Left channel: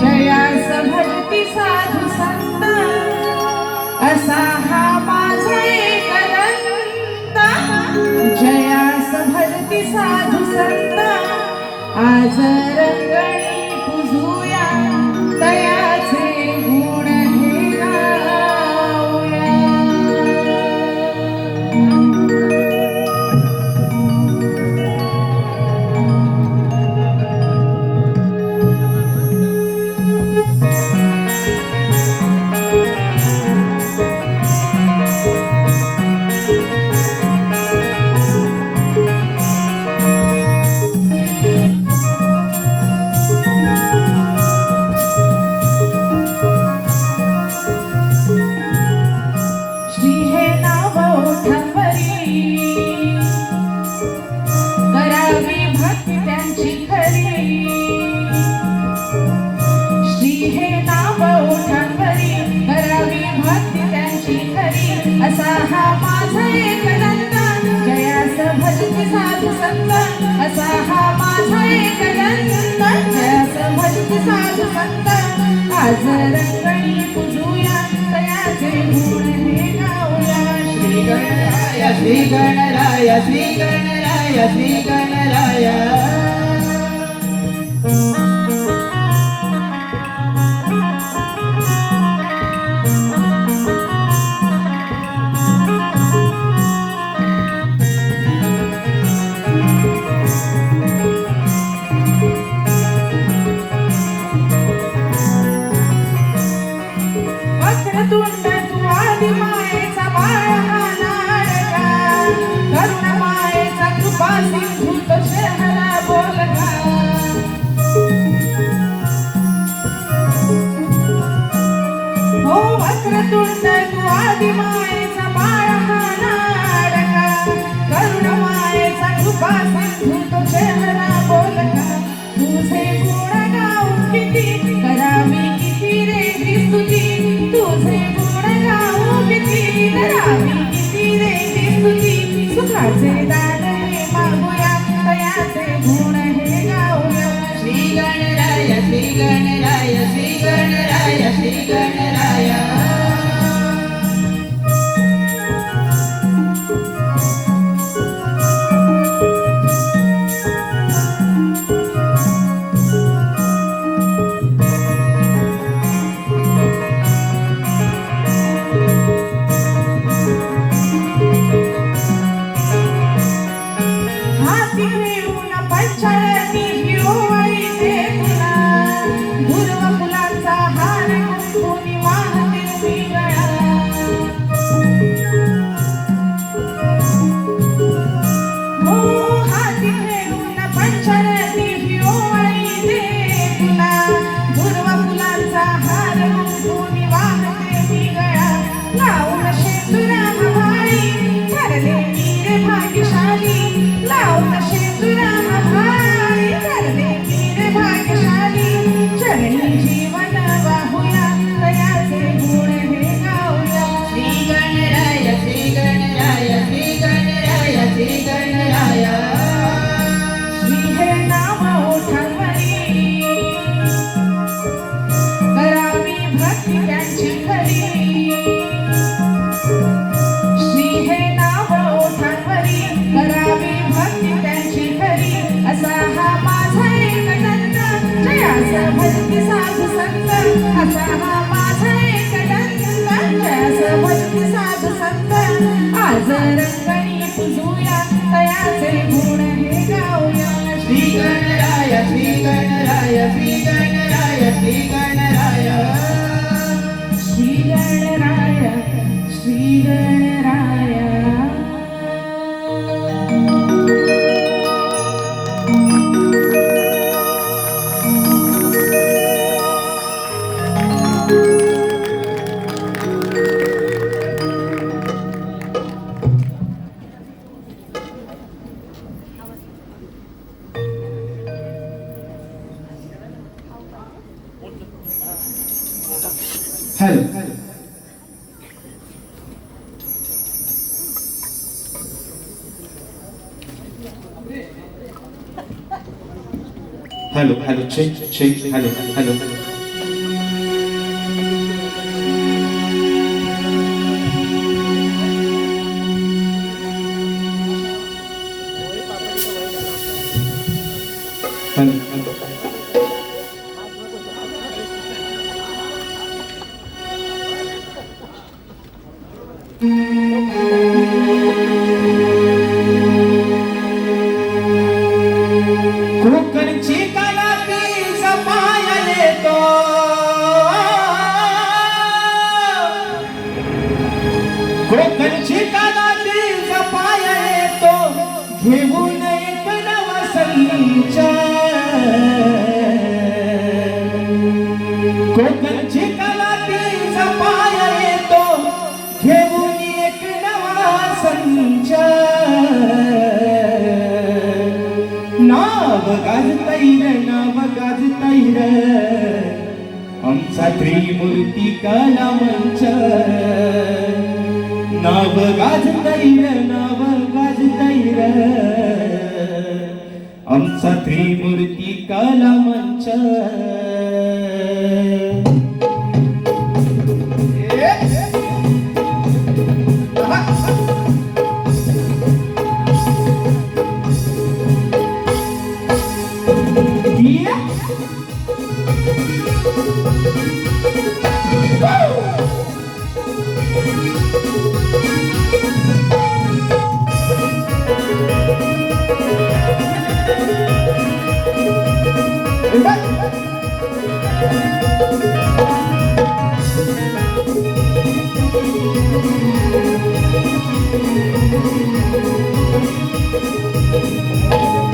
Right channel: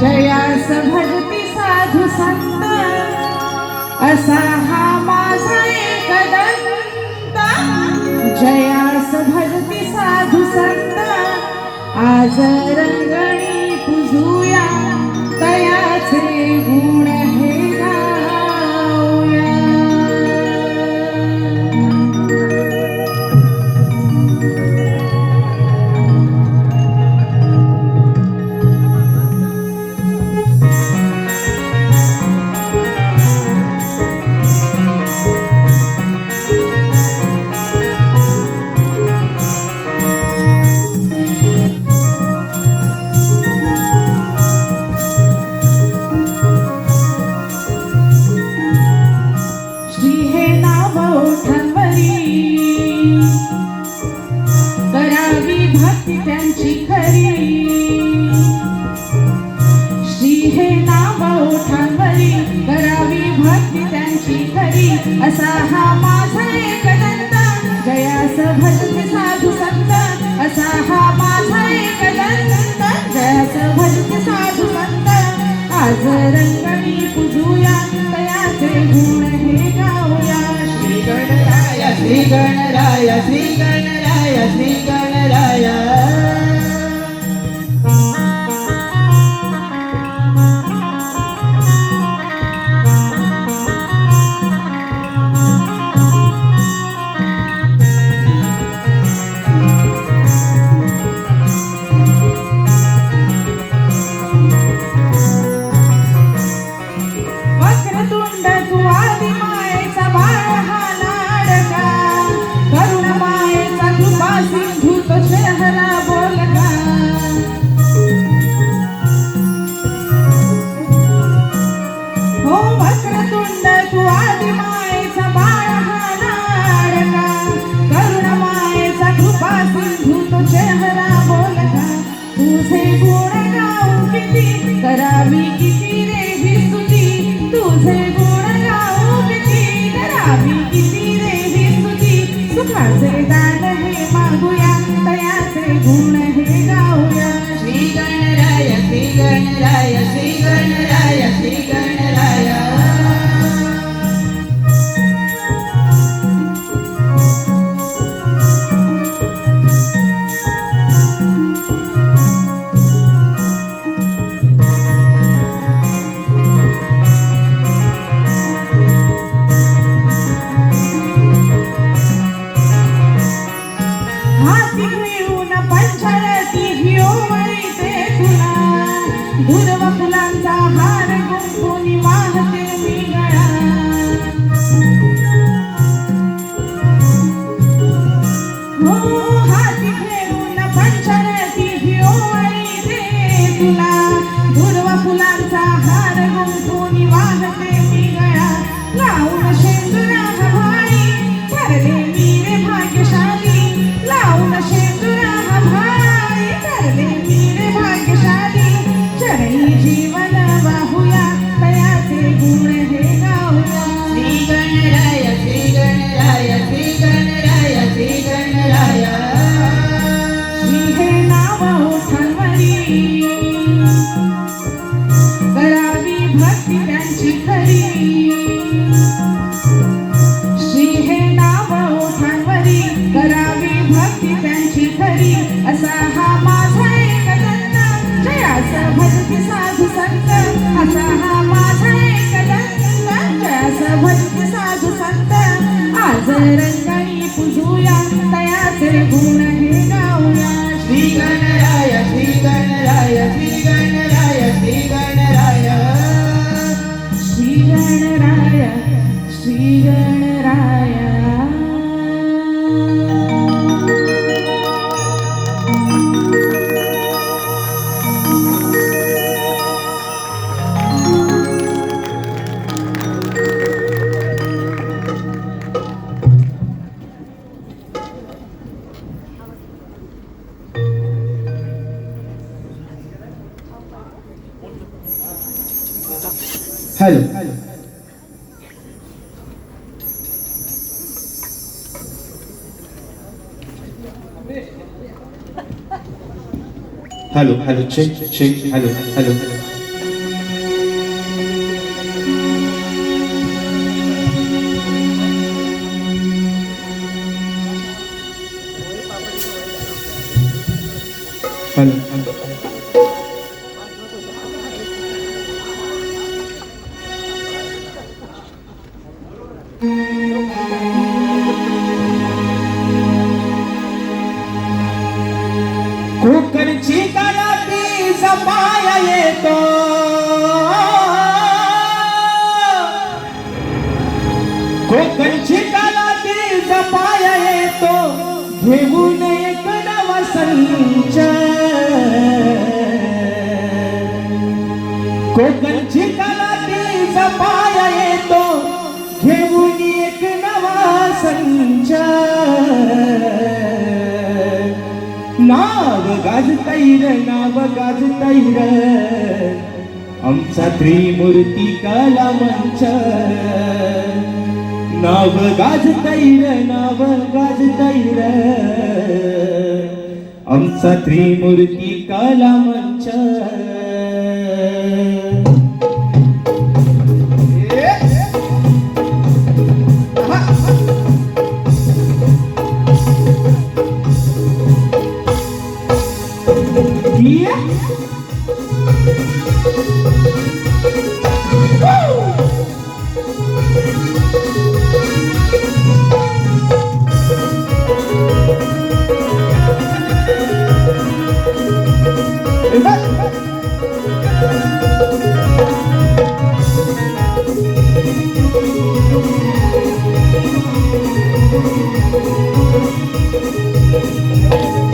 जयास भजती साधू संत, असा हा माझा एक दंता. जयास भजती साधू संत, आज रंगणी पूजूया तयाचे गुण हे गाऊया. असा हा माझा एक दंता. जयास भजती साधू संत, असा हा माझा एक दंता. जयास भजती साधू संत, आज रंगणी पूजूया तयाचे गुण हे गाऊया. श्री गणराया श्री गणराया श्री गणराया श्री गणराया. तुझे गुण गाऊ किती करावी किती रे स्तुती. तुझे गुण गाऊ किती करावी किती रे स्तुती. सुखाचे दान हे मागूया तयाचे गुण हे गाऊया. Shri Ganaraya Shri Ganaraya Shri Ganaraya Shri Ganaraya. Shri Ganaraya Shri Ganaraya Shri Ganaraya Shri Ganaraya. Hello hello hello check check hello hello hello कोकणची कलाती जपाया येतो कोकणची कलाती जपाया येतो घेऊन एक नवा संच कोकणची कलाती जपाया येतो घेऊन एक नवा संच नाव गाजतैर आमचा त्रिमूर्ती कला मंच नाव गाजतैर आमचा त्रिमूर्ती कला मंच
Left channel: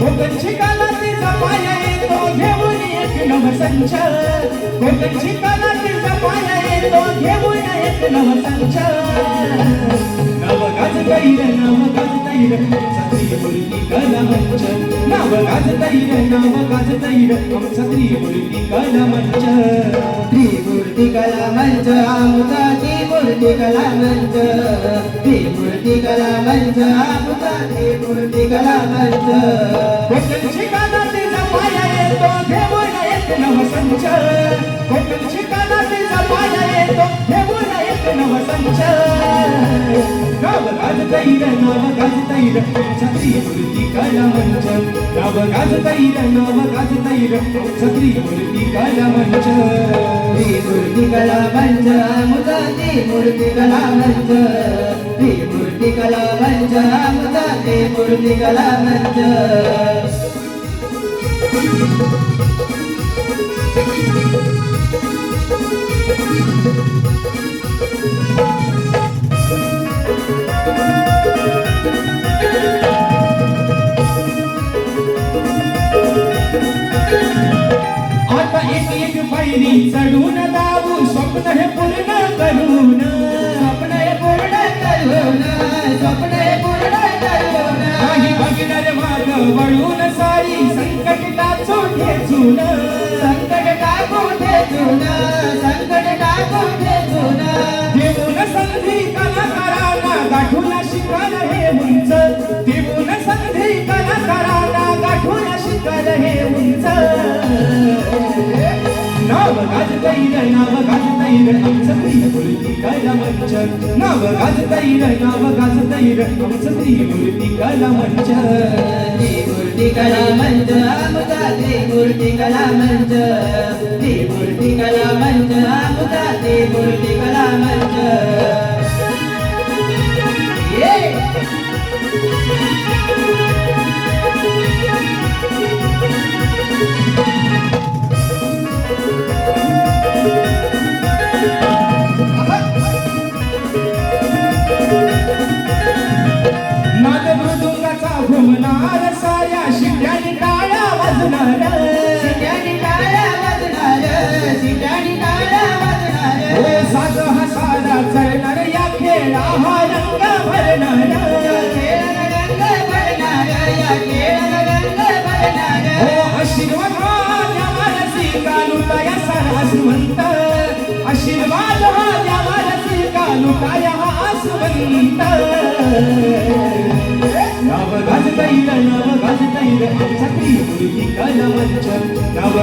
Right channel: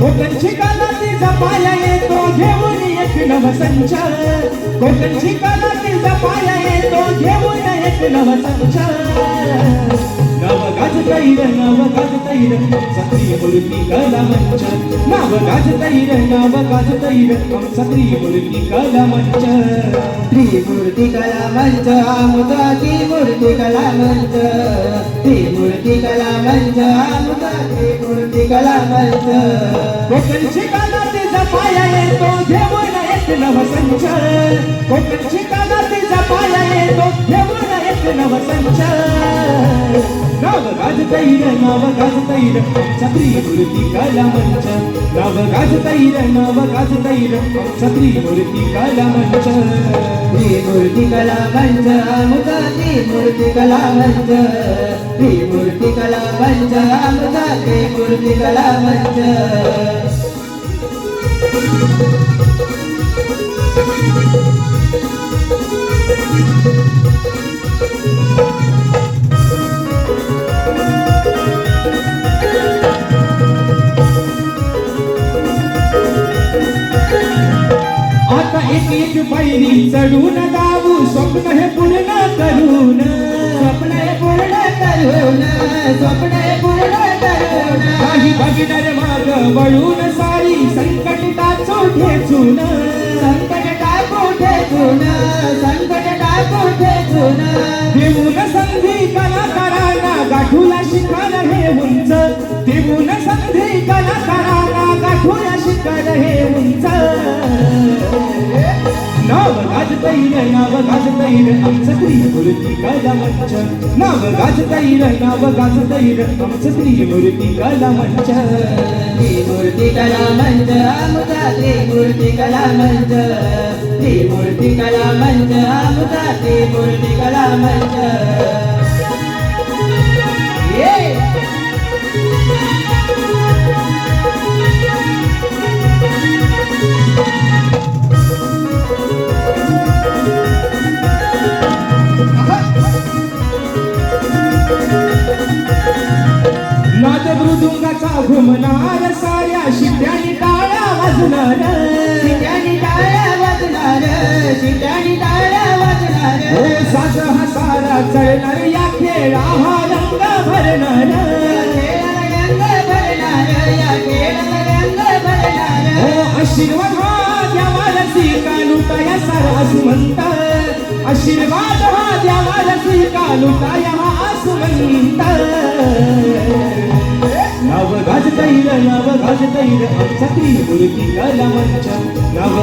कोकणची कलाती जपाया येतो घेऊन एक नवसंच कोकणची कलाती जपाया येतो घेऊन एक नवसंच नाव गाजतैर त्रिमूर्ती कला मंच नाव गाजतैर त्रिमूर्ती कला मंच त्रिमूर्ती कला मंच आमचा त्रिमूर्ती कला मंच त्रिमूर्ती कला मंच आमचा त्रिमूर्ती कला मंच कोकणची कलाती जपाया येतो घेऊन एक नवसंच कोकणची कलाती जपाया येतो घेऊन एक नवसंच नाव गाजतैर त्रिमूर्ती कला मंच नाव गाजतैर त्रिमूर्ती कला मंच त्रिमूर्ती कला मंच आमचा त्रिमूर्ती कला मंच त्रिमूर्ती कला मंच आमचा त्रिमूर्ती कला मंच आता एक एक पायरी चढून जाऊ स्वप्न हे पूर्ण करून काही भागीदार माग वळून सारी संकट टाचू ठेचून देऊन संधी कलाकाराला गाठूला शिकाल हे उंच देऊन संधी कलाकाराला गाठूला शिकाल हे उंच नाव गाजतैर आमचं त्रिमूर्ती कला मंच नाव गाजतैर आमचं त्रिमूर्ती कला मंच त्रिमूर्ती कला मंच आमचा त्रिमूर्ती कला मंच त्रिमूर्ती कला मंच आमचा त्रिमूर्ती कला मंच नाद मृदुंगाचा घुमणार साऱ्या शिट्यानी टाळा वाजणार साज हा सारा चढणार या खेळा हा रंग भरणार आशीर्वाद देवाला स्वीकारू या सारा सुमंत आशीर्वाद लुटाया हा आसवंत नाव गाजतैर छत्री मूर्ती कलावंच नाव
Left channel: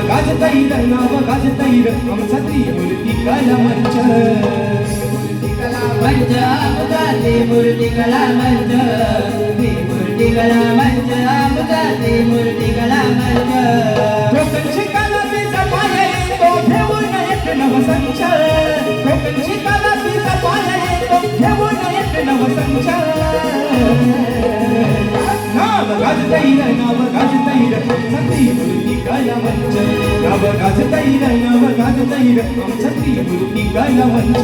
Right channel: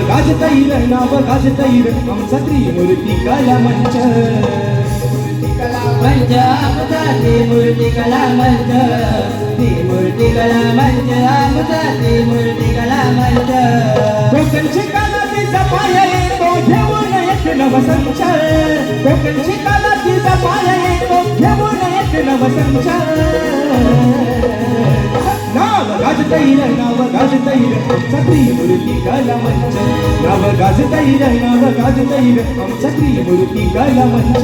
गाजतैर छत्री मूर्ती कलावंच कला मंच आमचा त्रिमूर्ती कला मंच त्रिमूर्ती कला मंच आमचा त्रिमूर्ती कला मंच कोकणची कला तिचा पाया येतो घेऊन एक नवसंच कोकणची कला तिचा पाया येतो घेऊन एक नवसंच नाव गाजतैर छत्री मूर्ती कलावंच नाव गाजतैर छत्री मूर्ती कलावंच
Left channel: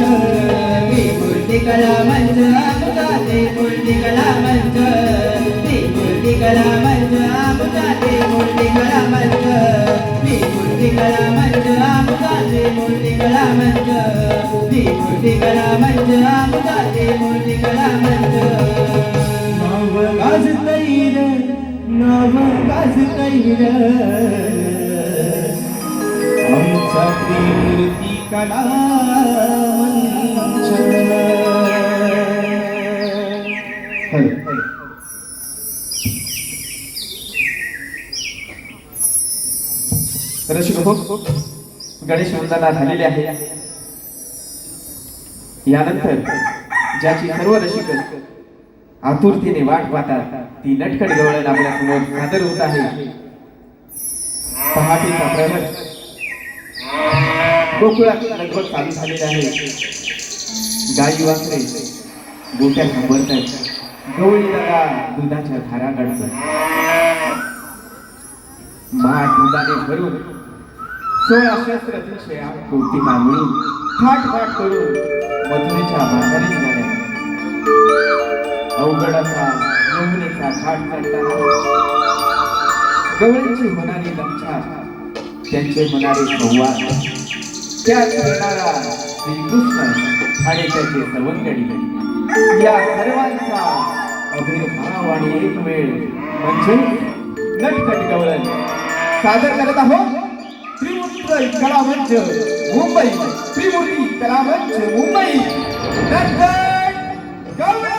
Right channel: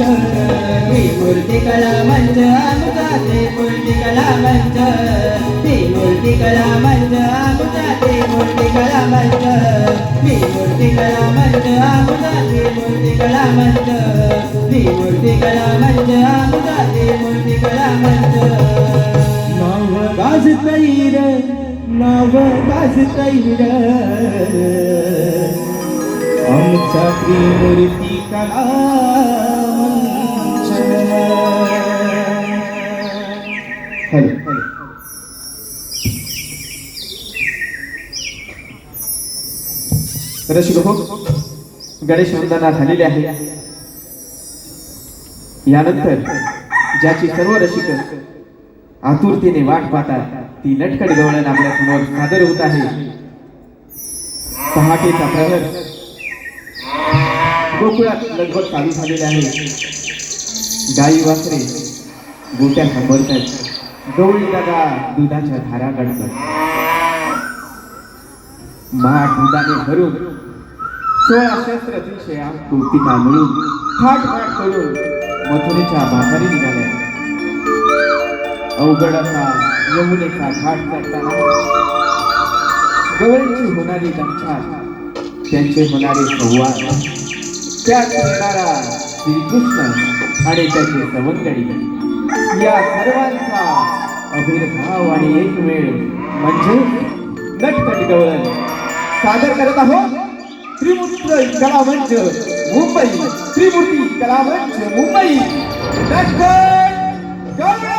त्रिमूर्ती कला मंच आमचा त्रिमूर्ती कला मंच त्रिमूर्ती कला मंच आमचा त्रिमूर्ती कला मंच त्रिमूर्ती कला मंच आमचा त्रिमूर्ती कला मंच त्रिमूर्ती कला मंच आमचा त्रिमूर्ती कला मंच नाव गाजतैर आमचा त्रिमूर्ती कलावंच रसिक हो गणेश वंदना झालेली आहे. यानंतर ज्याची सर्व रसिक आतुरतेने वाट पाहतात ती नटखट गवळण आपल्या समोर सादर होत आहे. पहाटेचा प्रहर गोकुळात लगभग चालू झालेले आहे. गाई वासरे गोट्या सांभाळतात. गवळी दादा दुधाच्या धारा काढतात. माठ दुधाने भरून 16 शस्त्र दिवशी कौतिका मिळून फाट करून मथुरेच्या बाजारी निघाल्या. अवघड असा यमुनेचा घाट चढताना गवळींची होणारी दंक्षा त्यांचे होणारे संवाद त्यात येणारा श्रीकृष्ण आणि त्याचे सवंगडी या सर्वांचा अभिर्भाव आणि एक वेळ म्हणजे नटखट गवळण सादर करत आहोत. त्रिमूर्ती कलामंच मुंबई त्रिमूर्ती कलामंच मुंबई नटखट गवळण.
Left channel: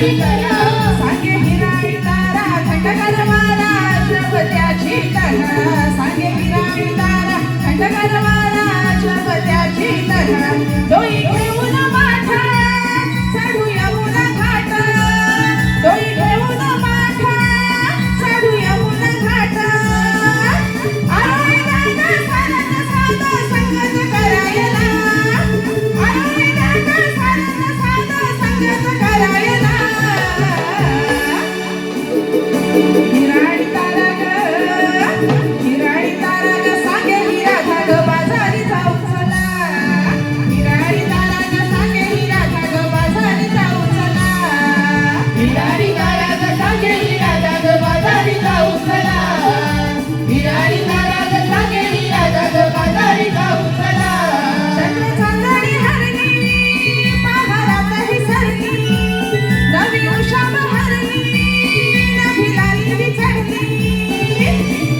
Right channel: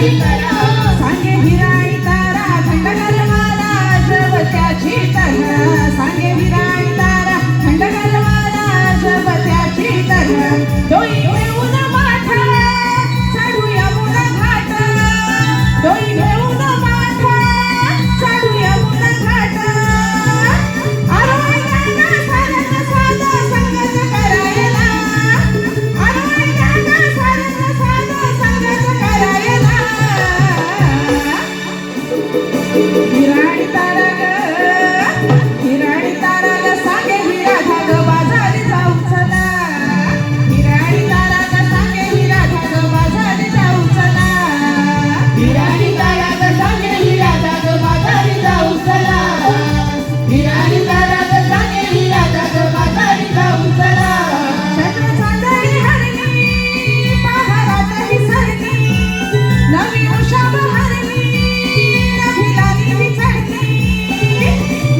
सांगे विराई तारा खंडकर महाराज त्याची तरा सांगे विराई तारा खंडकर महाराज त्याची तरा डोई घेऊन माठा चढू यमुना घाट डोई घेऊन माठा चढू यमुना घाट आरोय नाना सारंग साधा संगत करायला आरोय नाना सारंग साधा संगत करायला विराई तारा ग सांगे विराधा ग बाजारी जाऊ चला विराई तारा ग सांगे विराधा ग बाजारी जाऊ चला विराई तारा ग सांगे विराधा ग बाजारी जाऊ चला विराई तारा ग सांगे विराधा ग बाजारी जाऊ चला छत्र चांदणी हरणी पहारात ही सरणी नवी उषा बहरणी नवी लाली विचरणी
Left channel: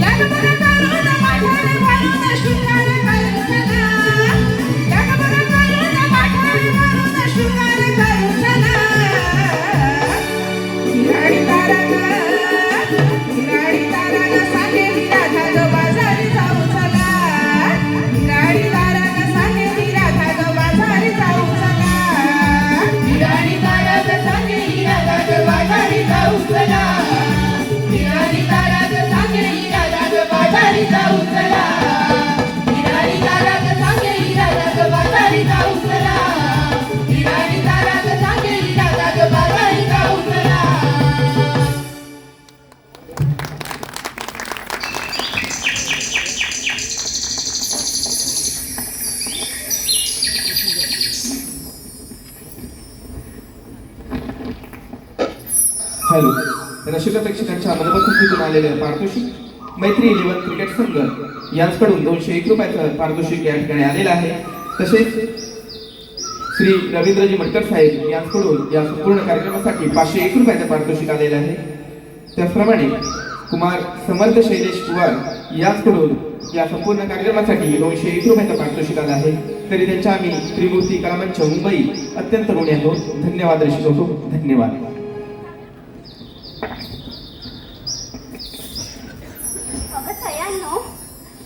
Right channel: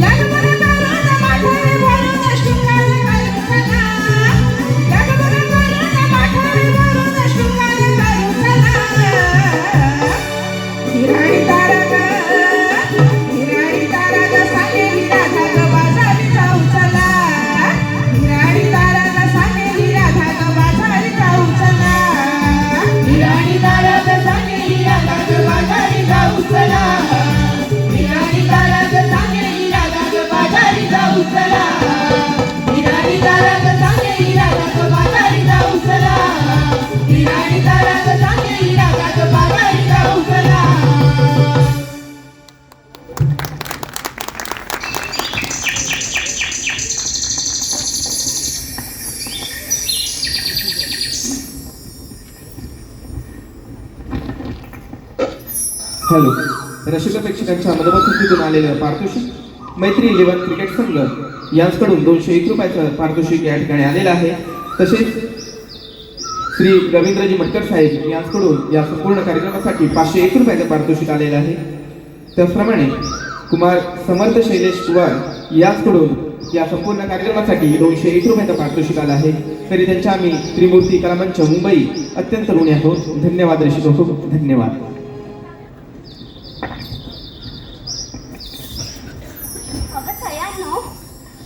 लगबग करून माठार भरून शृंगार करू चला लगबग करून माठार भरून शृंगार करू चला विराई तारा ग सांगे विराधा ग बाजारी जाऊ चला विराई तारा ग सांगे विराधा ग बाजारी जाऊ चला विराई तारा ग सांगे विराधा ग बाजारी जाऊ चला विराई तारा ग सांगे विराधा ग बाजारी जाऊ चला विराई तारा ग सांगे विराधा ग बाजारी जाऊ चला विराई तारा ग सांगे विराधा ग बाजारी जाऊ चला हॅलो रसिक प्रेक्षकांच्या अनुपस्थितीतून आलेल्या पारितोषिक मैत्री 11 क्रिकेट संघ यांच्याकडून 201 रुपयाचं पारितोषिक या ठिकाणी आलेलं आहे. तसेच श्री रवींद्रजी मटकर साहेब यांच्याकडून या संपूर्ण कार्यक्रमासाठी 501 रुपयाचं पारितोषिक आलेलं आहे. त्याचप्रमाणे कुमार समर्थ शैलेश कुमार यांच्याकडून या संपूर्ण कार्यक्रमासाठी 201 रुपयाचं पारितोषिक आलं आहे. तरी त्यांच्या आम्ही त्रिमूर्ती कलामंच मुंबई अत्यंत ऋणी आहोत. धन्यवाद रसिक हो, धन्यवाद.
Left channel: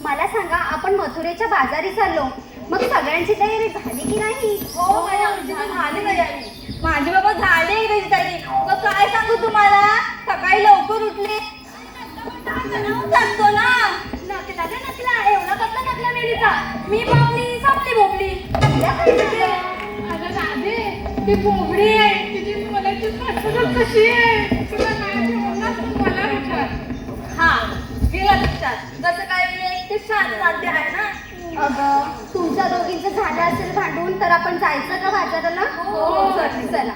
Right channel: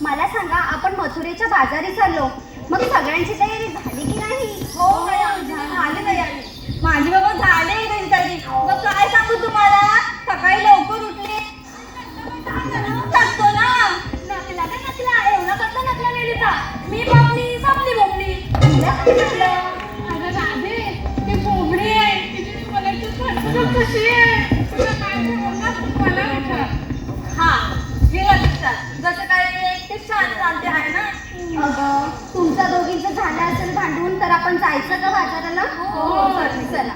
मला सांगा आपण मथुरेच्या बाजारी चाललो मग सगळ्यांची तयारी झाली की नाही? हो मॅडम झाली तयारी माझी बाबा झाली त्याची तयारी मग काय सांगू तुम्हाला सकाळी लवकर उठले सांगतो ना नकला का नकला एवढा कसला नकला मेलीचा मी बापली सापली भोपली अगं राधे ती भोपळी आहे तिची मनाची फसवणूक कशी आहे तुला काय समजलं मला विचार हा गेला लक्षात जसं काय ती छान नाट्य आहे ना तुमच्या दोघींचं झालं असेल भांडून तर आपण जायचं का बाजाराला? हो चला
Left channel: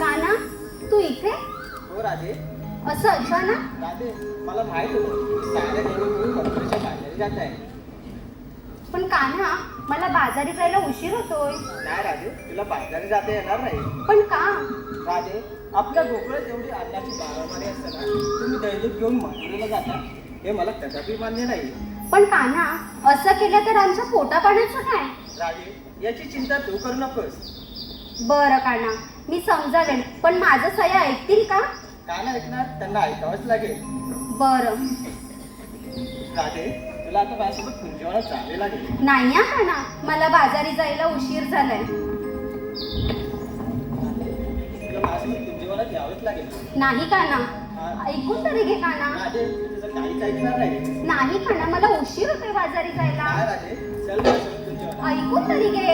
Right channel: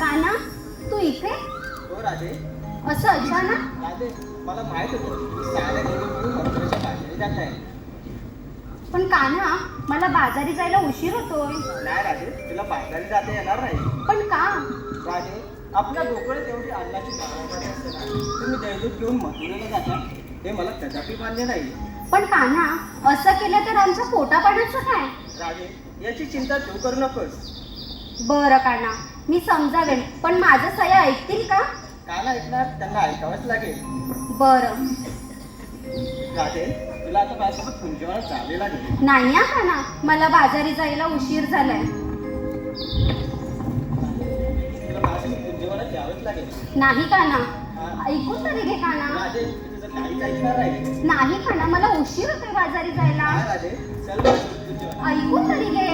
काना तू इथे हो राधे. असं अचानक? राधे मला माहित होतं की सारे घेऊन मथुरेच्या बाजारी जात आहे. पण कान्हा मला बाजारी जायला उशीर होतोय. नाही राधे तुला बाजारी जाता येणार नाही. पण का? राधे आपल्या डोक्यात जेवढी अन्नाची बारामारी असते ना तुम्ही दैवत घेऊन मथुरेला जाता हे मला कदापि मान्य नाही. पण कान्हा असं केलं तर आमच्या पोटापाण्याचं काय? राधे याची चिंता तू करू नकोस. बरं कान्हा मी समजावेल पण माझं सया ऐकतील का? का नाही ऐकणार त्यांना ऐकावंच लागेल. बरं राधे तुला आता माझ्यासोबत कुंजवाला चालले लागेल. नाही हा कान्हा मला बाजारी जायला उशीर झालाय. तुला माझ्यासोबत कुंजवाला यावंच लागेल. नाही कान्हा ऐकून तरी घे कान्हा. राधे तुझं काहीच ऐकणार नाही. नाही कान्हा मला उशीर होतोय बाजारी जायला. काय राधे चल माझ्यासोबत कुंजवाला. ऐकून तरी घे.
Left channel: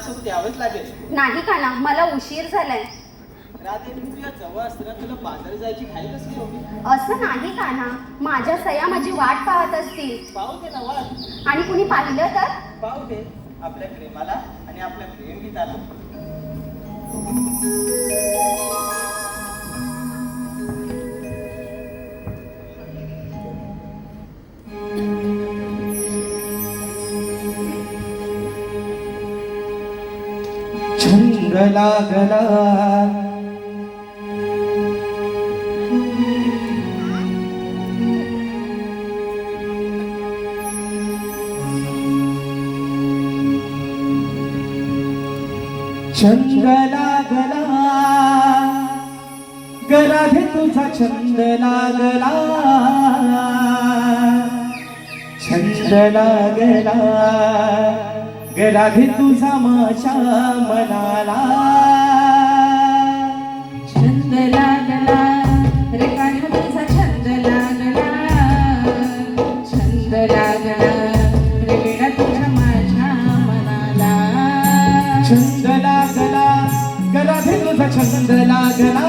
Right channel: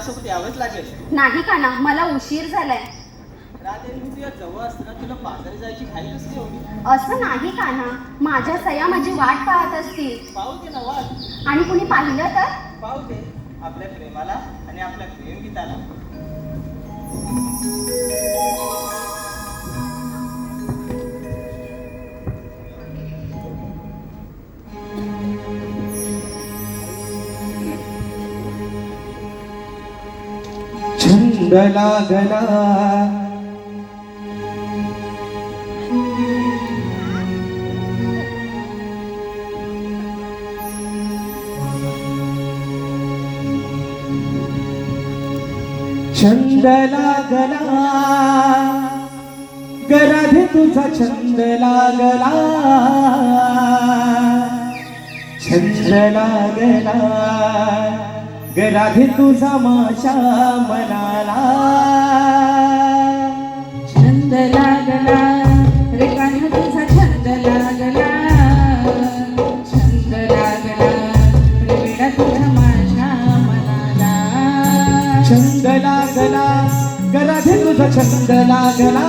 माझ्यासोबत यावेच लागेल. नाही काना, मला उशीर झालाय. राधे, मी तुझ्या जवळ असताना तुला बाजारी जायची घाई कसली होती? असं नाही काना, माझ्या सया माझी वाट पाहत असतील. पाहू दे नवाज, आणि कोणी पाहिलं तर? पाहू दे आपल्या प्रेमाला आणि आपल्या प्रेम गीताला. छंद लागला छंद लागला गराधे तुझा छंद लागला छंद लागला गराधे तुझा माझ्या मनाला छंद लागला रे कान्हा तुझा छंद लागला छंद लागला रे वेडा तुझा माझ्या मनाला छंद लागला गराधे तुझा छंद लागला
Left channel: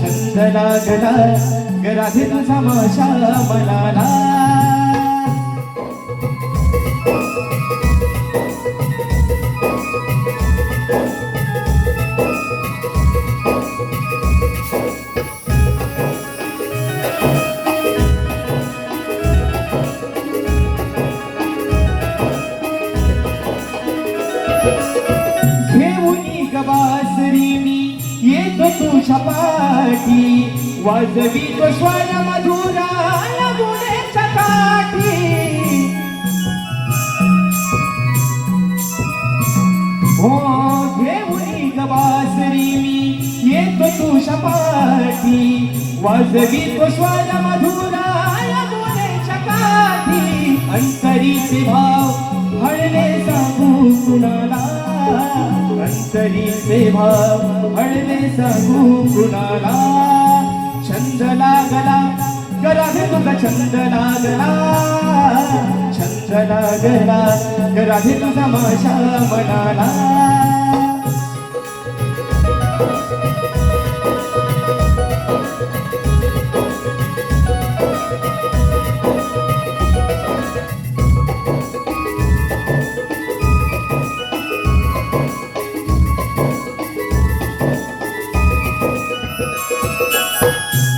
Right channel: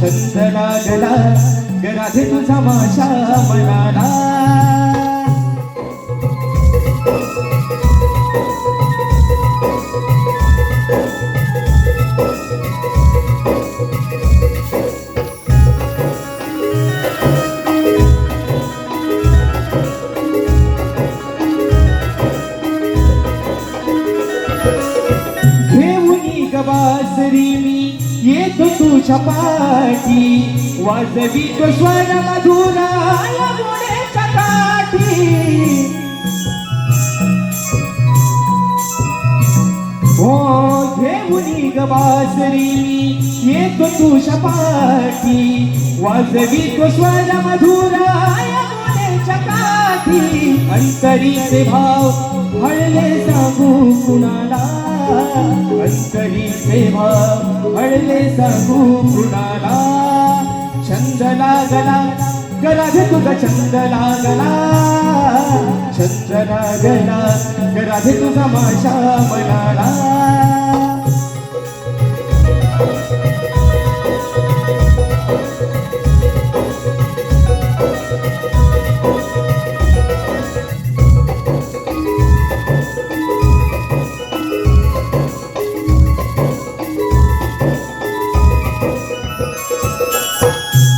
छंद लागला गराधे तुझा माझ्या मनाला घेऊनी गवासरी मी येतो तुझ्या पाठी वाजवी तो स्वर मधुरा यमुनेच्या काठी हो घेऊनी गवासरी मी येतो तुझ्या पाठी वाजवी तो स्वर मधुरा यमुनेच्या काठी अंतरीचे भाव हळले सांगू कुणाला अंतरीचे भाव हळले सांगू कुणाला छंद लागला गराधे तुझा छंद लागला छंद लागला गराधे तुझा माझ्या मनाला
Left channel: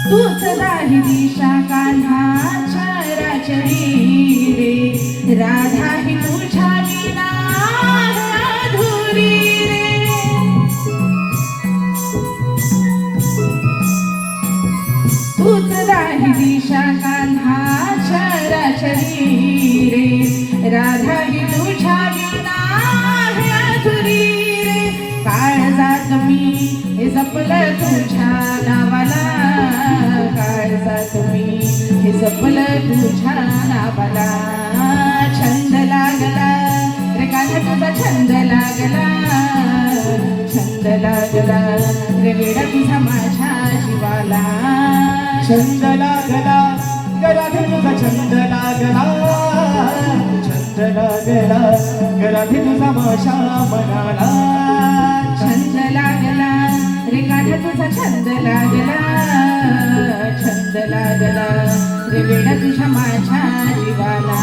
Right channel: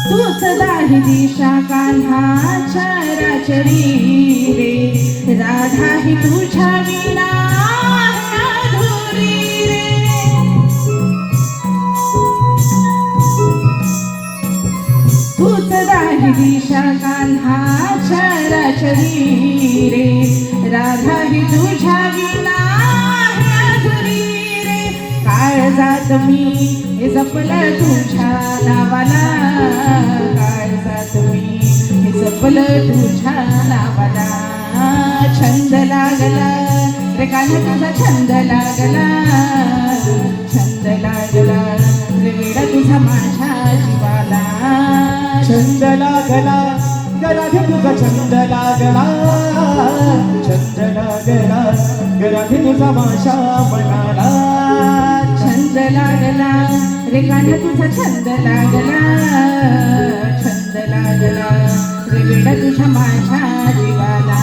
तूच दाही दिशा कान्हा चराचरी रे राधा ही तुझ्या विना अधुरी रे तूच दाही दिशा कान्हा चराचरी रे राधा ही तुझ्या विना अधुरी रे काळजात मी हे जपलं तुझ्या नावाला काळजात मी हे जपलं तुझ्या नावाला छंद लागला रे कान्हा तुझा छंद लागला छंद लागला रे वेडा तुझा माझ्या जीवाला छंद लागला गराधे तुझा छंद लागला छंद लागला गराधे तुझा माझ्या मनाला छंद लागला रे कान्हा तुझा छंद लागला छंद लागला रे वेडा तुझ्या माझ्या जीवाला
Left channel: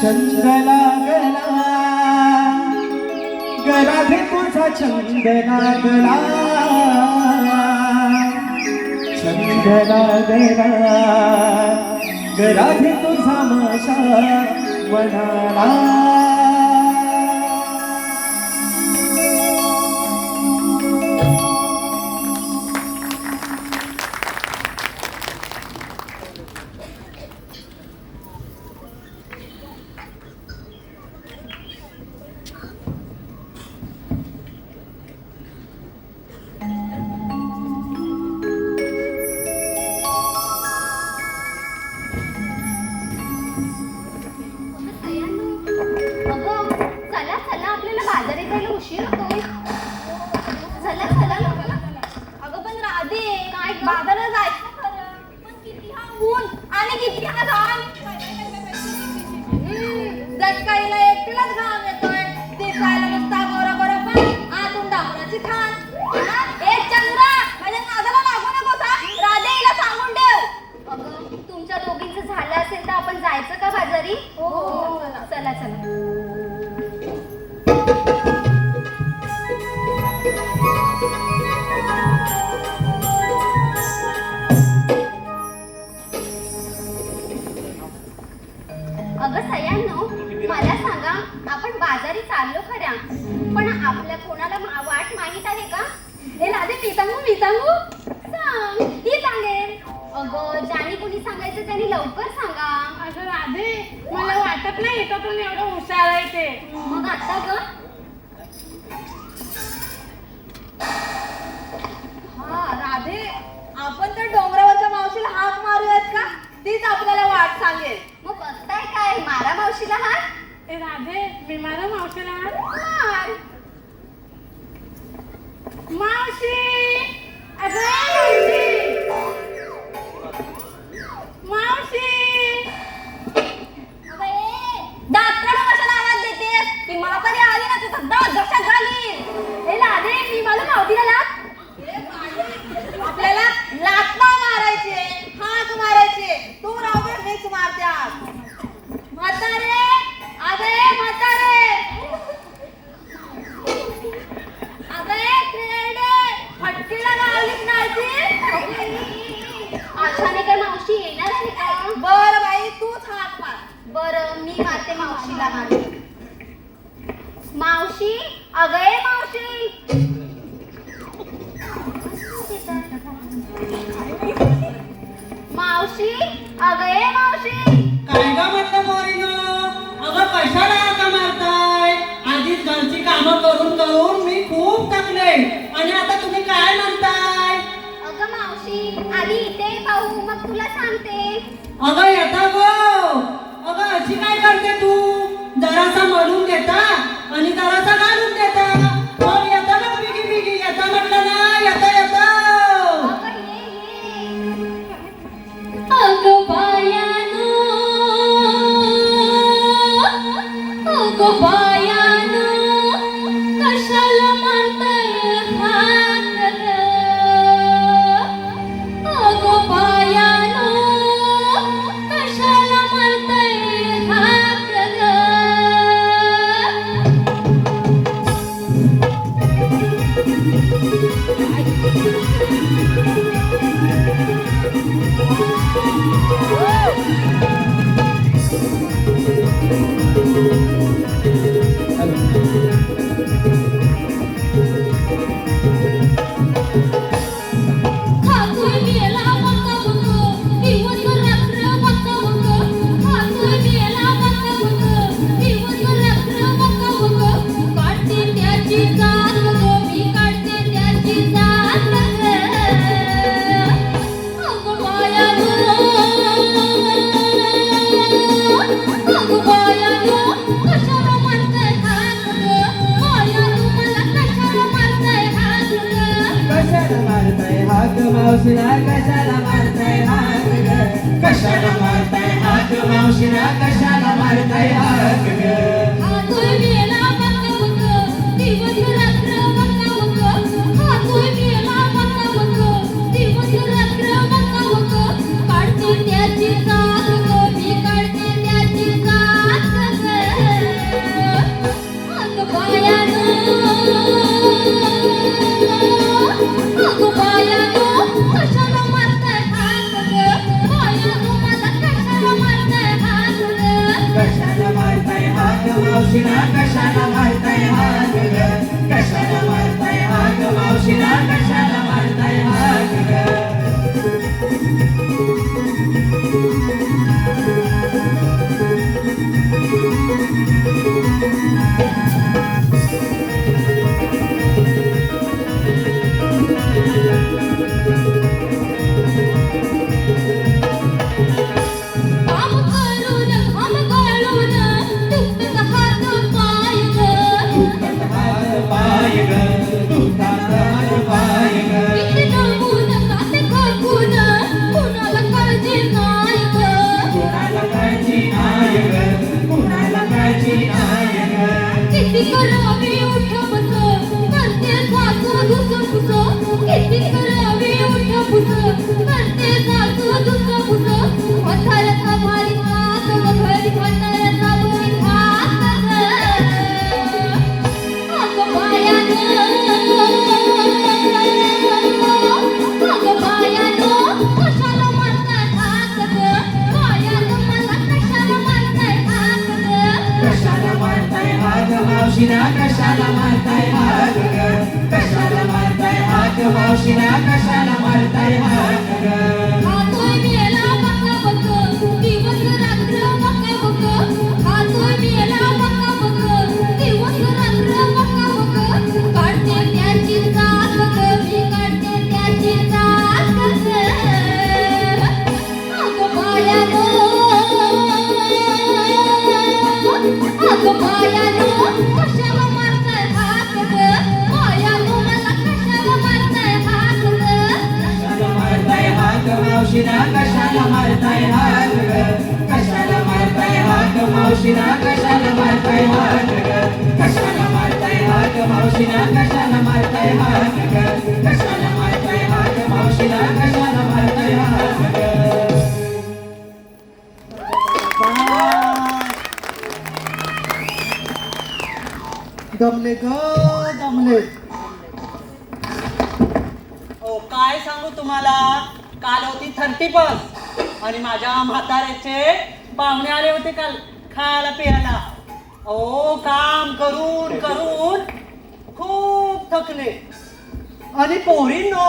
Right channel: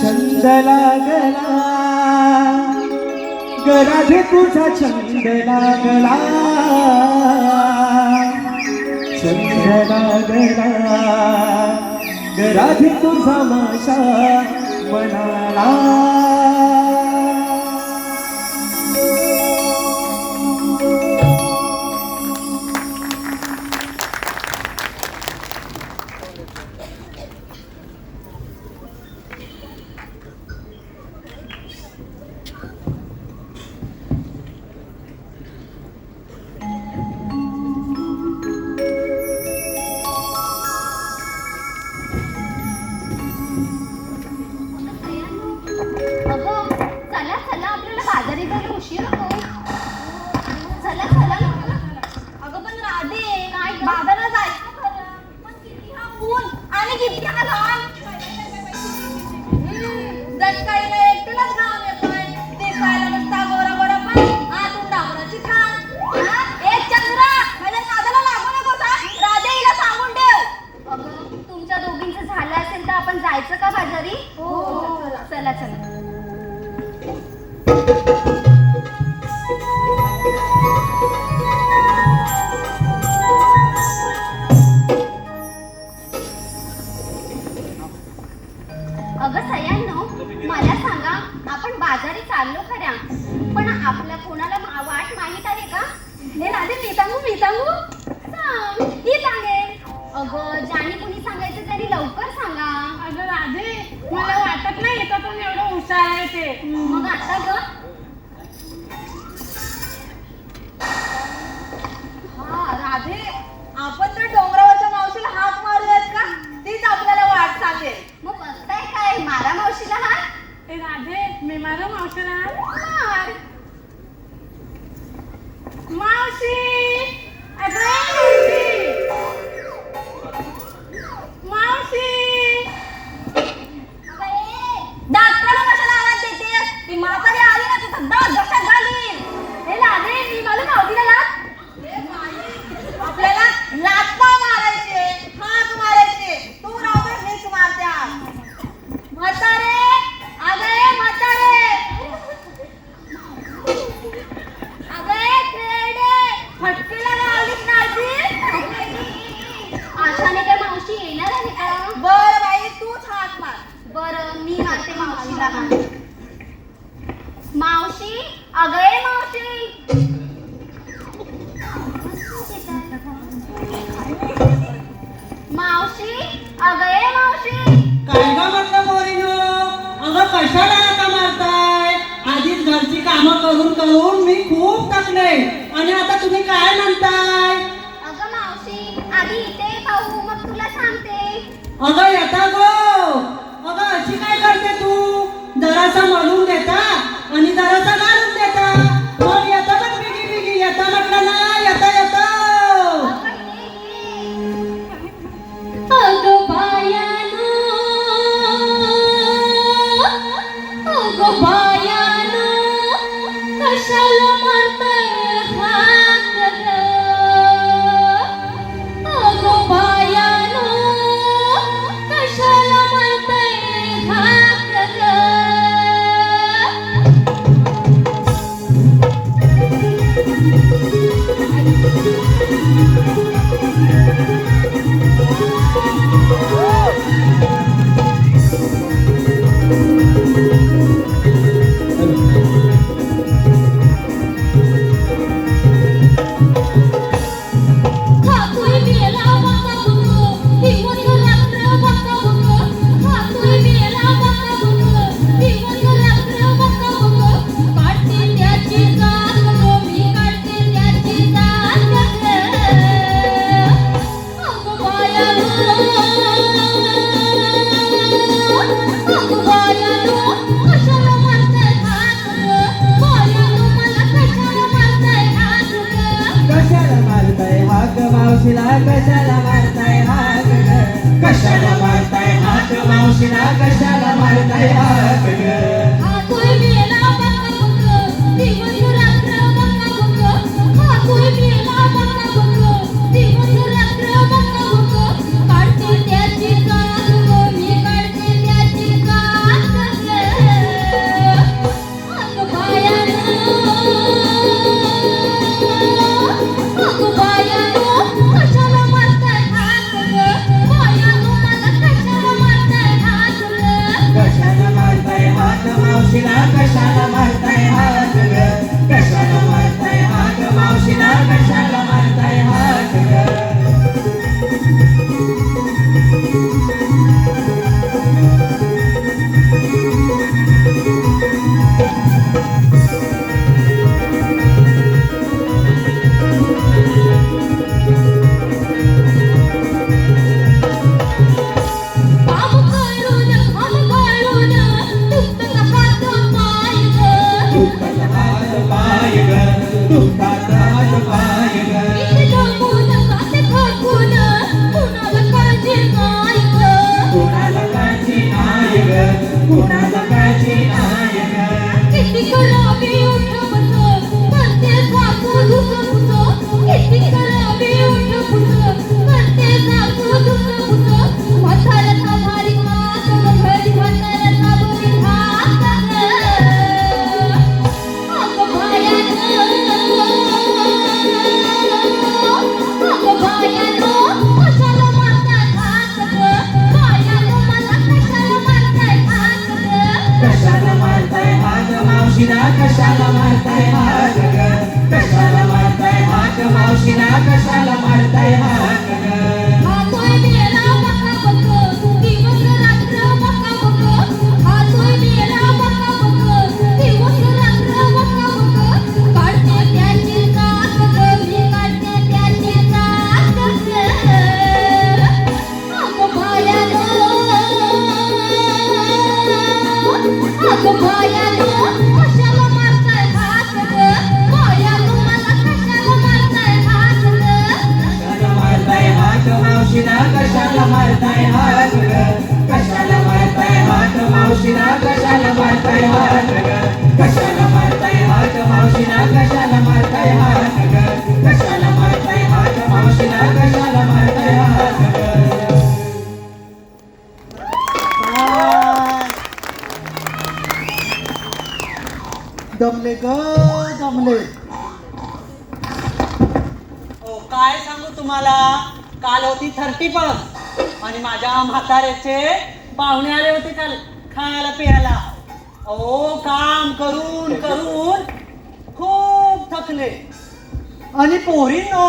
छंद लागला गराधे तुझा छंद लागला छंद लागला गराधे तुझा माझ्या मनाला सयांनो, मला सांगा, आपण बाजारी चाललो खऱ्या, पण आपल्या कोणाला वाट माहित आहे का? हे राधे, मी सांगू सांग, ही सांगेल. अगं, ज्याने कुणी सांगायचं त्यांनी लवकर सांगा. अगं राधे, मला वाटत नाही एकातून एवढं हुशार आहे ते. मग आता ग, राधे, आपण तर डोंगरावरच्या मावशीला हात मारूयात का? तीच आपल्याला वाट सांगेल. मग बघताय काय, मारा मावशीला हात. ए राधे, मी माझ्या मावशीला मार. मावशी, अगं मावशी, अगं ये, दात काढून कशाला आवाज देतेस? ती म्हातारी आली ना, तुझा दात घशात घालीन. हे राधे, मी माझ्या मावशीला लाथ. हे बाई, आपल्याला लाथ नाही मारायची, हात मारायचे. तू राहू, मीच मारते आज. म्हातारे, अगं म्हातारे, अगं क्रेडे, फटकेला लावलीत नाची. आशाने काय मावशी येणार आहे का? बर बाई, तूच हात मार. बरं, मी मारते मावशीला हात. मावशी, अगं ये मावशी. मावशी, अगं ये मावशी. काय का म्हटलं पोरीनो? अगं कशाला आता मारताय? आधीच घरची कामं करून करून मी खूप थकले आणि आता तुम्ही काय म्हणताय? अगं मावशी, आधी इथे पाहू, मग तुला सांगते. अगं येता गो, अगं अशी काय करते तू? जरासा म्हणून देता आणि जरासा घालून देता. मग येता मग बिगी बिगी येता म्हटलं ना, येता येता. अगं ये. अगं बायानो, अगं बायानो, कशाला मारताय हात गं? अगं बायानो, कशाला मारताय हात गं? खातोय गेला बघा बघ, दिवस रात्र बघा बघ. खातोय गेला बघा बघ, दिवस रात्र बघा बघ. काढते त्याची जात गं, मी काढते त्याची जात गं. अगं बायानो, अगं बायानो, कशाला मारताय हात गं? बायानो, मला कशाला मारताय हात गं? कशाला मारताय हात मावशीला? कशाला मारताय हात ग? कशाला मारताय हात मावशीला? कशाला मारताय हात ग? खातोय गेला बघा बघ, दिवस रात्र बघा बघ. खातोय गेला बघा बघ, दिवस रात्र बघा बघ. काढते त्याची जात गं, मी काढते त्याची जात गं. अगं बायानो, अगं बायानो, कशाला मारताय हात गं? बायानो, मला कशाला मारताय हात गं? कशाला मारताय हात मावशीला? कशाला मारताय हात ग? कशाला मारताय हात मावशीला? कशाला मारताय हात ग? काम करून आंघोळून दुखतात हात पाय गं. दुखतात हात पाय ग, दुखतात हात पाय ग. वीर दमून काटे खापून कुणाला काळजी नाही गं. कुणाला काळजी नाही ग, कुणाला काळजी नाही ग. किती करावी उठबस, करते सासू धुसफुस. किती करावी उठबस, करते सासू धुसफुस. म्हाताऱ्याचा भारी हात, घरी म्हाताऱ्याचा भारी हात गं. अगं बायानो, अगं बायानो, कशाला मारताय हात गं? बायानो, मला कशाला मारताय हात मावशीला कशाला मारताय हात ग कशाला मारताय हात मावशीला कशाला मारताय हात ग हातोय मेला बका बक दिवस रात्र बका बक हातोय मेला बका बक दिवस रात्र बका बक काढते त्याची त्रास मी काढते त्याची त्रास अगं बायानो कशाला मारताय हात बायानो मला कशाला मारताय हात कशाला मारताय हात मावशीला कशाला मारताय हात ग कशाला मारताय हात मावशीला कशाला मारताय हात ग कशाला मारताय हात मावशीला कशाला मारताय हात ग कशाला मारताय हात मावशीला कशाला मारताय हात ग दमले ग दमले हो काय सांगू तुम्हाला काल होती 31 आणि माझ्या म्हाताऱ्याचे पाहुणे आले होते काल खायला पियाला ओ काम करून करून खूप थकले आणि पोरींनो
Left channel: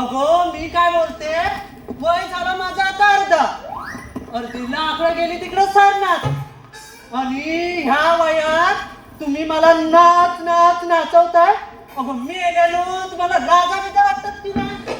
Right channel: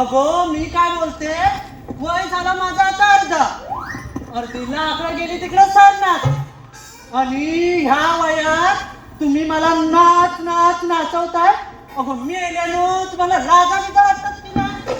अगो मी काय बोलते वय झाला माझा आता अर्धीला आकडे गेली तिकडे सरणार आणि ह्या वयात तुम्ही मला नाच नाच नाचवताय अगो मी गेलो तुम्हाला रागा बिगा वाटतात की नाही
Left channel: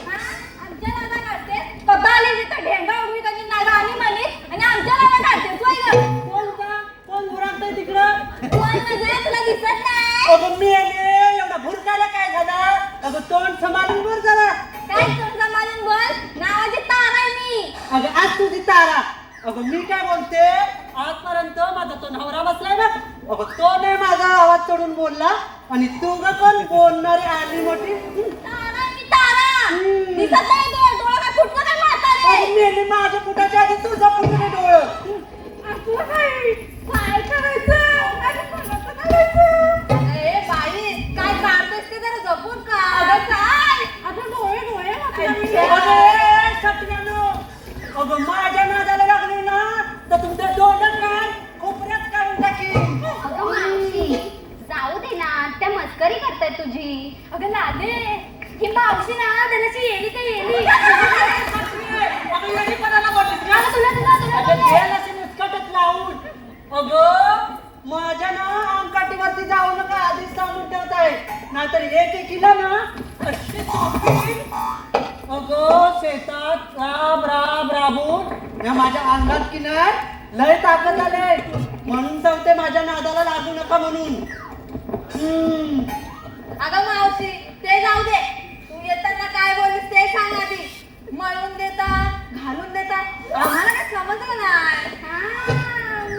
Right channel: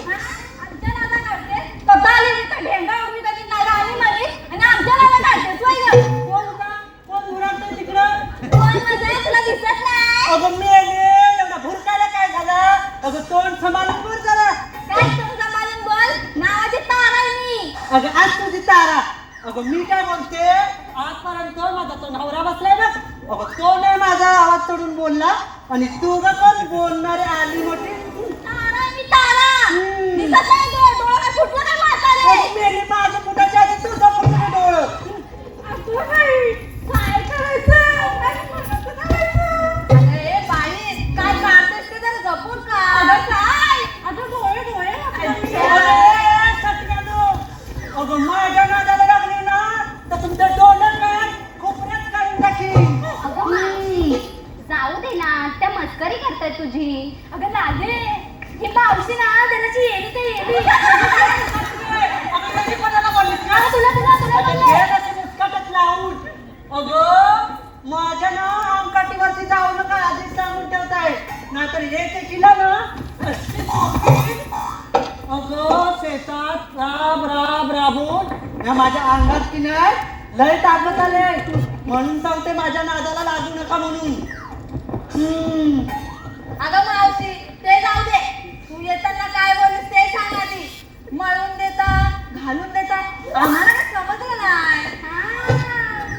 आमच्या नादा काढते कथा आली तिथं ढेंगा उघडी कधी नादा आली म्हणे आणि आमच्या नादा काढते तू इथं. कोण उरागतंय तिकडं कोण म्हणजे तुला दिसत नाही अगं मी एवढा भुरकायला काय झालं अगं तोंड सांभाळून बोल जरा काय समजा मानून बोल नावाची तारा आहे मी अगं आज तुझी तारा अगं मी काय बोलते आजपर्यंत माझा तो नवरा बसलाय ना अगं तो नाही माझा आवाज चढून बोलला आणि तू ग पण बोलणारे आली मोठी तारा आहे मी तारा दिसत नाही तुला डोळा काय फुटला काय म्हातारे मी माझ्या पुटाच्या आधी तुझा पुटून डोळं तू काय करायचं ए बाई काय काढतेस ते जरा जपून काढ काय आता डोळे अरे, सटकानो. अगं माझ्या नादाला लागली ना तर तुमच्या डोळ्यात नाही खोपऱ्यात काढून टाकीन अगं मावशी जाऊ दे ना त्या मस्करी करताय तुझी अगं लागे ही मावशी ना त्याची येडी ते येडी अगं येडी कोणाला बोललीस का? तुला अगं ते ना ते मुस्कटच लावून. अगं माझ्या ना अंगठीवरती जाऊ नका आधीच सांगून ठेवताय नाहीतर एक एकीला ना अशी सोडतील. अगं शेतात राब राब राबून या माझ्या अंगात की नाही लय ताकद आले म्हणून सांगते माझ्या नादाला लागू नका म्हणून अगं मावशी ते जाऊ दे तू येताना काय बोललीस ते सांग आधी मळून देता घालून देता आम्हाला काय समजलं नाही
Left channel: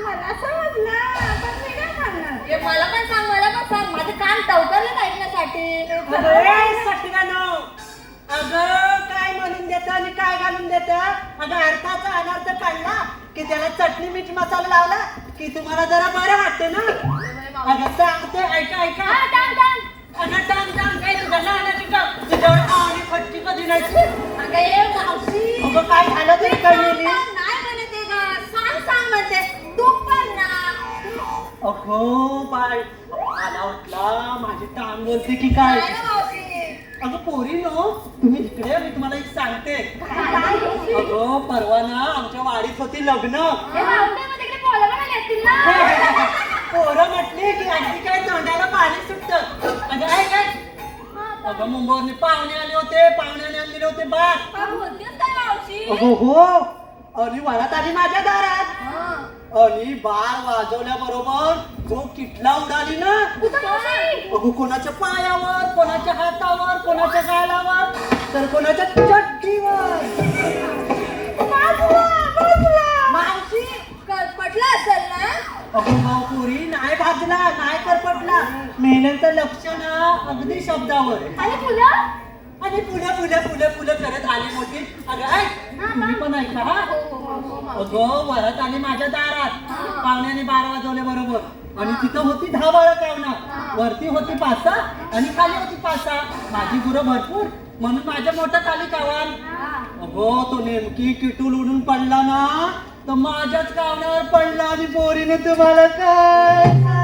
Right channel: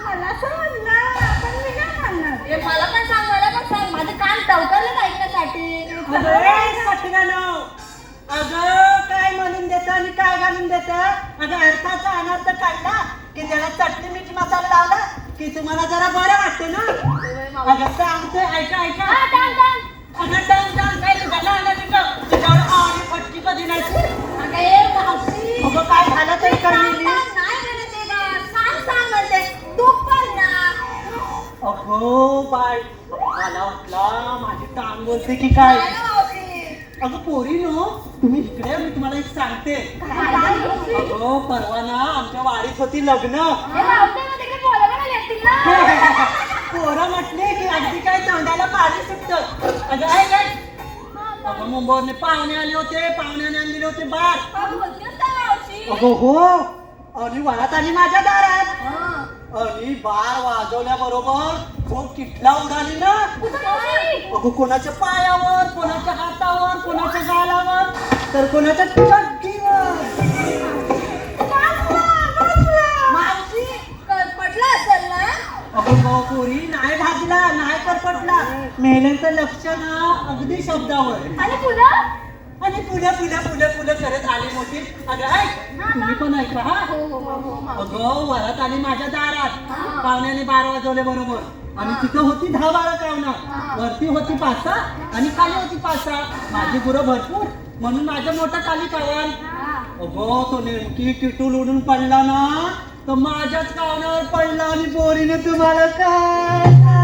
मला समजलं पण मी काय सांगणार हे मला पण सांग माझे कान टवकारले ऐकण्यासाठी अगं सटव्यानो, अगं काय म्हणून देतं आणि काय घालून देतं अगं अर्थाचा अनर्थ काढला की त्याला चटणी मीठ मसाला लावला की तुम्हाला जरा बरं वाटतं ना अगं सांगतोय ऐका ऐका अगं टांग टांग काय तुझ्या नाला तिकडं तुझ्यावर आणि फटकी कधी नाही अगे मावशी अगं काय झालं तरी कळलेली नाही म्हणत आहे का सांग म्हणते तू पण ना अगो बाय मला वाटला माझी टांग बोलते की काय काय गं मावशी अगं पोरीनो तुम्ही इकडे या, मी तुम्हाला एक सांगते अगं परवा ना आमच्या वाडीत होती लग्न हे मावशी मग तिकडे पोरं पण आली असतील ना पोरं म्हटली की अगदी काय तोंडाला पाणी सुटतं अगं आहे काय अगं मुंबईवरने पाहुणे आले होते पाहुण्याने आणलेले होते बात काय बोलतेस काय मावशी अगं हो आणि वरात आली माझ्या दारात आणि बार वाजवल्या बरोबर जो किटला उडाली ना अगं कोणाच्या पायावर कोणाच्या हातावर कोणाच्या गालावर तर कोणाच्या चड्डीवर मावशी पडला असेल ना अगं पोरी नाही भाजला नाही करपटला मेलेचं लक्ष ना अगदी शब्दावर आणि पुन्हा आणि पुढे करत आली होती अगं ऐक तुम्ही पण ऐका हा अगं वरात आली माझ्या दारात पाहुण्याने 12 वाजवले बरोबर आणि तिथं होती 10 बाळं कावणं वरती होती 5 आणि खाली होती 5 माझी गुरं भरपूर म्हणून माझं मोठं खाली कावाल अगं तो नेमकी किटूल उडून पडला ना तर माझ्याच कावणावर पडला आणि पोरीने तुम्हाला काय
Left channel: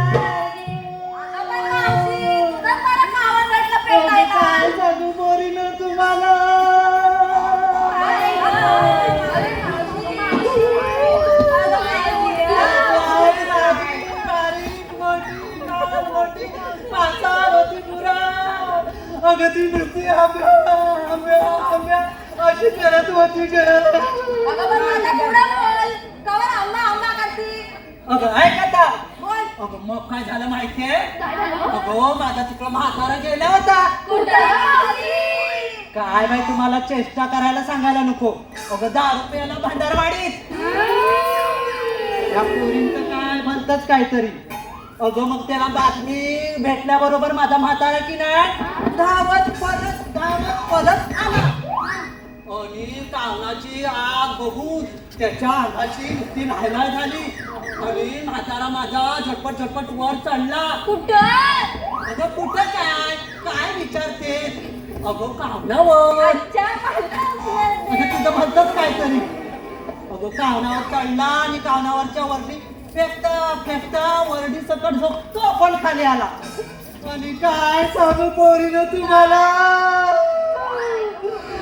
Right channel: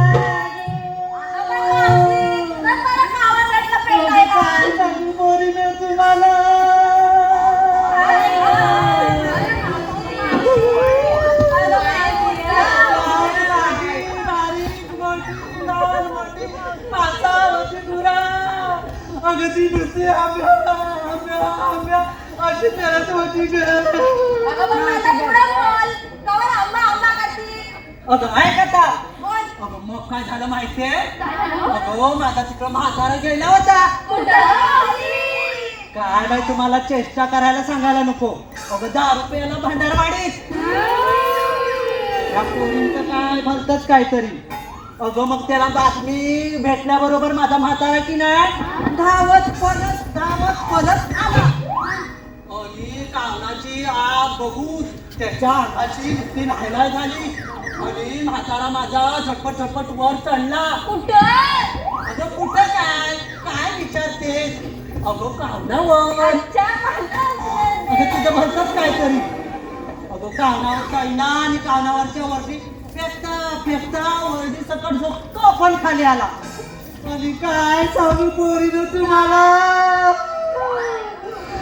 अशी करत होती अगं पण आता पुढं बोल. कवर आंबा आंबा करती. अगं ऐक आता बोल. अगं मग काय झालं माहितीये अगं माझा तिकडं म्हातारा गेला होता काय बाई तुम्हाला चेष्टा करायला सांगायला नको अगं 10 रुपयाला भंडारवाडीत या पोरींचं काय भलतच काहीतरी अगं मग त्याला बातमी भेटल्याबरोबर माझा म्हातारा की नाही धावत परत आला आणि कावणाची आग बघून त्याच्या अंगाची नुसती लायलाय झाली आणि म्हातारा माझा झटपट वर चढला अगं कुठं काय विचारते अगं कावणावर अगं तुझं म्हणतच काहीतरी अगं कावणावर चढला आणि कावणावरच्या वरती फेकता वरडी सकट झोपतो पण खाली आला आणि काय सांगू पोरीनं तुम्हाला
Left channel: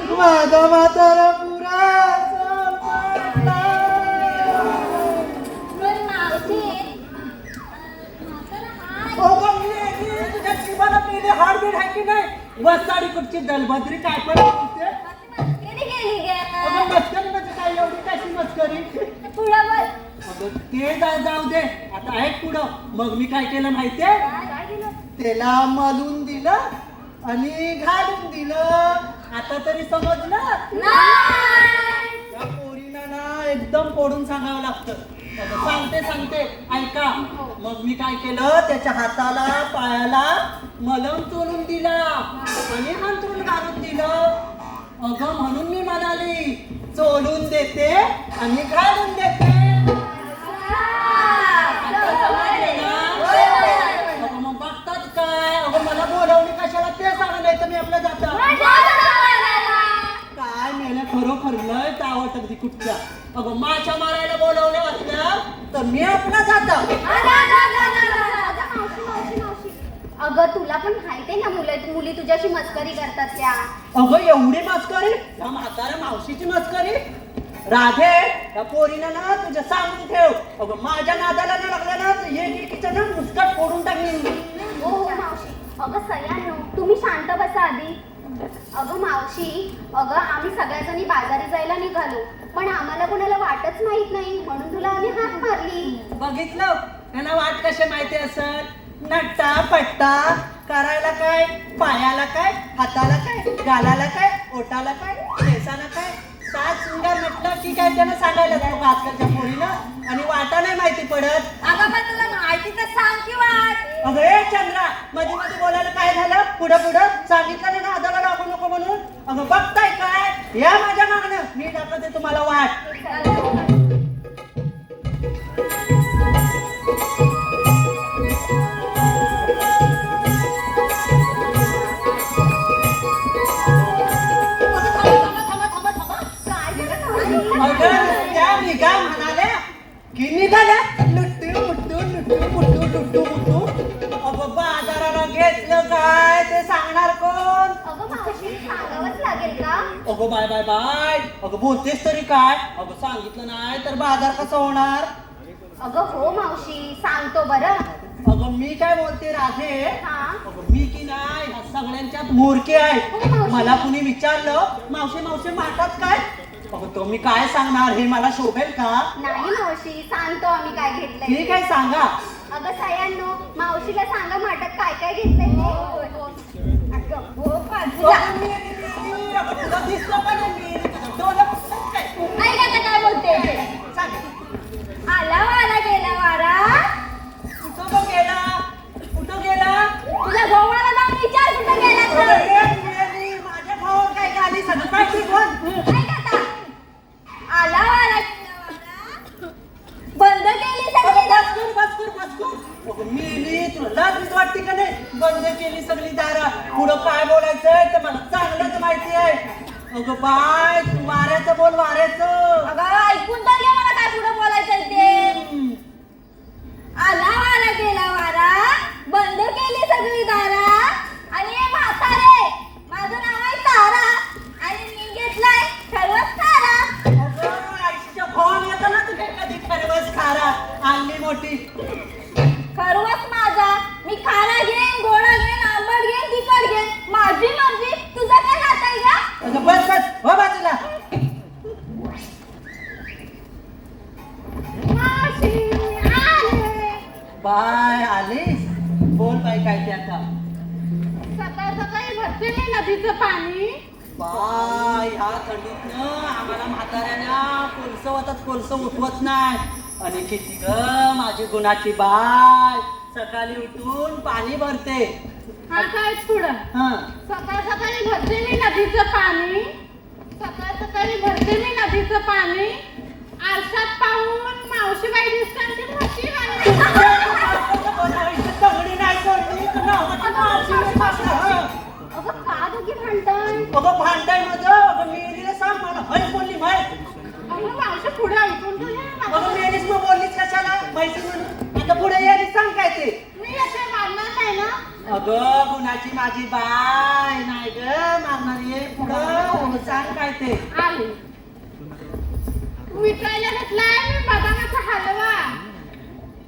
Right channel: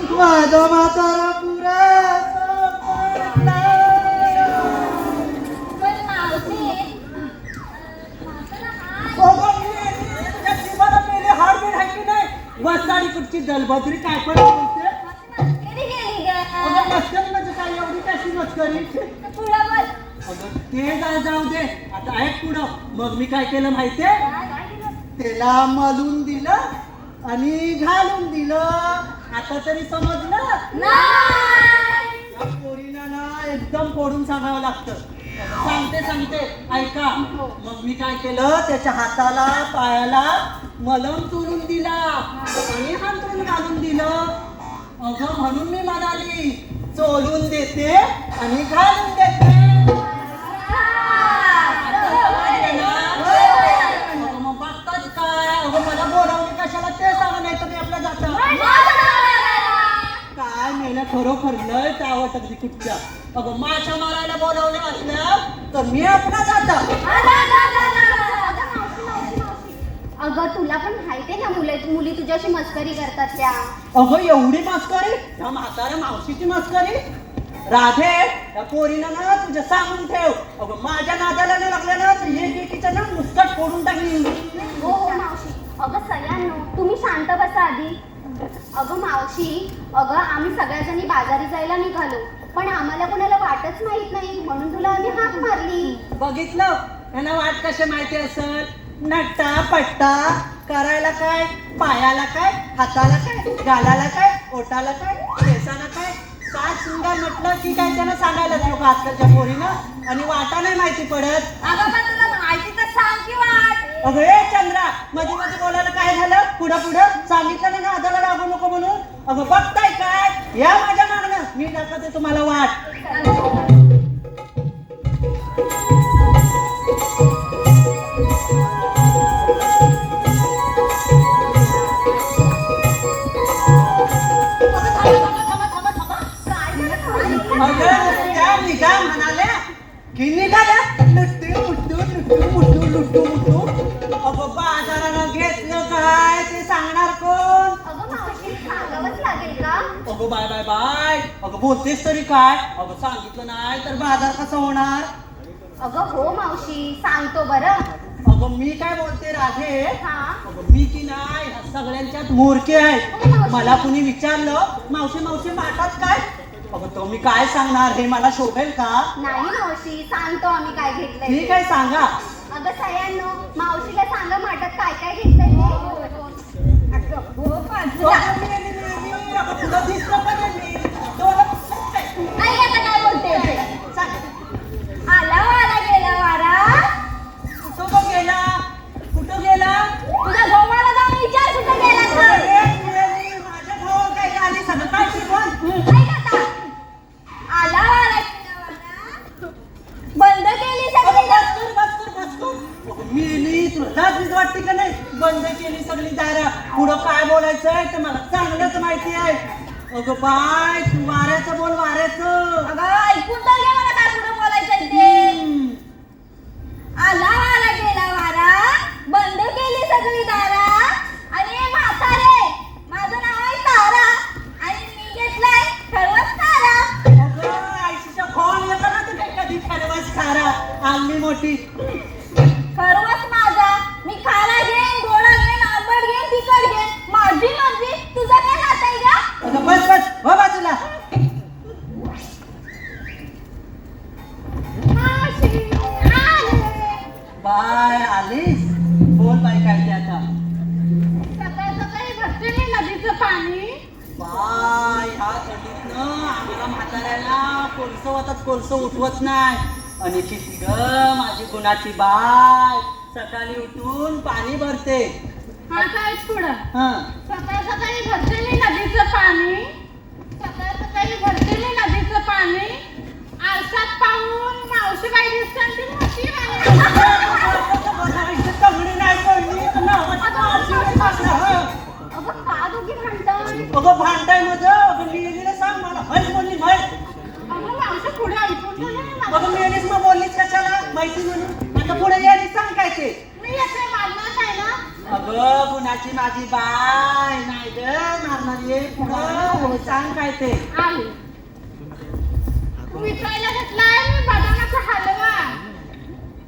माझा म्हातारा पुरा असा पडला. तुझ्या जीवाला पहिले हाडबीड आहे की नाही वसाडी कुठची दलबद्री काय पण बोलते मस्करी म्हणजे काय एवढी कशी मस्करी अगं ते जाऊ दे आता ऐक पुढं मग मी काय केलं माहितीये त्याला मलून दिलं आणि घालून दिलं आता तरी समजलं त्या पोरीला ना एकदम कोडून सांगावं लागतं सांगते ऐका मग मी काय केलं त्याच्या हाताला पायाला मलम चोरून दिला आणि हांतरून घालून दिलं अगं म्हणून मी म्हणाली चोलून देते आणि घालून देते अगं मग बघतात काय अगं मला बोलवली कशाला ते सांगून येतं मी आपलं जातं काय मेलं खरोखर लय चावट अगदी कुठच्या अगं माशा मारायला बोलवले वाटलं तर मी आपला जाता अगं तुला पण माहिती आहे ना मुली तुझ्याशी मस्करी करतात त्या अगं एवढी मस्करी त्या म्हाताऱ्या मावशीची मस्करी राधे त्या पोरीनं ना तुझं सांगून ठेव अगं माझ्या नादाला नाही लागलं ना तर हे एकीचं ना मुस्कट फोडून टाकली हो मावशी अगं सगळ्यांनो तुम्ही शांत बसा आधी अगं मावशी अगं आम्ही सगळ्याजणी बाजारी जायला निघालो पण आम्हाला कोणाला वाटच माहित नाही म्हणून तुला आधी हाक मारली बघितलं त्यांना वाट कशी माहिती असत नट्टा पट्टा करायला काय पायाला काय हाताला काय गालाला काय ओटाला काय केसाला काय काय सुंदर म्हटलं की काय त्यांना सांगायला नको आजकालच्या पोरीनं आणि वाटा नाही माहिती पडत अगं पण तुला माहिती तर सांग की वाट. अगं ए चंद्रा मध्ये बोलायला काय झालं पुढं सांगितलं नाही ना आदळा लागू नको म्हणून अगं बघताय काय या माझ्या मागणं मी दाखवते तुम्हाला वाट अगं बाजाराला घेतलं काय ते सांगणार कोण अगं मावशी सांगावंच लागेल का अगं बाय अगं बोलतेस तरी काय अगं सांगितलं नाही तर बाजार कसा होणार अगं हो मावशी सांगतो बरं अगं मी काय बोलते राधे हा अगं मी की नाही ह्या सगळ्यांच्यात मूर्खे आहे मला कुणी विचारलं मावशी मारतात काय अगं तो मी काय सांगणार हे मला शोभेल का नाही मावशी सांगतो आम्ही काय घेतलंय ठीक आहे सांगा अगं सयांनो मावशीला सांगा माटक काय घेतलंय ते अगं हो पण अगं तुला दिसलं पण नाही मी ऐका का काय बोलते आला वारा गेला वारा कुठं गेला तुला गव्हाला जाऊन विचार कुठं गेला तर माझ्या भावाला काय आली सगळं काय शिकवण ऐका का आला वारा गेला वारा बंद केली सगळी दारं. मी तुला लाज वाटते का नाही बंद केली सगळी दारं पुढं काय बोलायचंय तर मला चांगलंच माहिती आहे अगं बाय तू वाऱ्याचं बोल वाऱ्याचं अगं ऐकून तर घे मला काय पुढं बोलायचं ते. आला वारा गेला वारा बंद केली सगळी दारा आणि म्हातारे माझं नाव आहे तारा आणि मी घेतलाय ठरवत तारा. अगं आईच्या फोन येतो ना तुम्ही कधी ठरवस खारा आणली मोठी ठरवत माझा मी खारा घेईन गोळा घेईन आंबट घेईन तिखट घेईन माझी मर्जी तुझं काय हात आहे का अगं बस हो बाजूला बाय ह्या थंडीतनं आम्हाला म्हाताऱ्याला कोळसं उठवत नाही. आणि किती ग माझी गुणाची बाय सकाळी उठून पाणी भरते. हा काय पुढं हं. सकाळ सकाळी भरते मी नदीचं पाणी. सकाळ सकाळी भरते मी नदीचं पाणी. आरसात पाहून मावशीबाई दिसतात ती मोठी वाली. चांगली नाही बोलली, तर नावाची मावशी दिसणार. अगं का दोघी भांडताय? अगं भांडाय नव्हतं. अगं मेलीला सांग मला हय बोलली म्हय. अगं मावशी पुढे ऐकून तर घे ना. अगं मेलीस मग बोललीच कशाला माहिती म्हणून. आता पुढे यायला सांग काय ते. मी येते मागणार काय ना. अगं गुणाची माझी बाय नाही ग मारणार ये पुढं सांग काय ते. आली विकायला घेतलाय मी बदामाचा हलवा.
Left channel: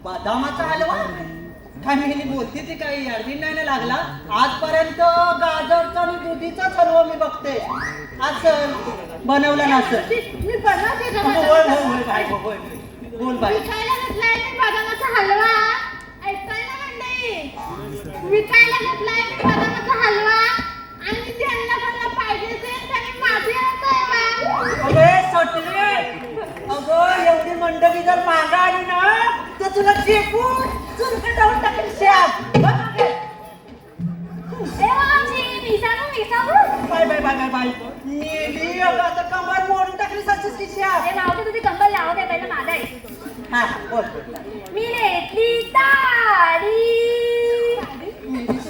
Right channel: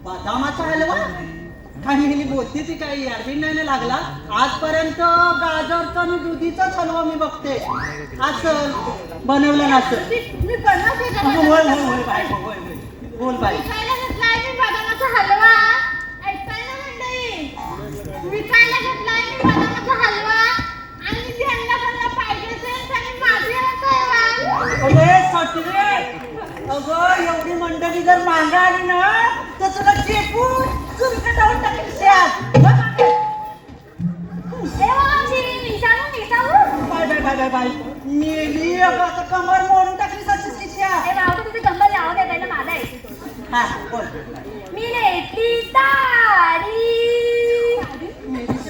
बदामाचा हलवा काय मेली बोलते ती काही याडबीन नाही ना लागला. आजपर्यंत गाजरचा आणि दुधीचाच हलवा मी बघते. आज बनवला नसतं. मी बनवते का बोल बदामाचा? बोल बाय बोल बाय. विकायला घेतलाय मी बदामाचा हलवा. ऐकताय ना मंडळी? विकायला घेतलाय मी बदामाचा हलवा आणि मी त्यांना त्यांना पाहिजे असेल त्यांनी माझी नसावा. अगे सटले. अगं एवढी मंडळी जर मागं आली ना तर तुला चेपून चुरका जाऊन टाकेल श्याम. ए मावशी, मी सांगू? Bye bye bye bye bye. मेली अगं आता कमर मोडून टाकली सचिस की श्याम. ए मावशी, तुझी कंबल लावू दे पहिलं माझा आहे. हा बोल. मी लेटली ताडी.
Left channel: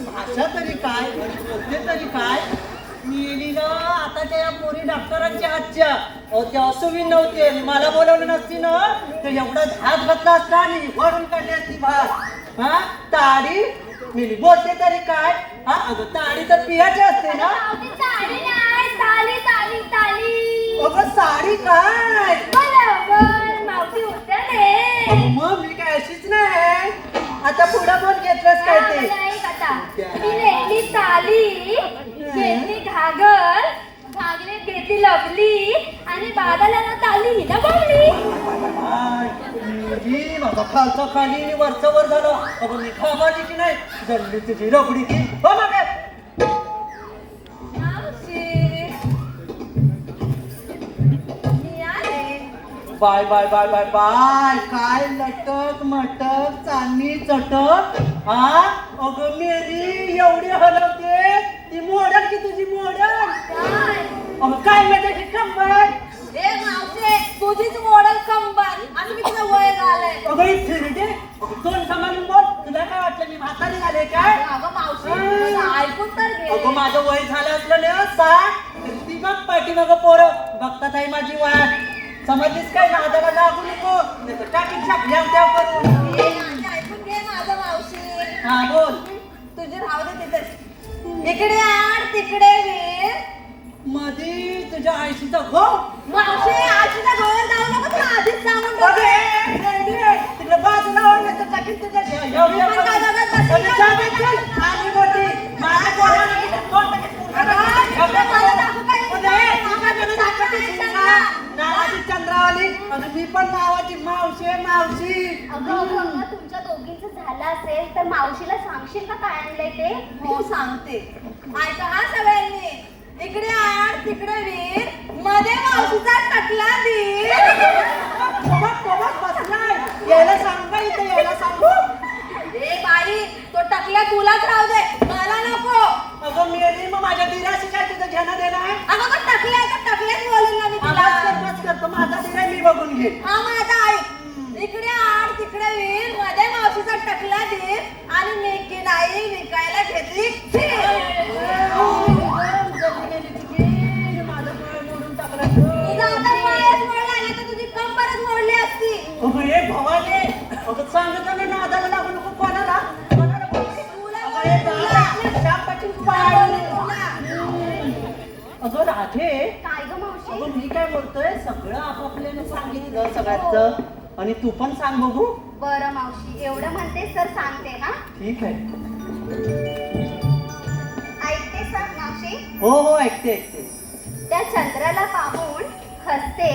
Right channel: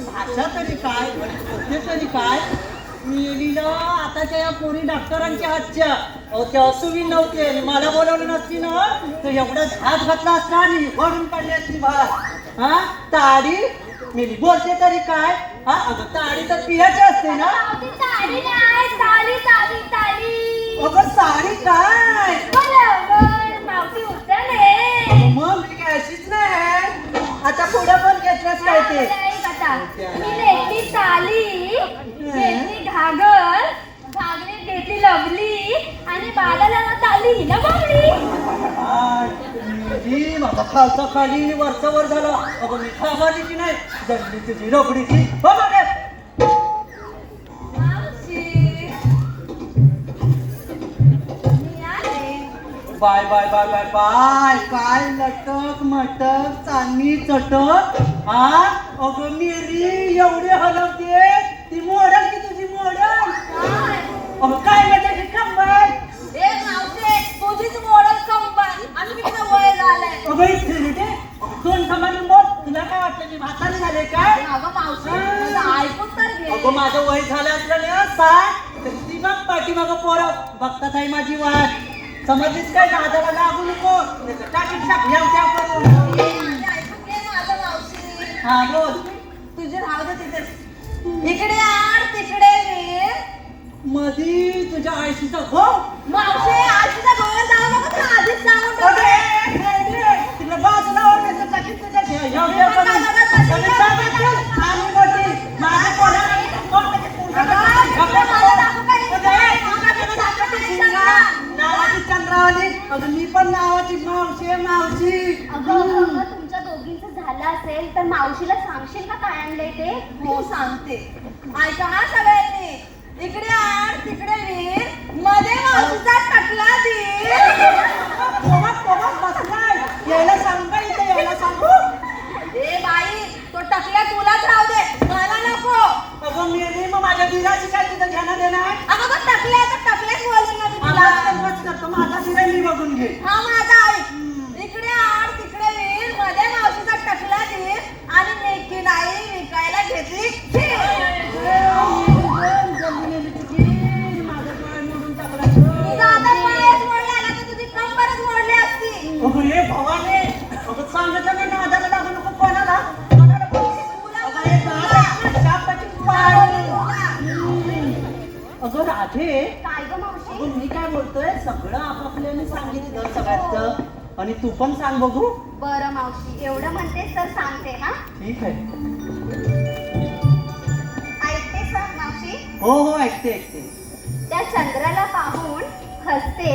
भाषा तरी काय बोलते तरी काय. मेलीला आताच्या या कोणी डॉक्टरांच्या हातच्या त्या सुवी नव्हते. मला बोलवलं नसती ना तर एवढा हात घातला असता आणि वरून काढण्याची भात. हा ताडी मेली बोलते तरी काय. हा अगं ताडी तर पियाची असते ना. मावशी, ताडी नाही, ताली ताली ताली. अगं साडी काय. बरोबर, मावशी उतरले. मग मी काय अशीच नाही. आता पुढं पण घेतलंच काय ते. मी लेटली ताली, घेतली घागर, घागरीत घेतली लवली आणि बाळाला ताली हिला बावली. मेली माझा खालचा खाली वरचा वर झालं. अगं मी खामालीची नाही दल्ली तुझी रबडीची. हो मागे. मावशी, मी आले. Bye bye bye bye bye. काय लटक मटक चांदणी चटक. हा अगं मेली एवढे हलवते ती मोडल की तुझी मोडल. काय? अगं काय माहिती की कंबर. ए मावशे, तुझीच मॉडेल कंबन आणि मी तुला वय झालंय. अगं इथे रे दोन समाजून बोल. तुला काय वाटलं मी म्हातारे झाले काय. अगं मावशे, तुला ऐकून तर घे. अगं माझं वय झालं असलं ना 60 तर ती बघ पाठीमागं पोरं बघतात आहे माझी वाट. समजलीस काय दादाला लागू नको नाहीतर टाकीत टाकल्या त्या करून. ए, माझे ऐकून घे माझं मावशे. हा बोल. तुझे राहू दे तिथेच. इकडे आड तिकडे वीर. मधी तुझ्या आयशीचा घोर. मावशे, आजीच्या घरावर जाऊ नको, तुला आधीच सांगून ठेवते. तिकडे बाजूला वाढण्याचं टाकीत तुझ्या घ्या. मी एवढ्या पण करून. बाजूला बसली. आणि सांगायचं, आणि मोठी. माझ्या पोराला कोण टाकीत तुला? तुला मला दाखवू काय? नावाची चंद्रावली. अगं मी पण नावाची मावशी मावशी. अगं तुमच्या दोघींचं झालं असेल तर मावशीला सांगशील का काय आणलंय ते? हो सांगते. ऐका हा सगळ्यांनी. इकडे आड तिकडे वीर, मध्ये मावशीचा टकला दीर. यायला सांग का इथे यायला सांगू. ए बाई, तो टकल्या तुलाच राहू दे, मला नको. अगं मेली मग माझ्या दिराशी काय तिथं घेणं देणं आहे. अगं मग टकल्याच बोलून ना मी तुला. आवाज करतो माझा दिरा मी बघून घे. हा माझा ऐक. इकडे आड तिकडे वीर, मध्ये मावशीचा टकला दीर आणि मी नाही विकायला घेतली खीर. तुझा आता पायच मोडला ना तर तुझी कंबरच मोडली असती. अगं हे भवानी. अगं सांगत मी नादाला लागू नको कोणाला. कोणाला बोलली? अगं हे दादा, शांताची पाय. अगं राधे. काय गं मावशी? अगं मी काय बोलतोय सगळं आपापल्याने सांगितलं सगळ्याचं आणि तू पण सांग बघू. बरं मावशी, एवढं म्हणतेस तर सांगते हा. ठीक आहे. ऐकतेस ना मावशी? हो हो ऐकते ऐकते. त्या चंद्राला पाहून हसते,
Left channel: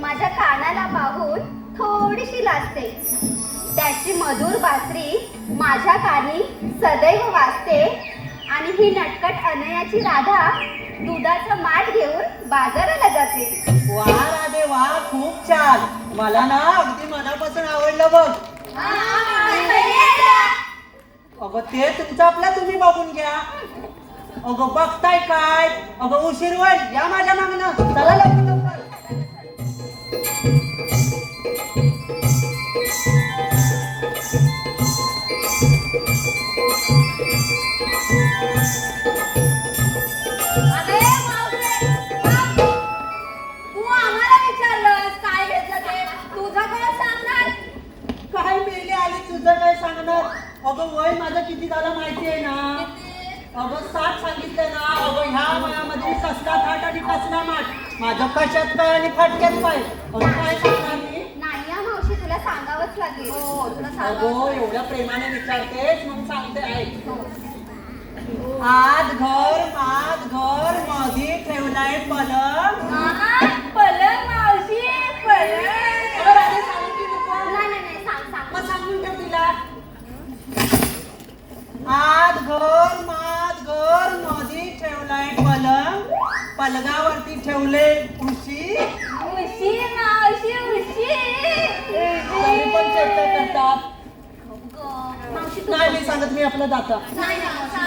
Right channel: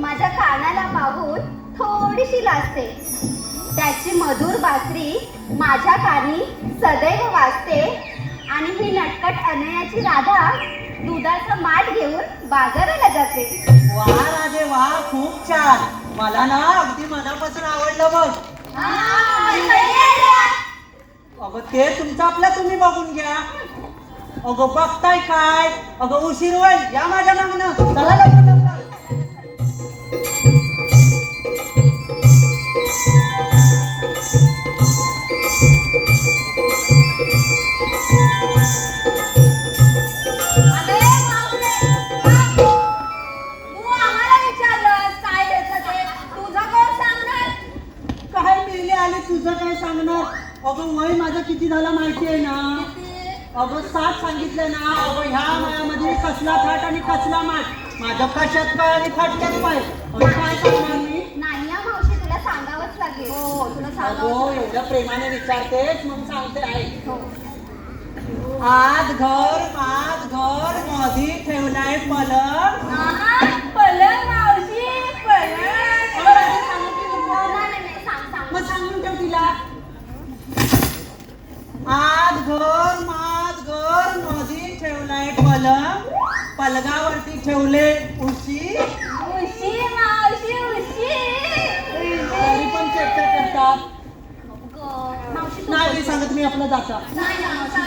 माझ्या कानाला पाहून थोडीशी लाजते. त्याची मधुर बासरी माझ्या कानी सदैव वाजते आणि ही नटकट अनयाची राधा दुधाचं माठ घेऊन बाजाराला जाते. वा राधे वा, खूप छान. मला ना अगदी मनापासून आवडलं बघ. अगं ते तुमचं आपलं तुम्ही बघून घ्या. अगं बघताय काय? अगं उशीर होईल, या माझ्या मागणं. चला लवकर लवकर. अरे बापरे, बाप. तू आम्हाला विचारलंस काय घ्यायचं ते, तुझं कोण सांगणार? काय मेले आले, तुझं काय सांगणार? अगं वय माझं किती झालं माहिती आहे ना? अगं 60 सांगितलं ना. अगं ह्या वयामध्ये कसला थाट आणि कसला माठ, माझं कशात पाय आणि फटक्यात पाय. अगं काय सांगणार मी? नाही हा मावशी, तुला सांगावंच लागेल. तुला सांगावंच अगं एवढ्या प्रेमाने विचारतेस, मग सांगते आहे. आज घर मधी ठेवलाय पलंग. पलंग मावशी, पलंग. अगं रात्री सांगू की नको? नाही, सांग. मग सांगून का तिला? आज घर मधी ठेवलाय पलंग, पलंगावरती ठेवले उशी. उशी मावशी, उशी. तुम्ही पण चर्चा करता. नाही मी सांगत, मी आपलं जाता. नाही ना, सांग.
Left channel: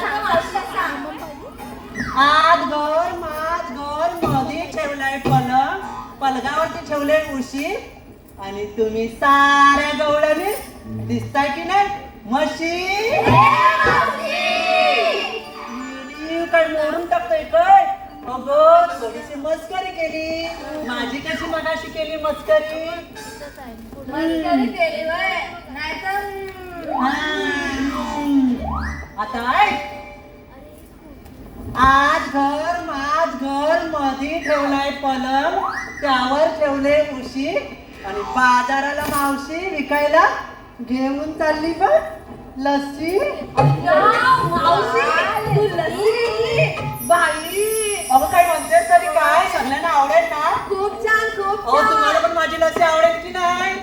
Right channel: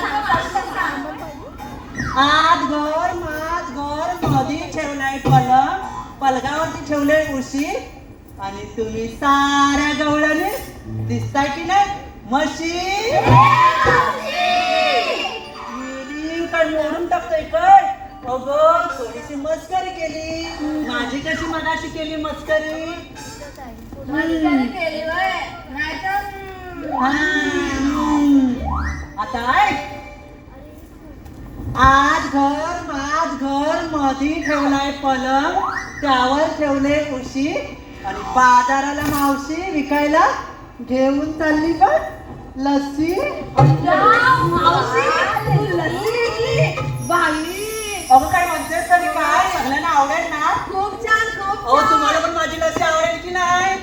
आज घर मधी ठेवलाय पलंग, पलंगावरती ठेवले उशी, आणि तुम्ही साऱ्या गवळ्याने दिसताय की नाही म्हशी. म्हणून टाकताय काय? अगं थोडीशी मस्करी केली. माझी कशी मगाशी केली मस्करी? मस्करी केली होय. नाहीतर आता ऐक. आज घर मधी ठेवलाय पलंग, त्यावर ठेवले उशी, आणि बाजाराला मावशी विकायला घेऊन चालली बघ लस्सी. मावशी, तू लस्सी घेतली? भारी. अगं काय म्हणतेस तरी काय? सगळ्यांना आवडेल ना? खूप छान, खूप अहो छान. तुम्हाला पण माझी लस्सी आवडेल की नाही?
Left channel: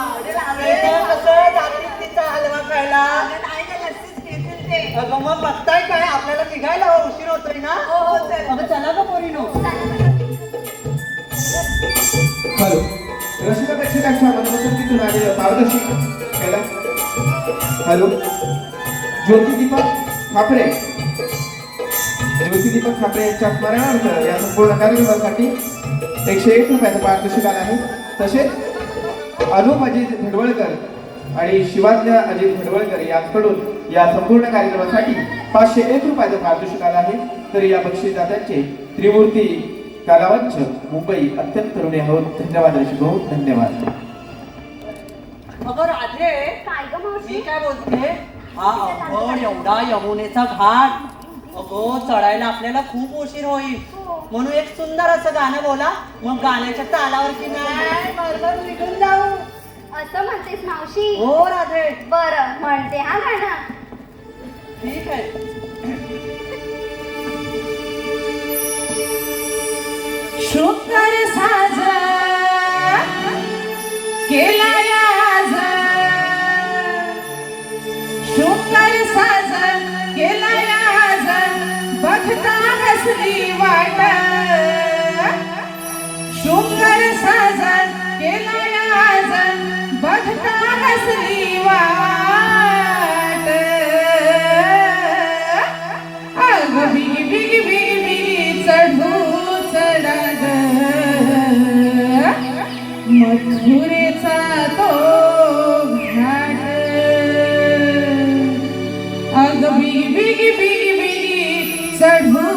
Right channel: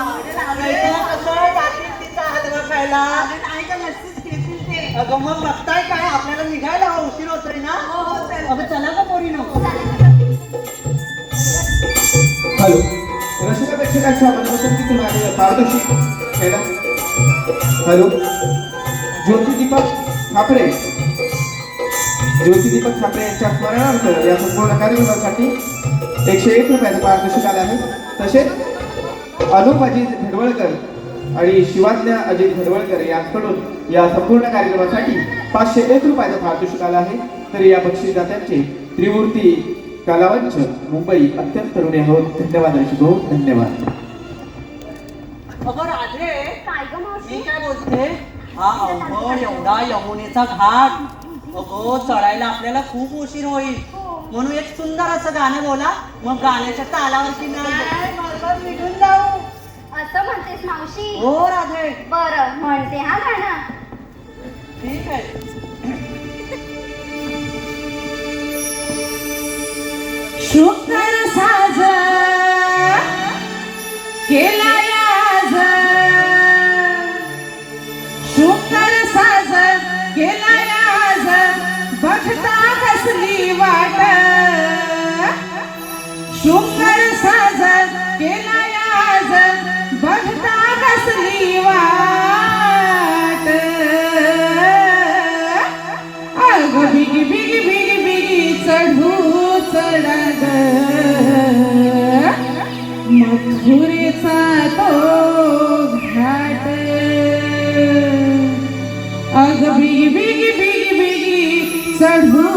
आवडेल, इथे कसं जातील तिचा हलवा खायला. नाही का लस्सीच घेतील ते. अगं मग बघताय काय, आपल्याला निघायला उशीर होतोय ना. हो, चल. अगं चला का पोरीनो. हॅलो, रसिक प्रेक्षकांच्या मनापासून तिथून आलेलं पारदर्शक मॅडम. हॅलो, ज्योतिदीपक ठाकरे यांच्या स्मरणार्थ या संपूर्ण कार्यक्रमासाठी 101 रुपयाचं पारितोषिक आलं आहे. तसेच अनुप अजित भडवळकर आणि शिवातल्या अजित भडवळकर यांच्याकडून या संपूर्ण कार्यक्रमासाठी 501 रुपयाचं पारितोषिक आलं आहे. तर या बक्षीसदात्यांचे त्रिमूर्ती कलावंच मुंबई अत्यंत ऋणी आहोत. धन्यवाद ऋषी भाऊ, धन्यवाद. अगं राधे, काय ग मी मावशी? काय बोलते, हा अवघड एवढा यमुनेचा घाट, अगो चढायला आपल्याला खूप उशीर होईल. म्हणून एक सुंदर असं गाणं बोला, मग गाण्याच्या तालावरती नाही बरोबर निघून जाऊ. असं म्हणतेस मावशी? हो राधे, बरं, म्हणते हा गाणं. ठीक आहे. शुकर साज केलाय आज, शुकर साज केलाय आज, बघता कसली वाट. शुकर साज केलाय आज, बघता कसली वाट. अग बिगी बिगी बिगी बिगी चढू चढा मथुरेचा तो घाट. अग बिगी बिगी बिगी बिगी चढू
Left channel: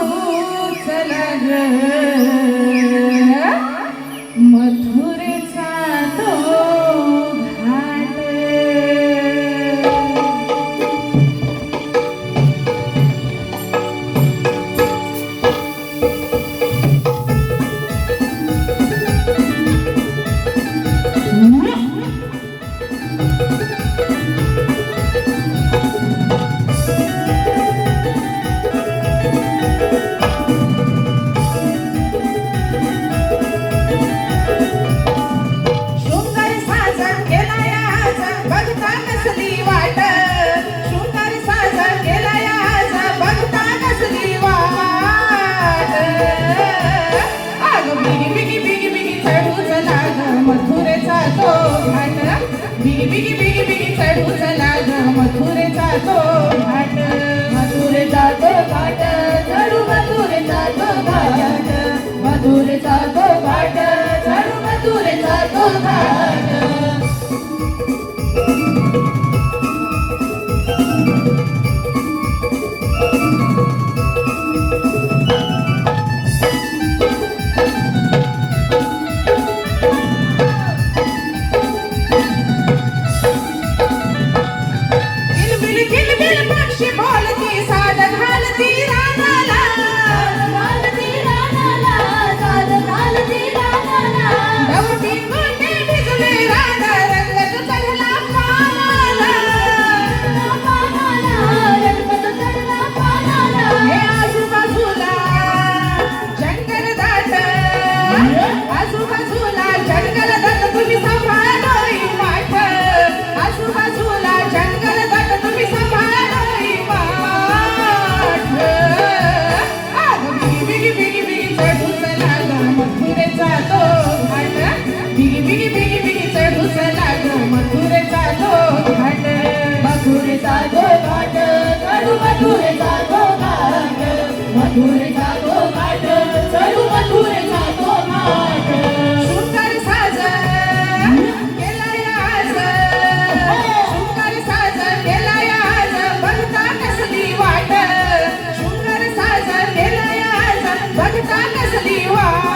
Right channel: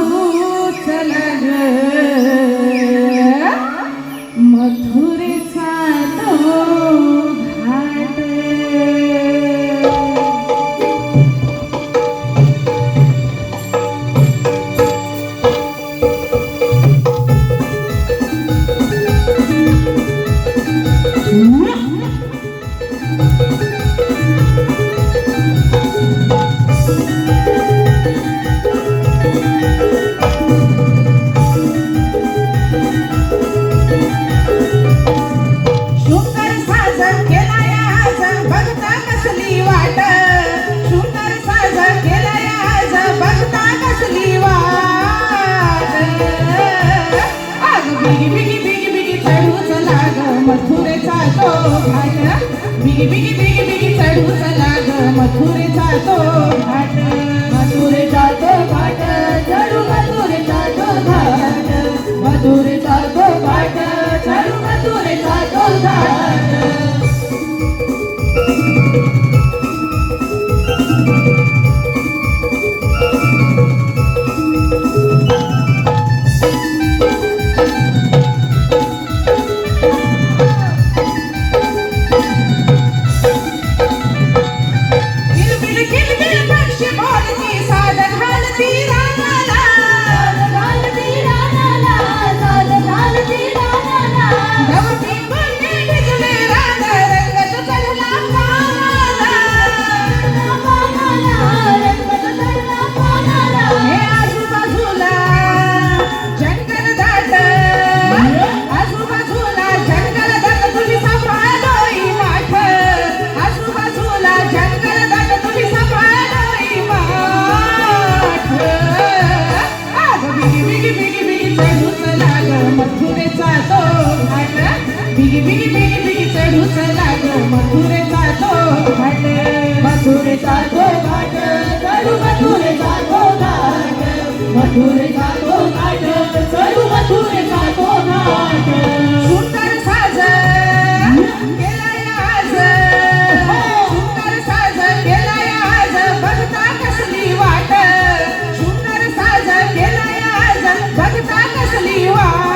चला मथुरेचा तो घाट. मथुरेचा तो घाट बिगी बिगी बिगी बिगी चढू चला ग मथुरेचा तो घाट मथुरेचा तो घाट चढू मथुरेचा तो घाट मथुरेचा तो घाट चढू मथुरेचा तो घाट किलबिल किलबिल पक्षी बोलती साद घालती रानाला गवती कोंडे भिजले रान रंगत चढला पानाला हे आजूबाजूला जंगल दाट आजूबाजूला जंगल दाट तुम्ही सांभाळोय माठ आजूबाजूला जंगल दाट तुम्ही सांभाळोय माठ बिगी बिगी बिगी चढू चला ग मथुरेचा तो घाट बिगी बिगी बिगी बिगी चढू चला ग मथुरेचा तो घाट मथुरेचा तो घाट चढू मथुरेचा तो घाट मथुरेचा तो घाट चढू मथुरेचा तो घाट सुंदर साज केलाय आज सुंदर साज केलाय आज बघता कसली वाट सुंदर साज केलाय आज बघता कसली वाट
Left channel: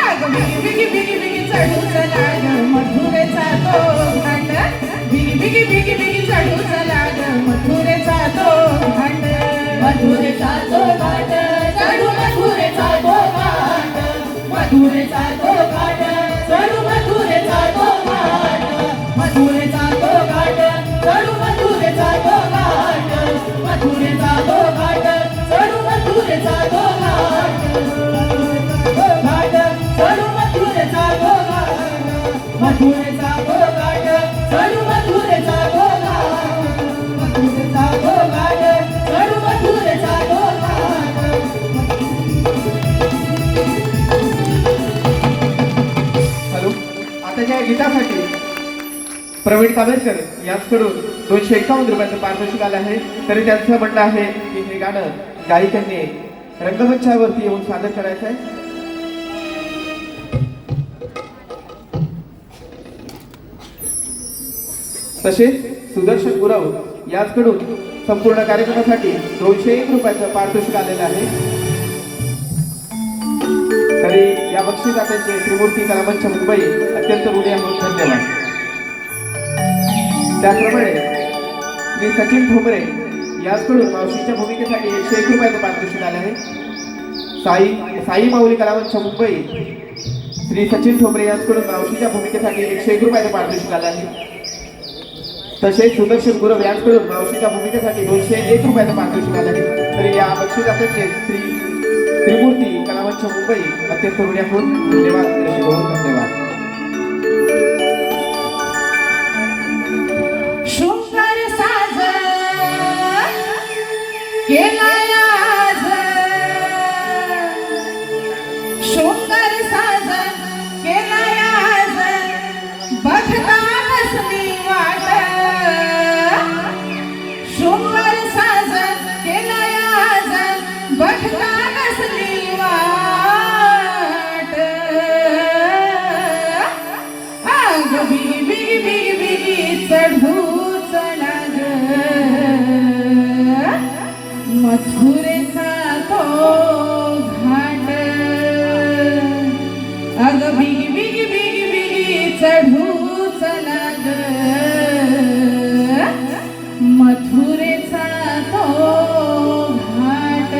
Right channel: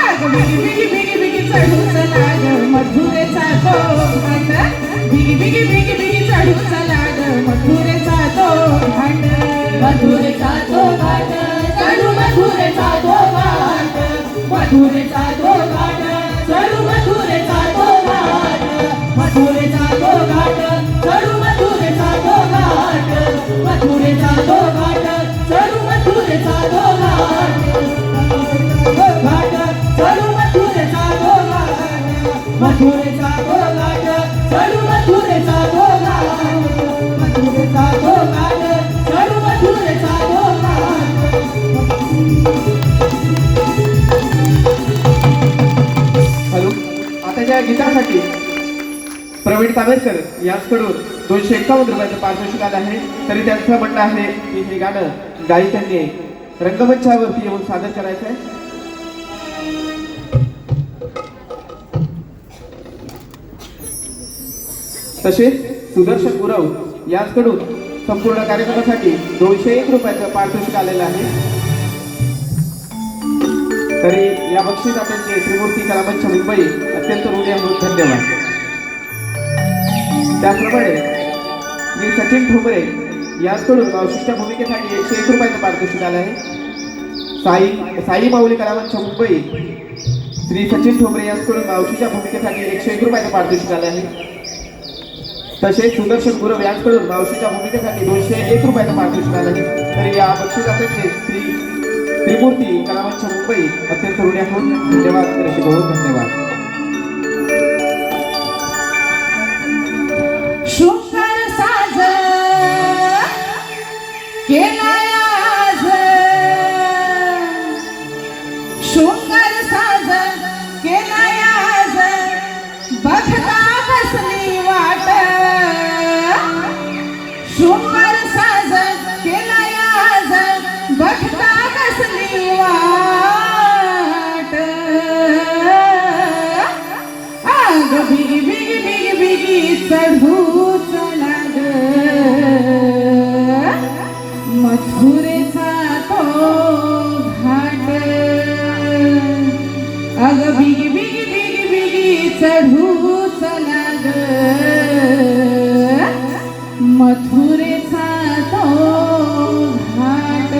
आग बिगी बिगी बिगी बिगी चढू चला ग मथुरेचा तो घाट बिगी बिगी बिगी बिगी चढू चला ग मथुरेचा तो घाट मथुरेचा तो घाट चढू मथुरेचा तो घाट मथुरेचा तो घाट चढू मथुरेचा तो घाट मथुरेचा तो घाट चढू मथुरेचा तो घाट मथुरेचा तो घाट चढू मथुरेचा तो घाट घाट चढू मथुरेचा तो घाट मथुरेचा तो घाट चढू मथुरेचा तो घाट मथुरेचा तो घाट चढू मथुरेचा तो घाट हॅलो आता या गीतासाठी प्रवीण कावेरकर यांच्याकडून 251 रुपयाचं पारितोषिक आलं आहे. तरी त्यांचं म्हणणं आहे की हे गाणं गायिकांनी रंगमंचावरती येऊन सादर करायचं आहे. तसेच सुदर्शन गुरव यांच्याकडून संपूर्ण कार्यक्रमासाठी 201 रुपयाचं पारितोषिक आलेलं आहे. तरी या बक्षिसाचे त्रिमूर्ती कलामंच मुंबई अत्यंत ऋणी म्हणून धन्यवाद. त्याचप्रमाणे श्री सचिन ठोंबरे यांच्याकडून मावशीच्या भूमिकेसाठी 101 रुपयाचं पारितोषिक आलं आहे. साई माऊली कलामंच मुंबई श्री सचिन ठोंबरे यांच्याकडून मावशीच्या भूमिकेसाठी 101 रुपयाचं पारितोषिक आलं आहे. तसेच सुदर्शन गुरव यांच्याकडून मावशीच्या भूमिकेसाठी 201 रुपयाचं पारितोषिक आलं आहे. तर या बक्षिसाचे श्री त्रिमूर्ती कलामंच मुंबई अत्यंत ऋणी म्हणून धन्यवाद. बहुत धन्यवाद. शृंगार साज केलाय आज शृंगार साज केलाय आज बघता कसली वाट शृंगार साज केलाय आज बघता कसली वाट आग बिगी बिगी बिगी बिगी चढू चला ग मथुरेचा तो घाट अग बिगी बिगी बिगी बिगी चढू चला ग मथुरेचा तो घाट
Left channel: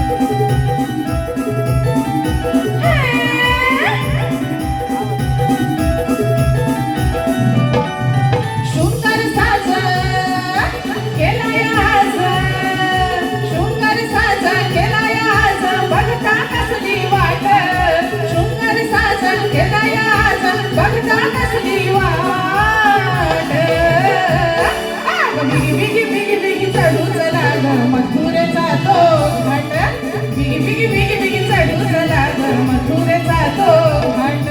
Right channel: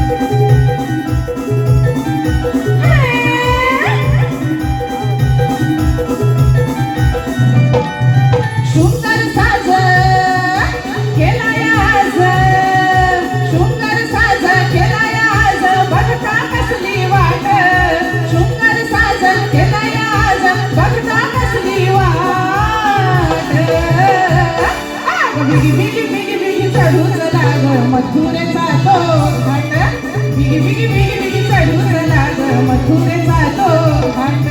Yeah. बिगी बिगी बिगी बिगी चढून लाग मथुरेचा तो घाट बिगी बिगी बिगी बिगी चढून लाग मथुरेचा तो घाट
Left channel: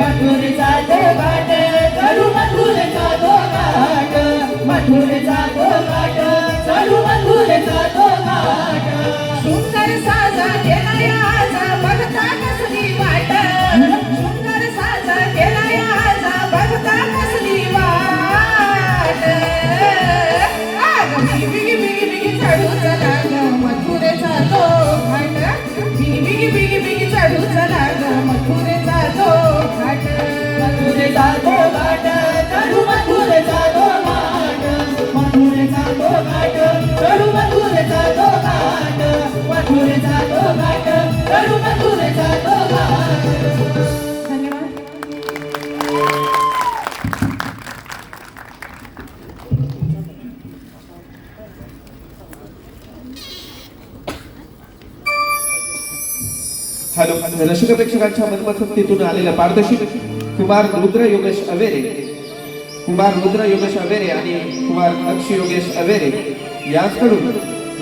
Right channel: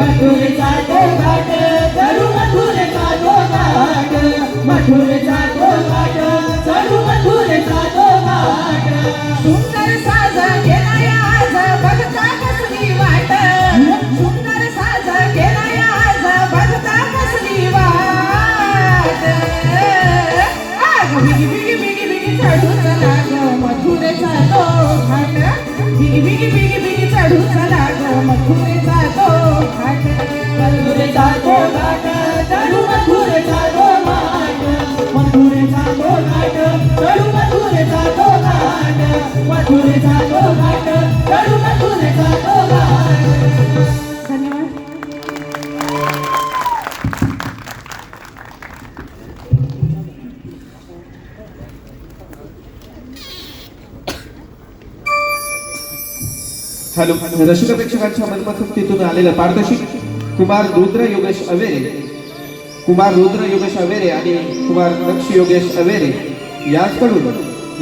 मथुरेचा तो घाट चढू मथुरेचा तो घाट मथुरेचा तो घाट चढू मथुरेचा तो घाट सुंदर साज केलाय आज बघता कसली वाट सुंदर साज केलाय आज बघता कसली वाट आग बिगी बिगी बिगी बिगी चढून लाग मथुरेचा तो घाट बिगी बिगी बिगी बिगी चढून लाग मथुरेचा तो घाट मथुरेचा तो घाट चढू मथुरेचा तो घाट मथुरेचा तो घाट चढू मथुरेचा तो घाट मथुरेचा तो घाट चढू मथुरेचा तो घाट धन्यवाद हॅलो रसिक प्रेक्षकांच्या मनपसंतीतून आलेलं पारदर्शक कुमार रुद्र योगेश अवेरे आणि कुमार नक्ष योगेश अवेरे याचकडून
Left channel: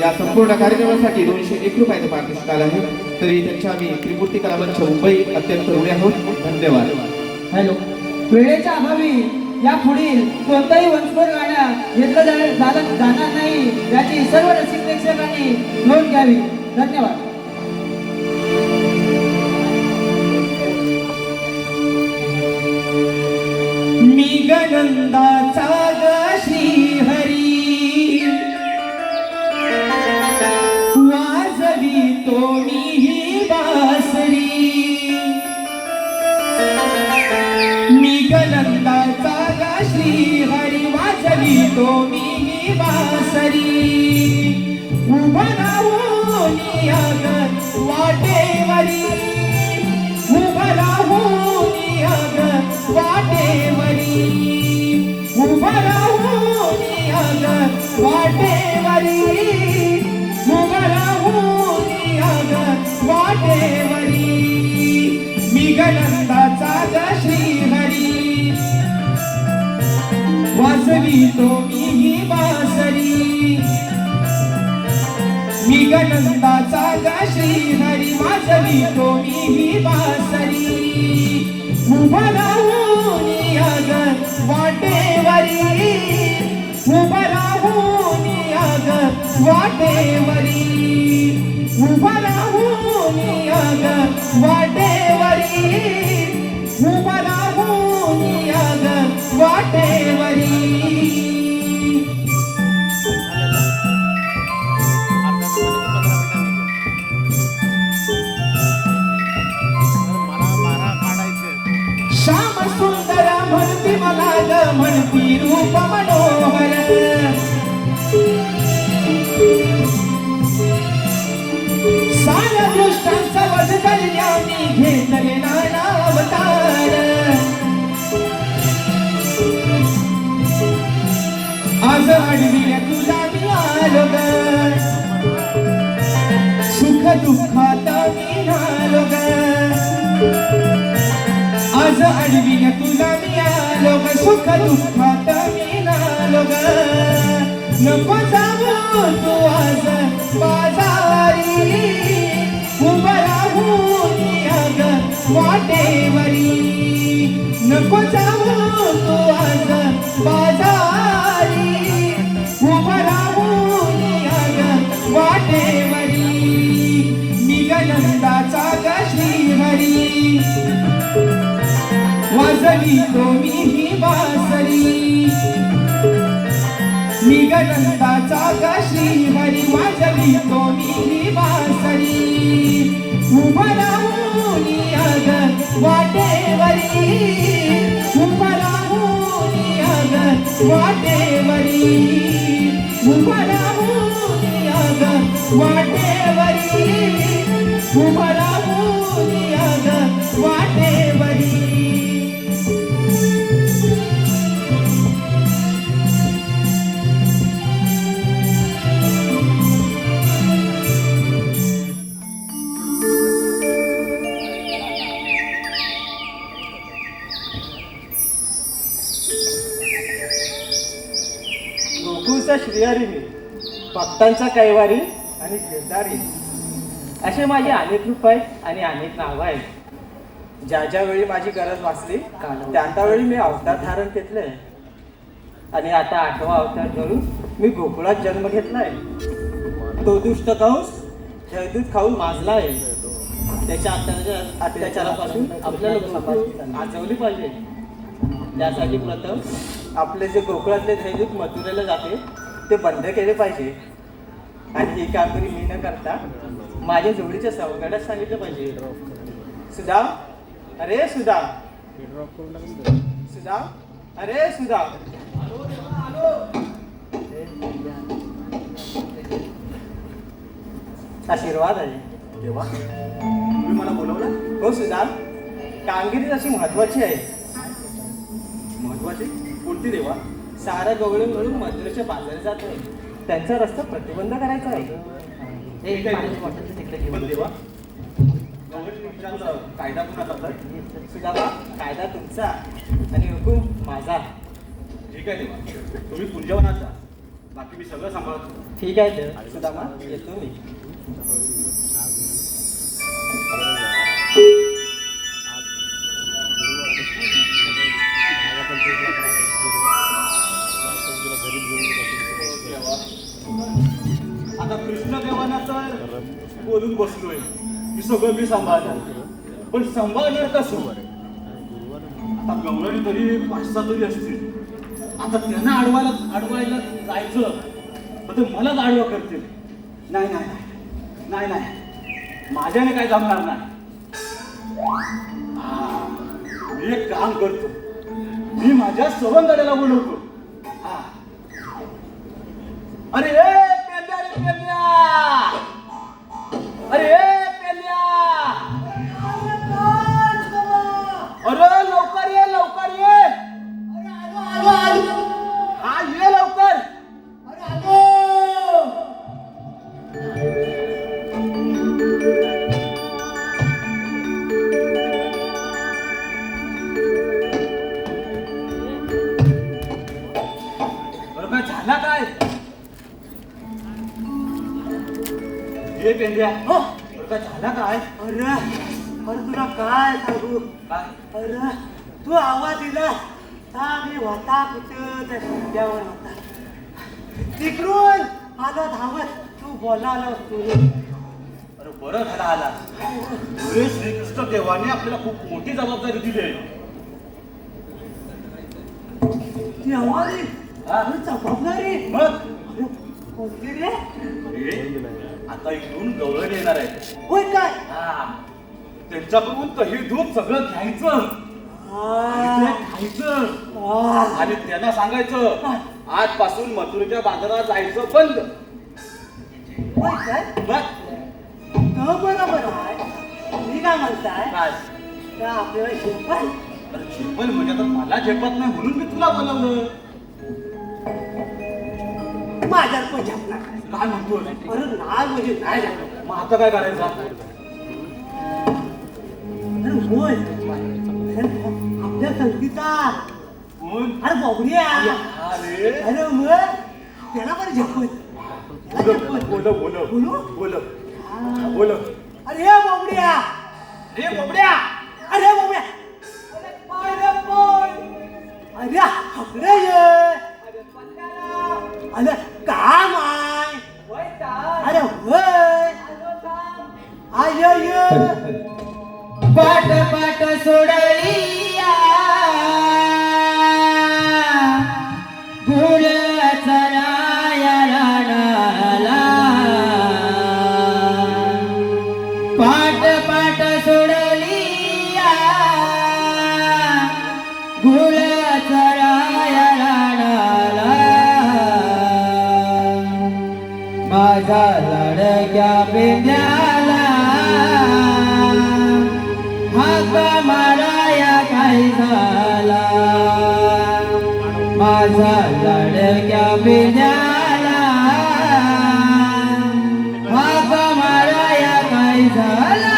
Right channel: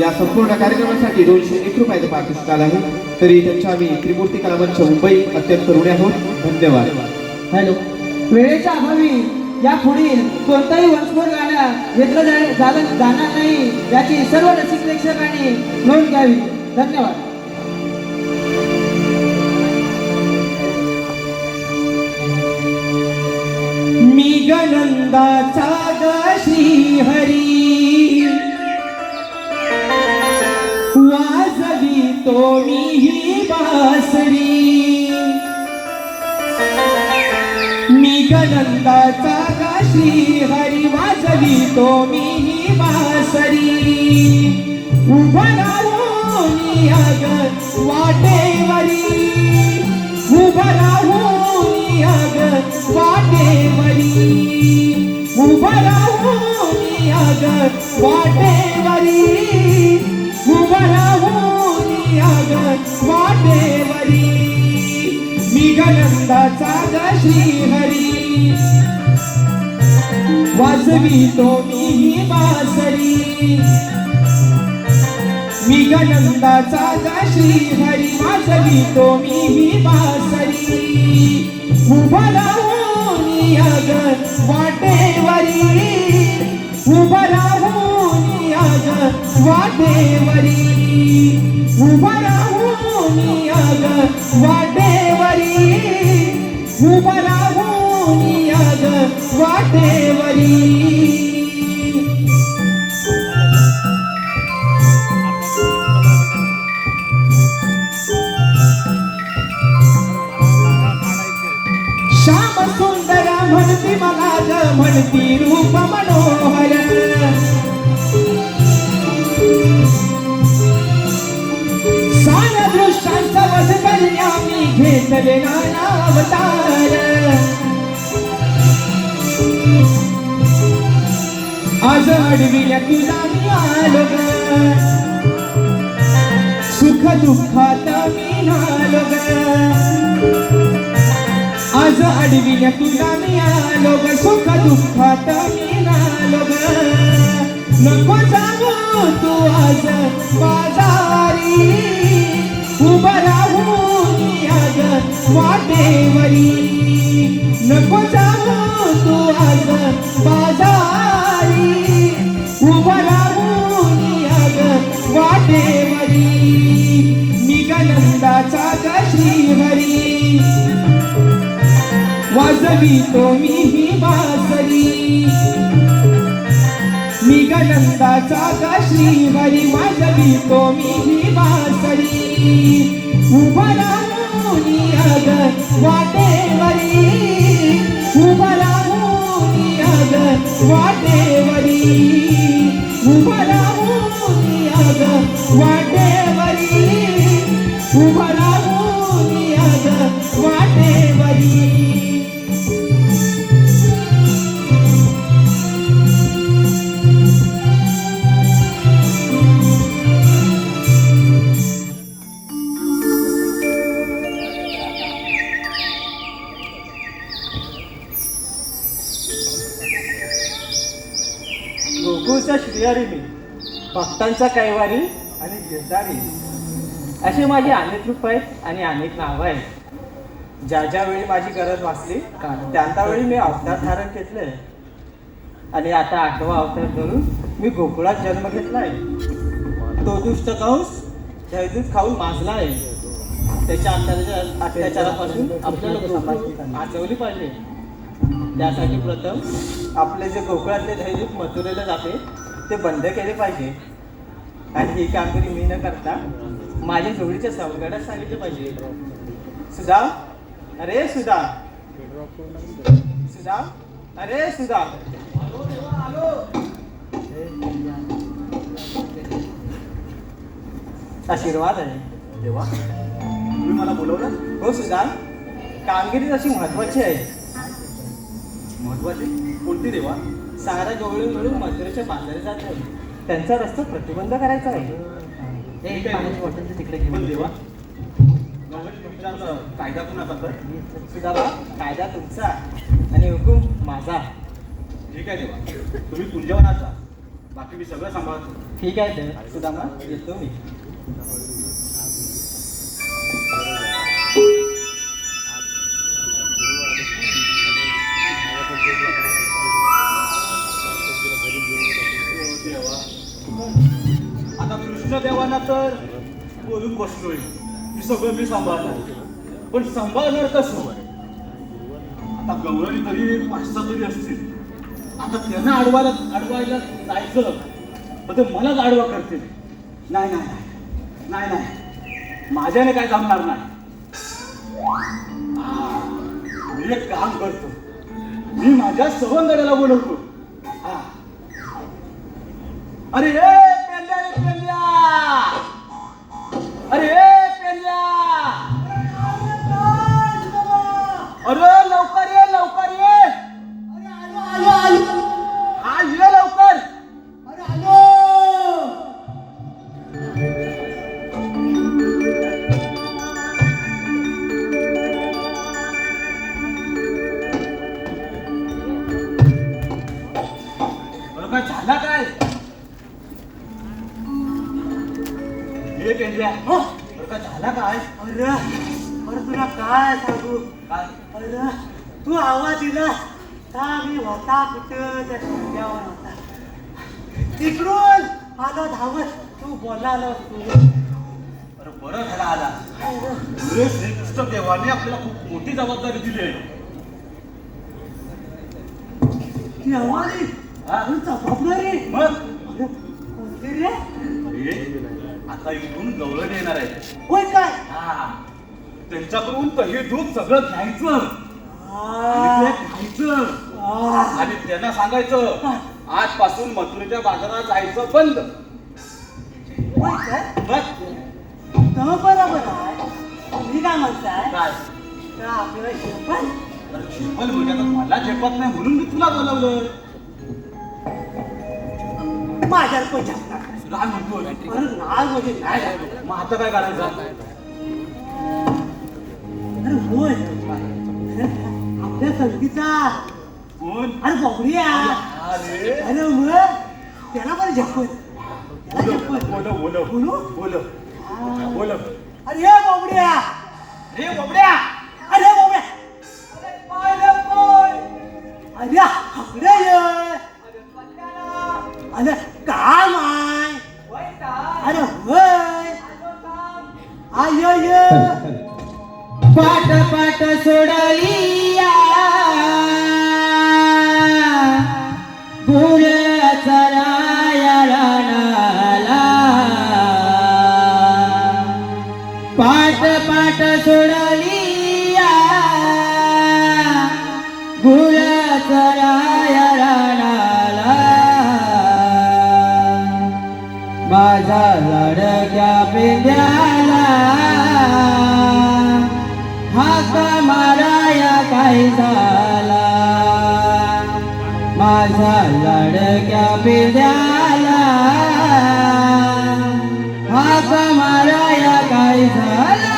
या संपूर्ण कार्यक्रमासाठी 201 रुपयाचे पारितोषिक आलं आहे. तरी त्यांच्या आम्ही त्रिमूर्ती कला मंच मुंबई अत्यंत ऋणी आहोत. धन्यवाद. हॅलो वेळेच्या अभावी या पुढील कोणताही वंशभर गाणं घेतलं जाणार नाही याची सर्व रसिक प्रेक्षकांनी नोंद घ्यावी. धन्यवाद. मी गनंदाचा ग श्रीहरी वाजवी तो मी ही बासरी मी गनंदाचा ग श्रीहरी वाजवी तो मी ही बासरी उभं राहून याग वाटेवरी उभं राहून याग वाटेवरी उभं राहून याग वाटेवरी उभं राहून याग वाटेवरी मी गनंदाचा ग श्रीहरी वाजवी तो मी ही बासरी मी गनंदाचा ग श्रीहरी वाजवी तो मी ही बासरी उभं राहून याग वाटेवरी उभं राहून याग वाटेवरी उभं राहून याग वाटेवरी उभं राहून याग वाटेवरी श्याम सुंदर म्हणती मला ग म्हणती रूप मनोहर सार दृष्टांचा वध करण्या मी घेतले नाना अवतार आज अडविल्या तुला मी आलो ग सुख दुःखात मी आलो ग आज अडविल्या तुला मी आलो ग सुख दुःखात मी आलो ग नको जाऊ तू आज बाजारी उभं राहून याग वाटेवरी नको जाऊ तू आज बाजारी उभं राहून याग वाटेवरी मी गनंदाचा ग श्रीहरी वाजवी तो मी ही बासरी मी गनंदाचा ग श्रीहरी वाजवी तो मी ही बासरी उभं राहून याग वाटेवरी उभं राहून याग वाटेवरी उभं राहून याग वाटेवरी उभं राहून याग वाटेवरी शेतीवारी मी, भक्तांचा कैवारी आणि गिरधारी असे माझे अनेक रूप आहेत आणि अनेक नावं आहेत. ज्या ज्या वेळी माझी गरज भासली त्या वेळी मी अवतार धारण घेतले आणि आता 8वा अवतार करून मी गोकुळात जन्म घेतलाय. तो दुष्ट कंस जयदूत खाऊन माजला आहे. त्याच्या अत्याचारापासून आपल्याला वाचवली पाहिजे. त्यासाठी प्रथम आपले जे कोकणातले दैनिक मथुरेला जाते ते बंद केले पाहिजे आणि ही कामगिरी मी न करता माझ्या जोडीच्या सावकारात सांगितलं पाहिजे. सुधा, अरे सुधा, सुधा, अरे सुधा. आशीर्वाद आहे. देवा, तुम्ही मला बोलवलं? हो सुधा, कामगिरी तशी महत्वाची आहे. महत्वाचे कोणती देवा? सारा गवळे मिळून मथुरेच्या बाजारात जाते. त्यांचा रस्ता प्रतिबंध करायचा आहे. पण देवा, गवळीने विचारलं, कायदा कुणाचा तर? सुधा, कायदा तुमचा आणि हुकूम माझा. ठीक आहे देवा, तुम्ही कुंजवनात जा, बाकी मी सगळं सांभाळतो. ठीक आहे देव. सुदामा, येतो मी. आता कृष्णदेवांना तर बोलून बसलोय मी सगळं मी सांभाळणार, पण सांभाळणार कसं? आता गवळणी तरी 5-6 तरी असतील. आता त्यांना अडवायला जायचं तर ते मलाच आडवा करतील. नाही नाही नाही नाही, माझ्याने काय जमणार नाही. मी एक काम करतो, मी माझ्या सवंगड्याला बोलवतो. अरे पेंड्या रे पेंड्या, अरे पेंड्या, अरे लवकर ये लवकर ये. हा ये लवकर. बरं काय झाला काय? हे पेंड्या, बरं काय झाला काय? अरे तुला काय सांगू? काय? अरे तू आवाज दिला मी होता कुठं त्या शिट्ट्यावर होता. तिकडून आला धावत तू बोलायला तू. अरे बरं झाला आला. पुढे श्रीकृष्ण देवाने आपल्याला खूप मोठी जबाबदारी दिली आहे. ती आवाज हा? जबाबदारी मग कोणती रे? आता इथून गवळण येणार आहे. होय काय? हा, त्यांच्याकडून तर हे दूध सगळं घ्यायचं आणि ते खायचं आणि त्यांना सांगायचं आजपासून मथुरेच्या बाजारात जायचं बंद. होय काय? मग तर बरोबर आहे. तुम्ही काय म्हणताय? काय? तर आपल्याला शिकवण अरे झेपल म्हणजे आता मला झेपत नाही म्हणून मी तुला बोलवलं. माझ्या झेपणार. काय म्हणतो? अरे नाही म्हणजे नाही. मग आता काय करायचं? अरे होय. आपल्या संगीता कोण? अरे बोबड्या. अरे अरे मग त्याला पण झेपवत. बोल बोल बोल बोल बोल. अरे बोबड्या. हे बोबड्या. अरे बोबड्या. अरे हकडे ये. अरे काय माय. अरे होय. आय पाट पाट सोडलिया गुळ चरायला पाट पाट सोडलिया गुळ चरायला माझा लाडक्या पेंड्याला हाका माराया काय झाला. माझा लाडक्या पेंड्याला हाका माराया काय झाला.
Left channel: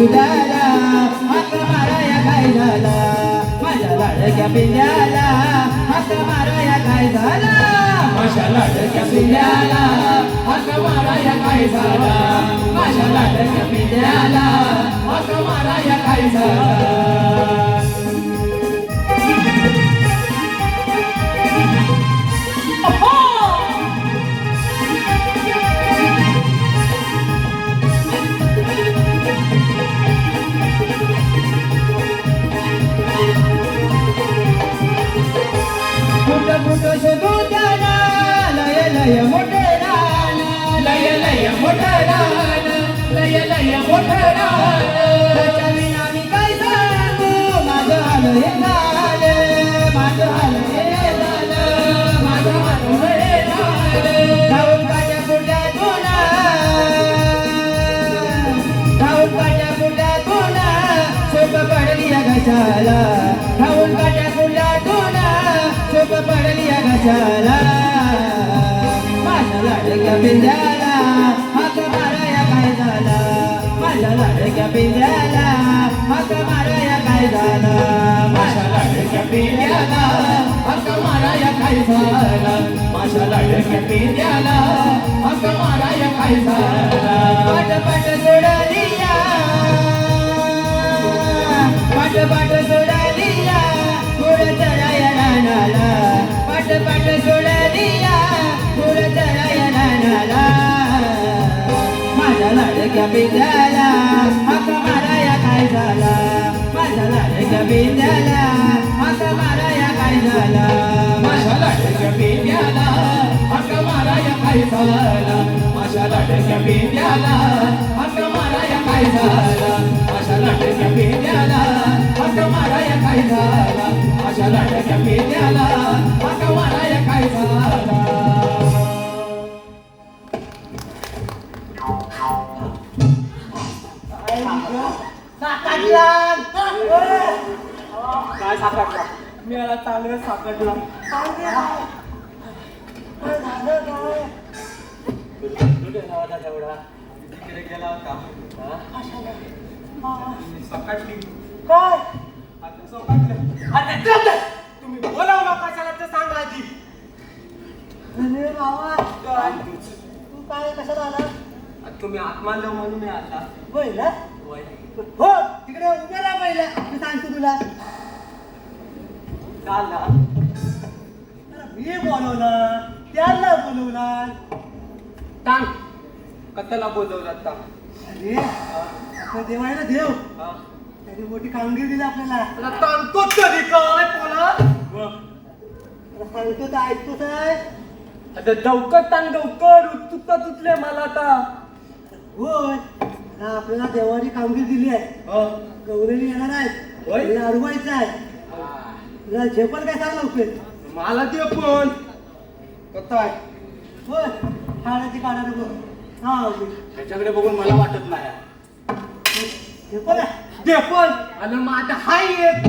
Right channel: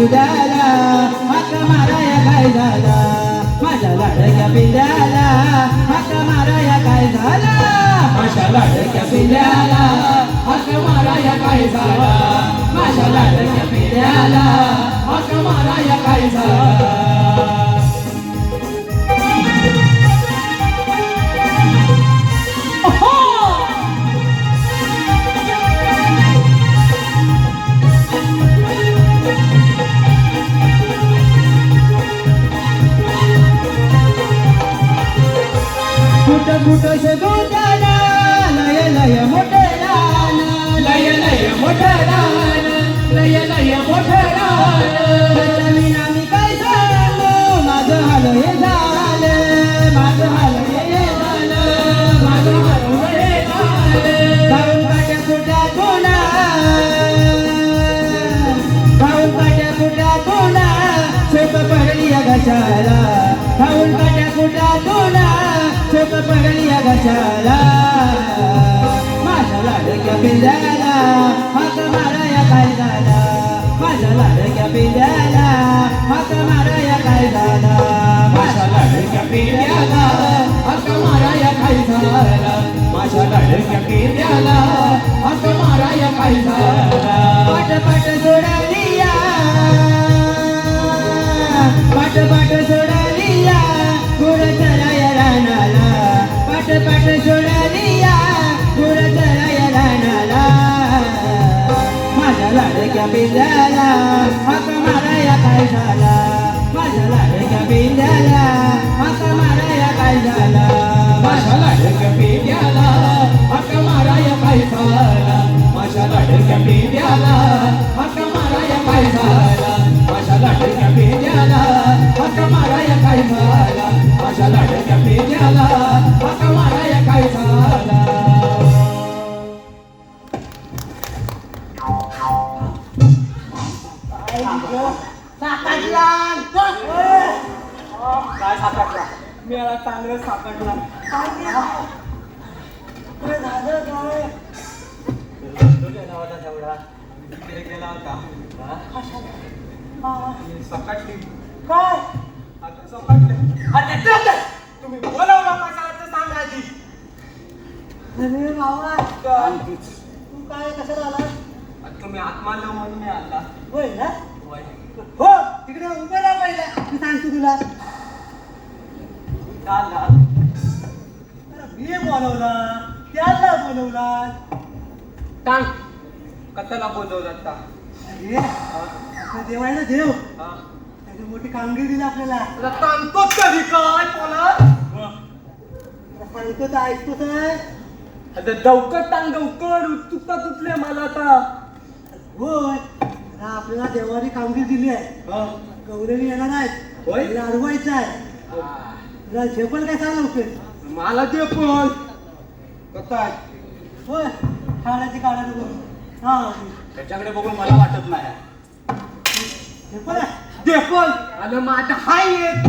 दुधाला हाका माराया काय झाला माझ्या लाडक्या पिंड्याला हाका माराया काय झाला माझ्या लाडक्या पिंड्याला हाका माराया काय झाला माझ्या लाडक्या पिंड्याला हाका माराया काय झाला मोठं शोधूताना लय लय मोठं लय लय मोठं लय मोठं मी काय सांगू माझं हाल हे झालं माझं हाल हे झालं माझं हाल हे झालं खाऊन काट्या कुट्या तुला खाऊन काट्या कुट्या तुला सोप पडली गचाला खाऊन काट्या कुट्या तुला सोप पडली गचाला माझ्या लाडक्या पिंड्याला हाका माराया काय झाला माझ्या लाडक्या पिंड्याला हाका माराया काय झाला माझ्या लाडक्या पिंड्याला हाका माराया काय झाला माझ्या लाडक्या पिंड्याला हाका माराया काय झाला पाट पाट सोडलिया पाट पाट सोडलिया गुळ चराया रानाला पाट पाट सोडलिया गुळ चराया रानाला माझ्या लाडक्या पिंड्याला हाका माराया काय झाला माझ्या लाडक्या पिंड्याला हाका माराया काय झाला माझ्या लाडक्या पिंड्याला हाका माराया काय झाला माझ्या लाडक्या पिंड्याला हाका माराया काय झाला माझ्या लाडक्या पिंड्याला हाका माराया काय झाला माझ्या लाडक्या पिंड्याला हाका माराया काय झाला काय सापडला मिळाला चांगलं सापडला गेला होता काय आता सकाळी आता तुम्ही बोलवलं कशाला तर सांगा आधी अरे बाबा तू काय कशाला आला तुम्ही हात मारलं म्हणून मी आला होय ना हो तिकडे उभे राहा पहिला मी सांगतो तुला चालला मी बोलवला त्याला बोलवला सांग कशाला बोलवला अरे आपल्या देवाला देव त्याची मोठी कामगिरी दिली आपल्याला सांगतो कधी काय बोला सांगतो तर ऐकतो काय आता लवकर सांग लवकर उत्सुकता तुटले मला आता होय आपल्याला देवानी कामगिरी दिली आहे गौरवी येणार आहेत त्याला अडवायचं आहे तुला झेपल काय सांग लवकर मला ते पण कसा होय ठाण्याची काढा बघून हा त्याच्याकडे बघून मला वाटत नाही झेपल आणि मग आता हाय एक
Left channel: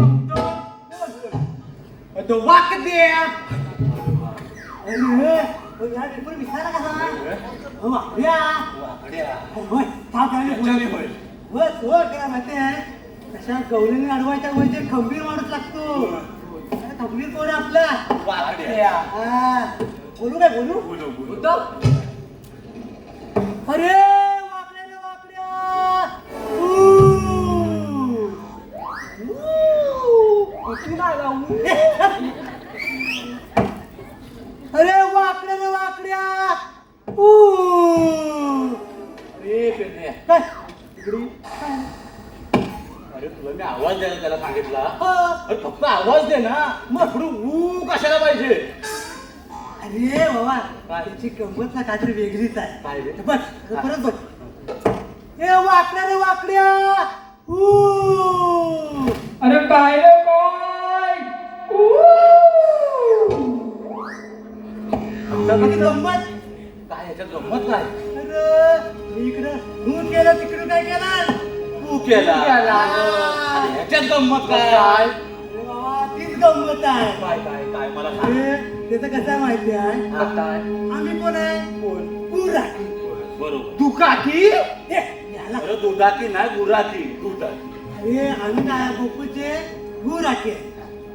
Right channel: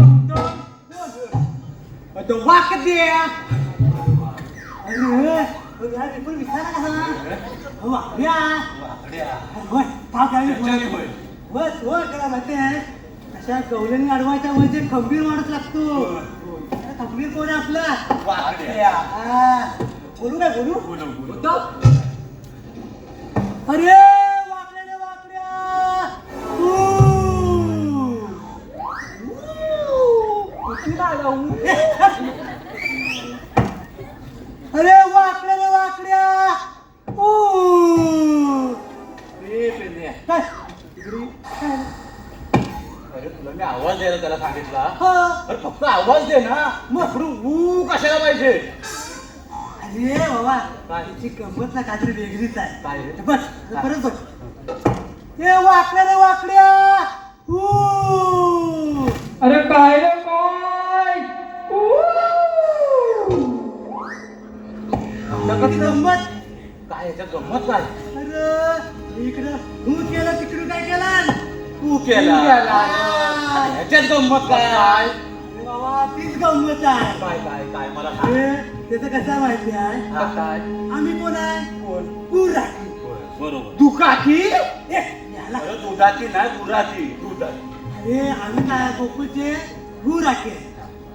तो वाक द्या अशा गवळीने अडवायचा म्हणजे खंबीर माणूस लागतो खंबीर कोण आपला बोलू ना बोलू अरे वाकड्या अरे वाकड्या रे वाकड्या अरे तुला मी आवाज द्यायला त्याला सांगितला अरे फक्त आवाज दे ना मग कशाला पाहिजे अरे बाबा त्याची गंमत ना काहीतरी वेगळीच आहे काय रे? बस परत बघ ए वाकड्या रे वाकड्या अरे काय रे काय किती गंमत काय याच्यात गंमत काय अरे इकडं तू केलं तिकडून काय केलं तू केला याच्यात गंमत काय अरे बाबा तीच गंमत आहे काय काय काय मला सांग. अरे, त्याचं कसं माहिती आहे हा, काय आम्ही कोण आहे तू राखी बरोबर दुकाकी याला अरे दुधाची नाही गुराची कुठं आहे अरे आम्ही काय गोकुळचे गुर आहे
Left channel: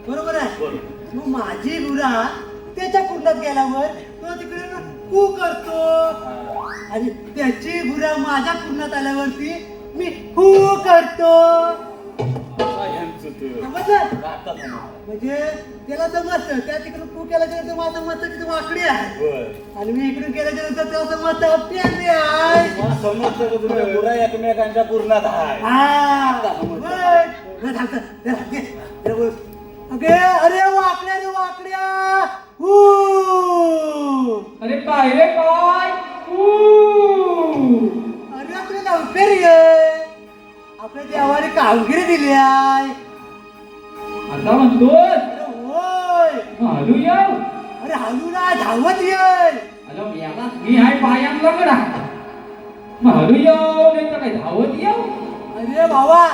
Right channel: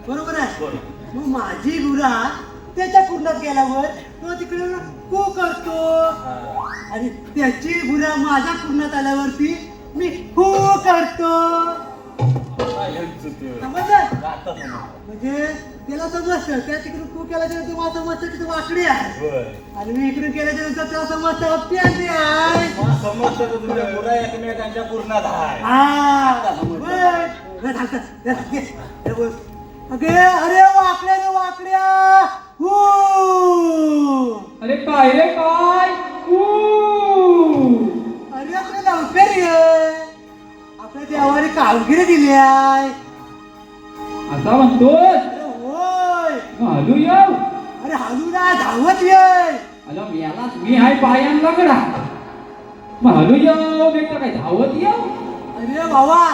बरोबर आहे बरोबर मग माझी गुरा त्याच्या कुंडात गेल्यावर तो तिकडे कू करतो आणि त्याची गुरा माझ्या कुंडात आल्यावरती मी हू करतो यांचं ते समजलं? आता समजलं. म्हणजे त्याला समजतं त्या तिकडून कू केल्याच्या नंतर मला समजतं की तो वाकडी आहे बरं. आणि मी इकडून केल्याच्या नंतर त्याला समजतं प्यादी आहे मला समजतं का तुमच्या गुरा एकमेकांच्या पूर्णात आहे हा बरं. बरं, झालं. जरा घे. जरा बोल. अगे अरे वाकड्या रे वाकड्या हू अरे काय रे काय अरे आपली नोकरी आहे आपल्या देवाने कामगिरी दिली आहे असा म्हणतो अरे होय घालू येऊ अरे हलू ना धावत ये अरे याला मी हाय पायान लागला घालू येऊ मी तर काय धावत येऊ अरे बाबा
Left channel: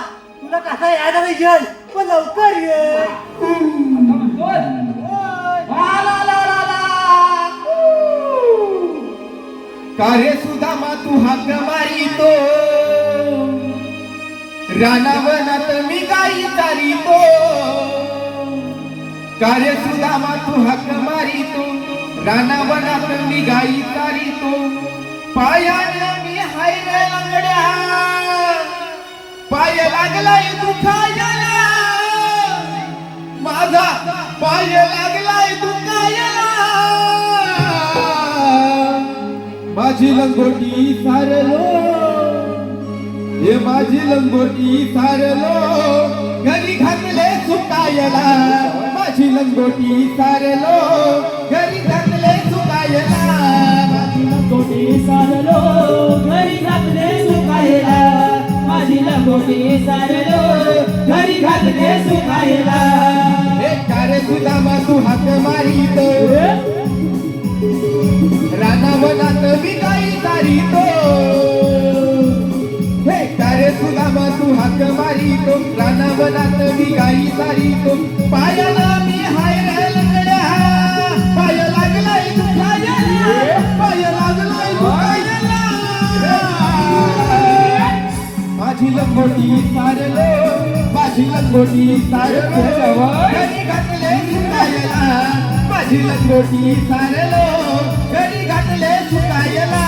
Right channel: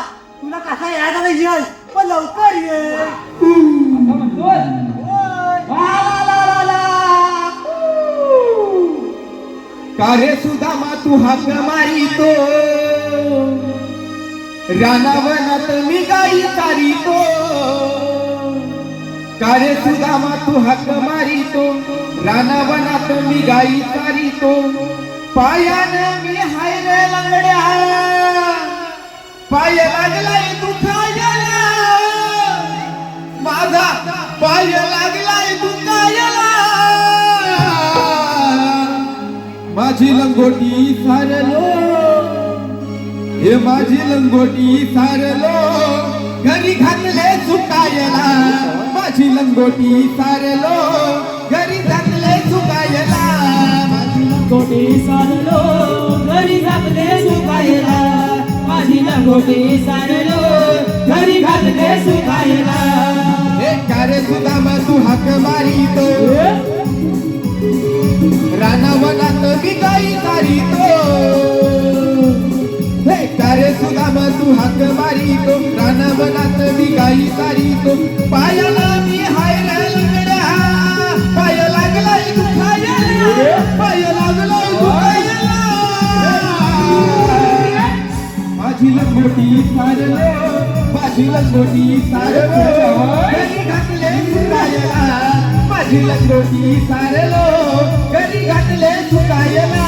तुला कसा यायला पाहिजे पण लवकर ये आता म्हणतोय होय. कारे सुदामा तू हाक मारितो रानावनात मी गाई चारितो कारे सुदामा तू हाक मारितो रानावनात मी गाई चारितो पायाने मी हाय रे लंगड्या पाय लागलाय दुखायला माझा पाय लागलाय दुखायला माझी लंगोटी सारलो हे माझी लंगोटी सारलो घरी घातले सुकायला माझी लंगोटी सारलो घरी घातले सुकायला माझी लंगोटी सारलो घरी घातले सुकायला माझी लंगोटी सारलो घरी घातले सुकायला हे कारे सुदामा तू हाक मारितो रानावनात मी गाई चारितो हे कारे सुदामा तू हाक मारितो रानावनात मी गाई चारितो पायाला मी हाय रे लंगड्या पाय लागलाय दुखायला पाय लागलाय दुखायला माझी लंगोटी सारलो माझी लंगोटी सारलो घरी घातले सुकायला माझी लंगोटी सारलो घरी घातले सुकायला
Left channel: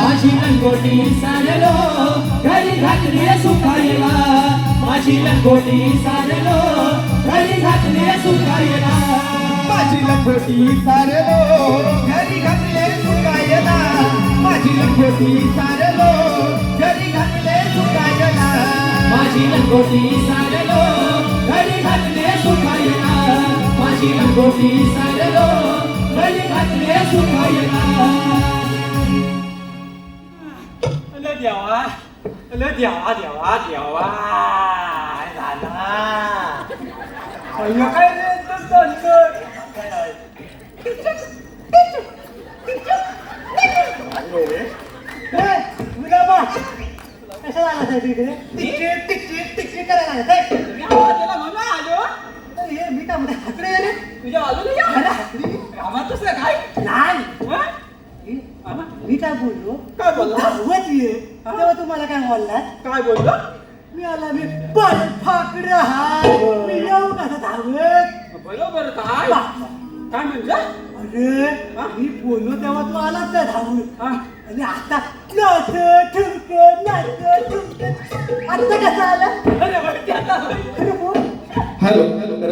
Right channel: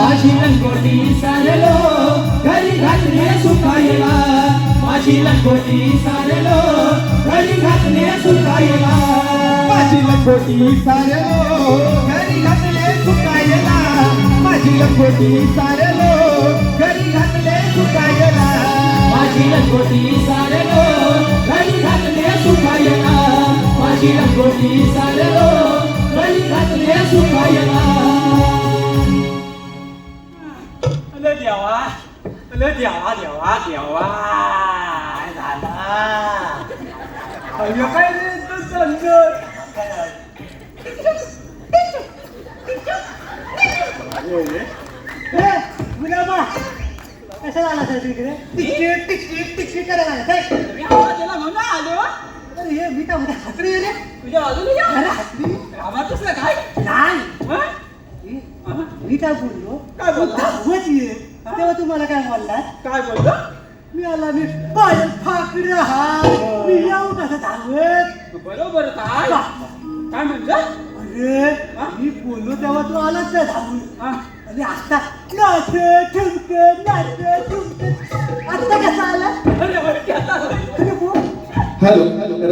माझी लंगोटी सारलो घरी घातले सुकायला माझी लंगोटी सारलो घरी घातले सुकायला माझी लंगोटी सारलो घरी घातले सुकायला माझी लंगोटी सारलो घरी घातले सुकायला माझी लंगोटी सारलो घरी घातले सुकायला माझी लंगोटी सारलो घरी घातले सुकायला अले देवा अले देवा देवा देवा दादा अय्यो काय रे तू संतोष रे मुलामा कशाला आला तिकडे टिक टिक टिक करायला काय मी आवाजला म्हणून आलो अरे हे मी काय हाकडे रे तुझ्या बाजूला या आवाजच ना काय नाही मी काय बोललो काय बोलला धावत ये तेव्हा तुम्हाला काय बोलला काय बोलला मी आला मी पण फाकडे हाय मी येऊ कसं धावत बरोबर काय काय म्हणलं अरे मी बोललो तेव्हा तू आलाच नाही धावून आणि आता नाच ठेवते आता कसं आला अरे बोल हॅलो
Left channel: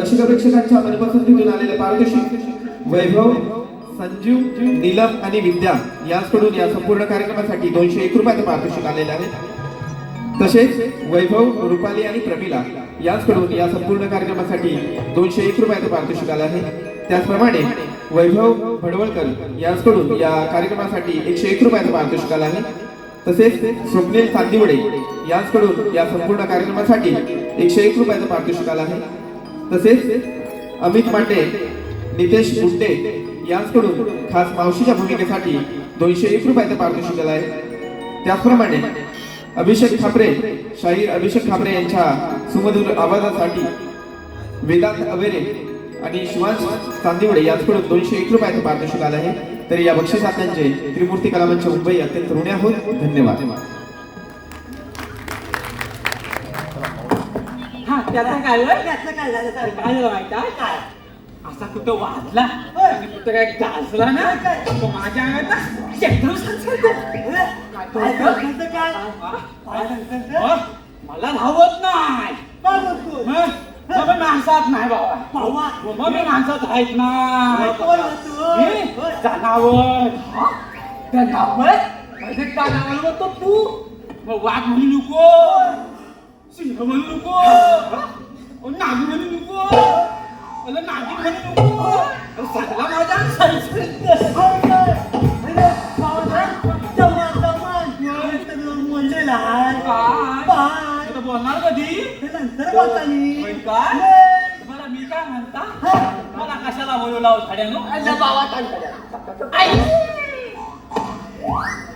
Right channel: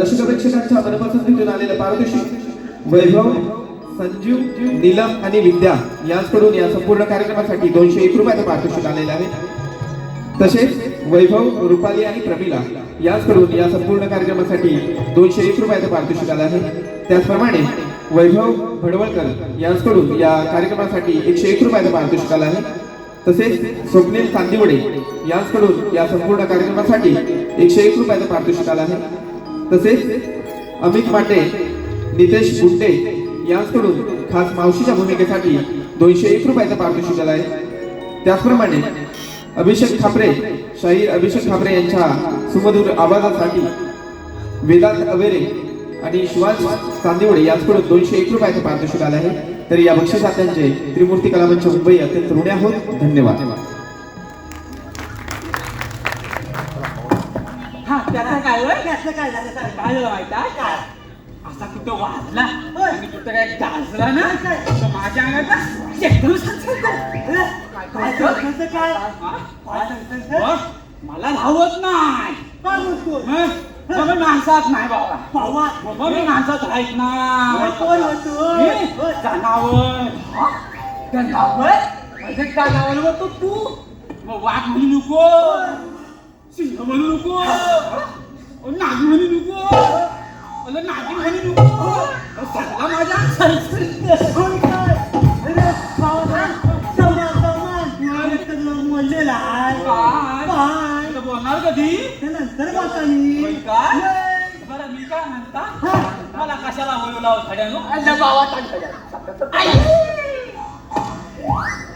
रसिक प्रेक्षकांच्या मनापासून तिथून आलेलं पारितोषिक वैभव संजीव नीलम आणि विद्या यांकडून या संपूर्ण कार्यक्रमासाठी 201 रुपयाचं पारितोषिक आलेलं आहे तसेच वैभव रुपाली आणि प्रमिला यांकडून या संपूर्ण कार्यक्रमासाठी 201 रुपयाचं पारितोषिक आलं आहे त्याचप्रमाणे वैभव भडवळकर यांकडून या कार्यक्रमासाठी 101 रुपयाचं पारितोषिक आलं आहे तसेच स्वप्नील चांदिवडे यांकडून या संपूर्ण कार्यक्रमासाठी 101 रुपयाचं पारितोषिक आलं आहे तसेच अमित माटे नितेश गुंडे यांकडून खास मावशीच्या भूमिकेसाठी 201 रुपयाचं पारितोषिक आलं आहे त्याचप्रमाणे अभिषेक खापरे शाहीर अभिषेक खापरे यांच्या सुमधुर आवाजासाठी वेदांत अवेरे आणि शिवांश चांदिवडे यांच्याकडून 201 रुपयाचं पारितोषिक आलं आहे तर या बक्षिसात्यांचे त्रिमूर्ती कला मंच मुंबई अत्यंत ऋणी आहोत धन्यवाद त्याला काय होय? त्याचं काय झालं सांग. काय झालं माहिती आहे? काय? असा कुठं वाजला होय. आणि कुठं काय गाजला ना काय? तर माझ्या अंगात ना शेकडो सांगतो. काय करतोय काय? काय करतोय? बघ, मला धावत नाही काय करतो? हं? मग मी माणसात नाही बाबा बाबा, मग मी माणसात राहत नाही कोण होतो? मी जनावर जनावर असे काय नाव म्हणतो तू मग वाघ म्हणू नको सिंह म्हणू नको नाग म्हणू नको नागिन म्हणू नको अरे सगळा माझ्या होय काय? अरे, बाबा, जमा, जमा. एक तर म्हणलेला आहे. काय? बाय. आता बोलणार कधी हे नंतर बोलतानी. होय काय? होय. बरं मी काय म्हणता हं. मला कशाला बोलू लावत खड्यानो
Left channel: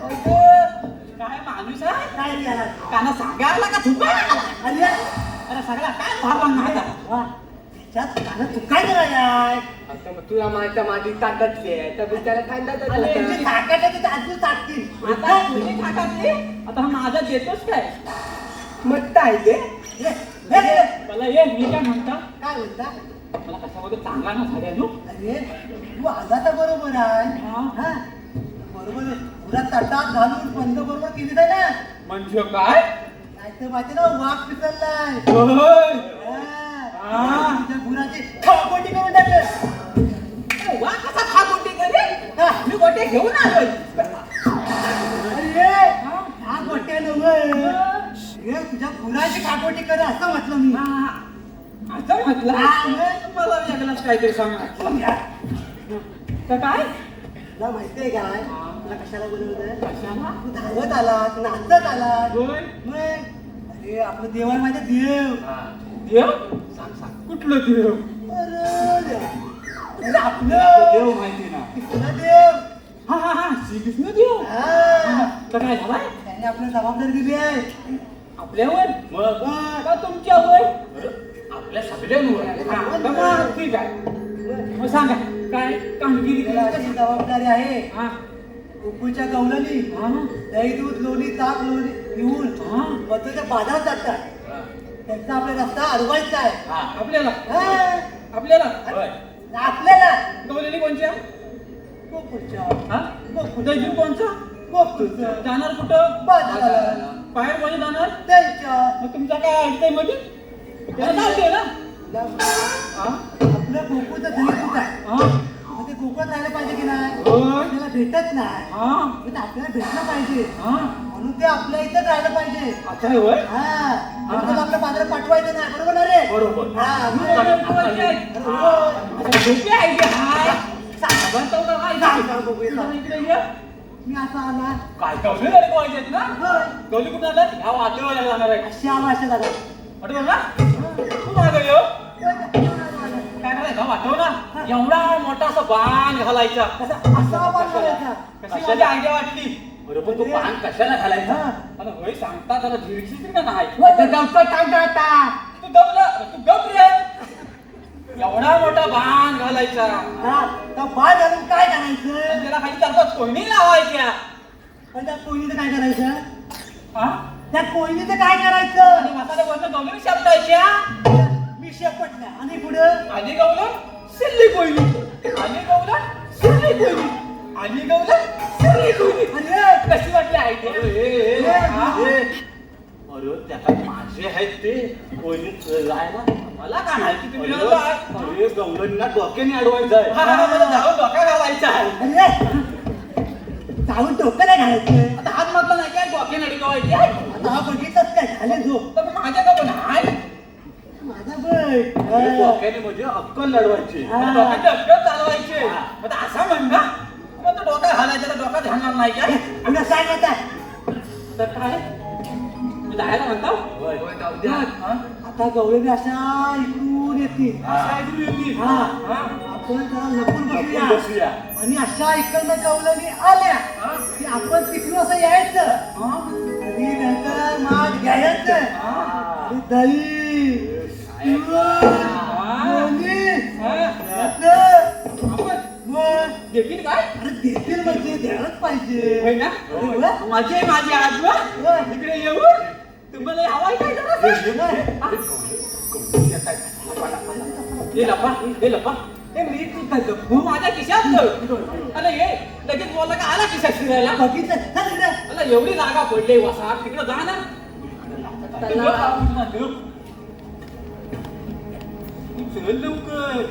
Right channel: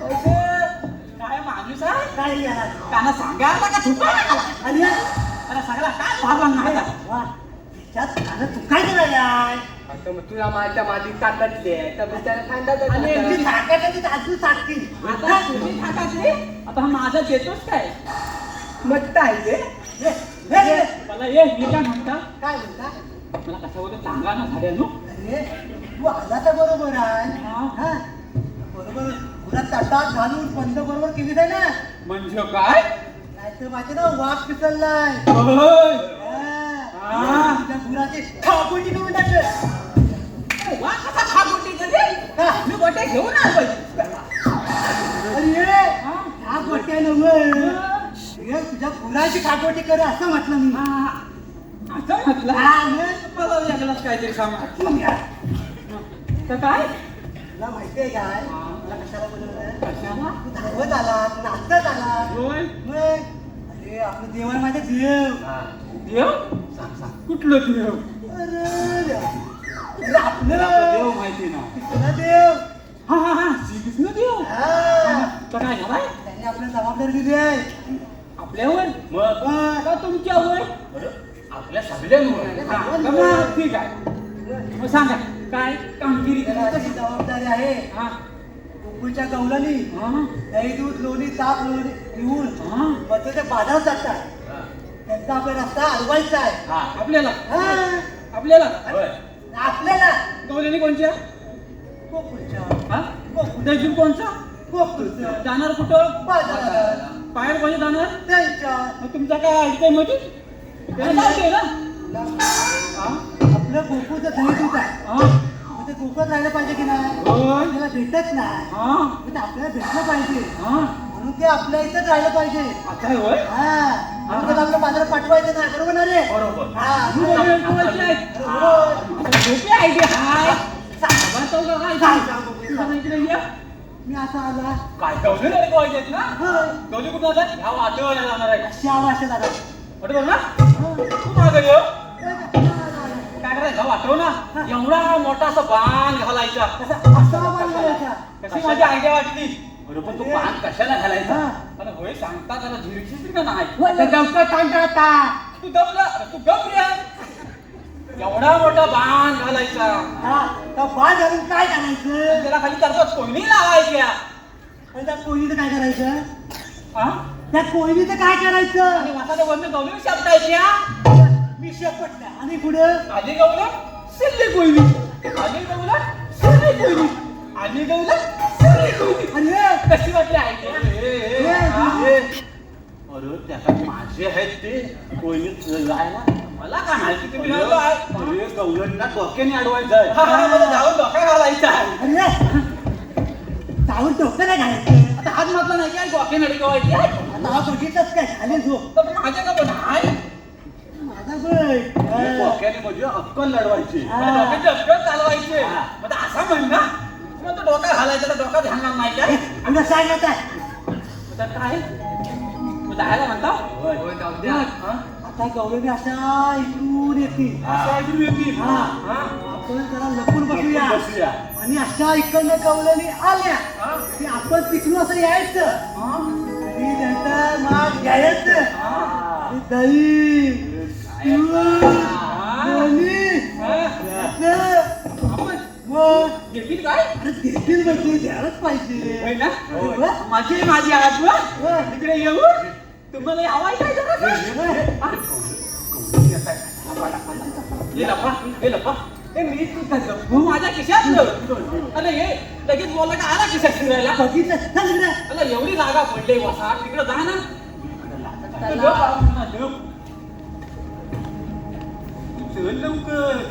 काय माणूस आहे काय गेला? त्यांना सांगायला का थुकायला अरे, अरे सगळा काय भागवण माहिती आहे? वा. त्याच्यात झालं, तू काय करायलाय? तुला माझ्या माझी ताटातली आहे तर त्याला अरे, यांची थाकाटाची ताजू ताटतील. आता तुम्ही खातातली आता माझा देतोच काय मत आहे ते हे, हे, हे. मला ये मी काय म्हणता काय म्हणता? मला कसा वगैरे चांगला ना झाड्यानो अरे, तू आजाचा बरोबर आहे. हा? बरोबर तुला ताटात घालून बंद बरोबर केली आहे ना? म्हणजे काय नाहीतर माझे ना वाघ पिसललाय. होय. हा. तुझ्या गुराची खापटी करून टाकलं. वा कसा खा गोटी कधी का? मी गोटे घेऊन आलोय अरे ये, हा गोट्या नव्हे. हे तुझ्या गुराची खापटी कर असं म्हटलं मी. असं म्हटलं हा, मग? मला वेगळाच काहीतरी समज तर काय तुला माहितीये काय? तुला कशाला बोलवलं? कशाला? तू धावत आला, नाचत आला. होय मग अरे आपलं देव आहे माझे देव. देव कुठलं देव अरे आपलं देव माहिती ना तुला देव. हा हा हा श्रीकृष्ण देव हा. तर काय झालाय त्याने आपल्याला जबाबदारी दिली आहे. आपल्यावर बघ. का तुमच्यावर आपल्या सगळ्यांवर हा, तर मग ठीक आहे मग सांगा काय कामगिरी त्याला कशी कशी जबाबदारी आहे? हा गोकुळच्या गवलनी हा दही दूध लोणी ताक लोणी घेऊन हा मग ते बाजारात जातात. त्यांचा आपला रस्ता अडवायचा आहे. आपल्याला हा. आपल्याला आपल्याला गवलेली कोणच्या गोकुळच्या हा गोकुळ दहीजून कोणचा गोकुळचं जाणार कुठं बाजारात बाहेर कोणी जाणार द्यायच्या. मग तुमचा काय अडचण मध्ये त्याला जाते ना हा? आपलं गोकुळचं दही दूध आहे. हा? मग ते गोकुळात राहिलं पाहिजे की नाही? होय. आपल्याला भेटत नाही. हा? मग ते आपल्याला भेटलं पाहिजे हा? म्हणून ते आपल्या इथंच राहिलं पाहिजे. आता आहे होय हा आणि त्याला आपल्या बाजारात पाठवायचं नाही. बरोबर ना रे? बरोबर हा महत्वाचे आहे. होय. आता भेटते आहे की काय? सांगा बरं तो का काय काय झालं? सांगू बघू? जरा इकडे ये. मी असा आला. काय कवले झाले पाहिजेत ना होय. कवले कुठं जातात ह्या वाटेवर जाणार आहे श्याम अशा दादा. वाटव ना तू मागं ये काय करायचं वाटव ना एवढा मोठा असा बाण घालायचा असा बांधलेला. कशी माझी आयडिया वाटली बरोबर तो पान कशाला घालायचा अरे होय सांगता त्याला झिरक्षीच का नाही आता गवतात टांगा आता. तू गप रे एवढा मोठा बाण घालायचा हा, तर बाळ घालून काय करायचं? त्याला खाली तरफात कोणी लावायच्या पण त्या कोयनीचं काय करायचं? हा? त्या कोयनीचं काय करायचं? आणि मसाला वरनं गवळून शापटायच्या मी शेपटल्या आणि पुढं आधी गवलं सिल्ली कोयली आधी गवलं सिल्ली कोयली आधी गवलं सिल्ली कोयली अरे कशी वाटली आयडिया अरे त्याला माझे आहेत ते कोणीच जायला मला काय माहिती तुम्ही नव्हतं आहे. अरे गवलनीला डोक्याने अडवायचं आहे हा, हा, मला जाऊन डोका घालायचा आहे. अरे जाऊन डोकं नाही घालायचं. आता हात म्हटलं नाही काय डोके नडी गवायची आता हा बघितलाच काय झाले झोप. तर माझ्या का पण आहे माझा बघ. डोक्याने म्हणजे अक्कल लढवायची डोक्याचे अक्कल चालवायचे आता असा म्हण ना मग तो डोका घालायचा तर डोका घालणार नाही काय तुला सांग आता. तर काय मग जायला म्हणता हा? आता गवळणी अशा इकडून येतील. अशा इकडून येतील. हा. हा? आपण जरा लपून बसूया. बसूया. आणि अशा इकडनं गवळणी आल्या की आपण तिकडून असं यायचं आणि त्यांचा माठ घ्यायचं आणि दही दूध, लोणी, असं. मग देतील काय अरे देतील म्हणजे द्यायलाच पाहिजे. होय ना होय. माझी आहे माझी आजोबा होय. इकडे येऊ तुम्हाला हवाय काय जरा? हे लपा हे मी कुठं लपू माझ्या खिशात अरे हे लगेच बोलला का आला खिशात फिरायला बघितलं चल इकडे. अला एवढी जागा पडली वसा तिकडे जा ना चल लवकर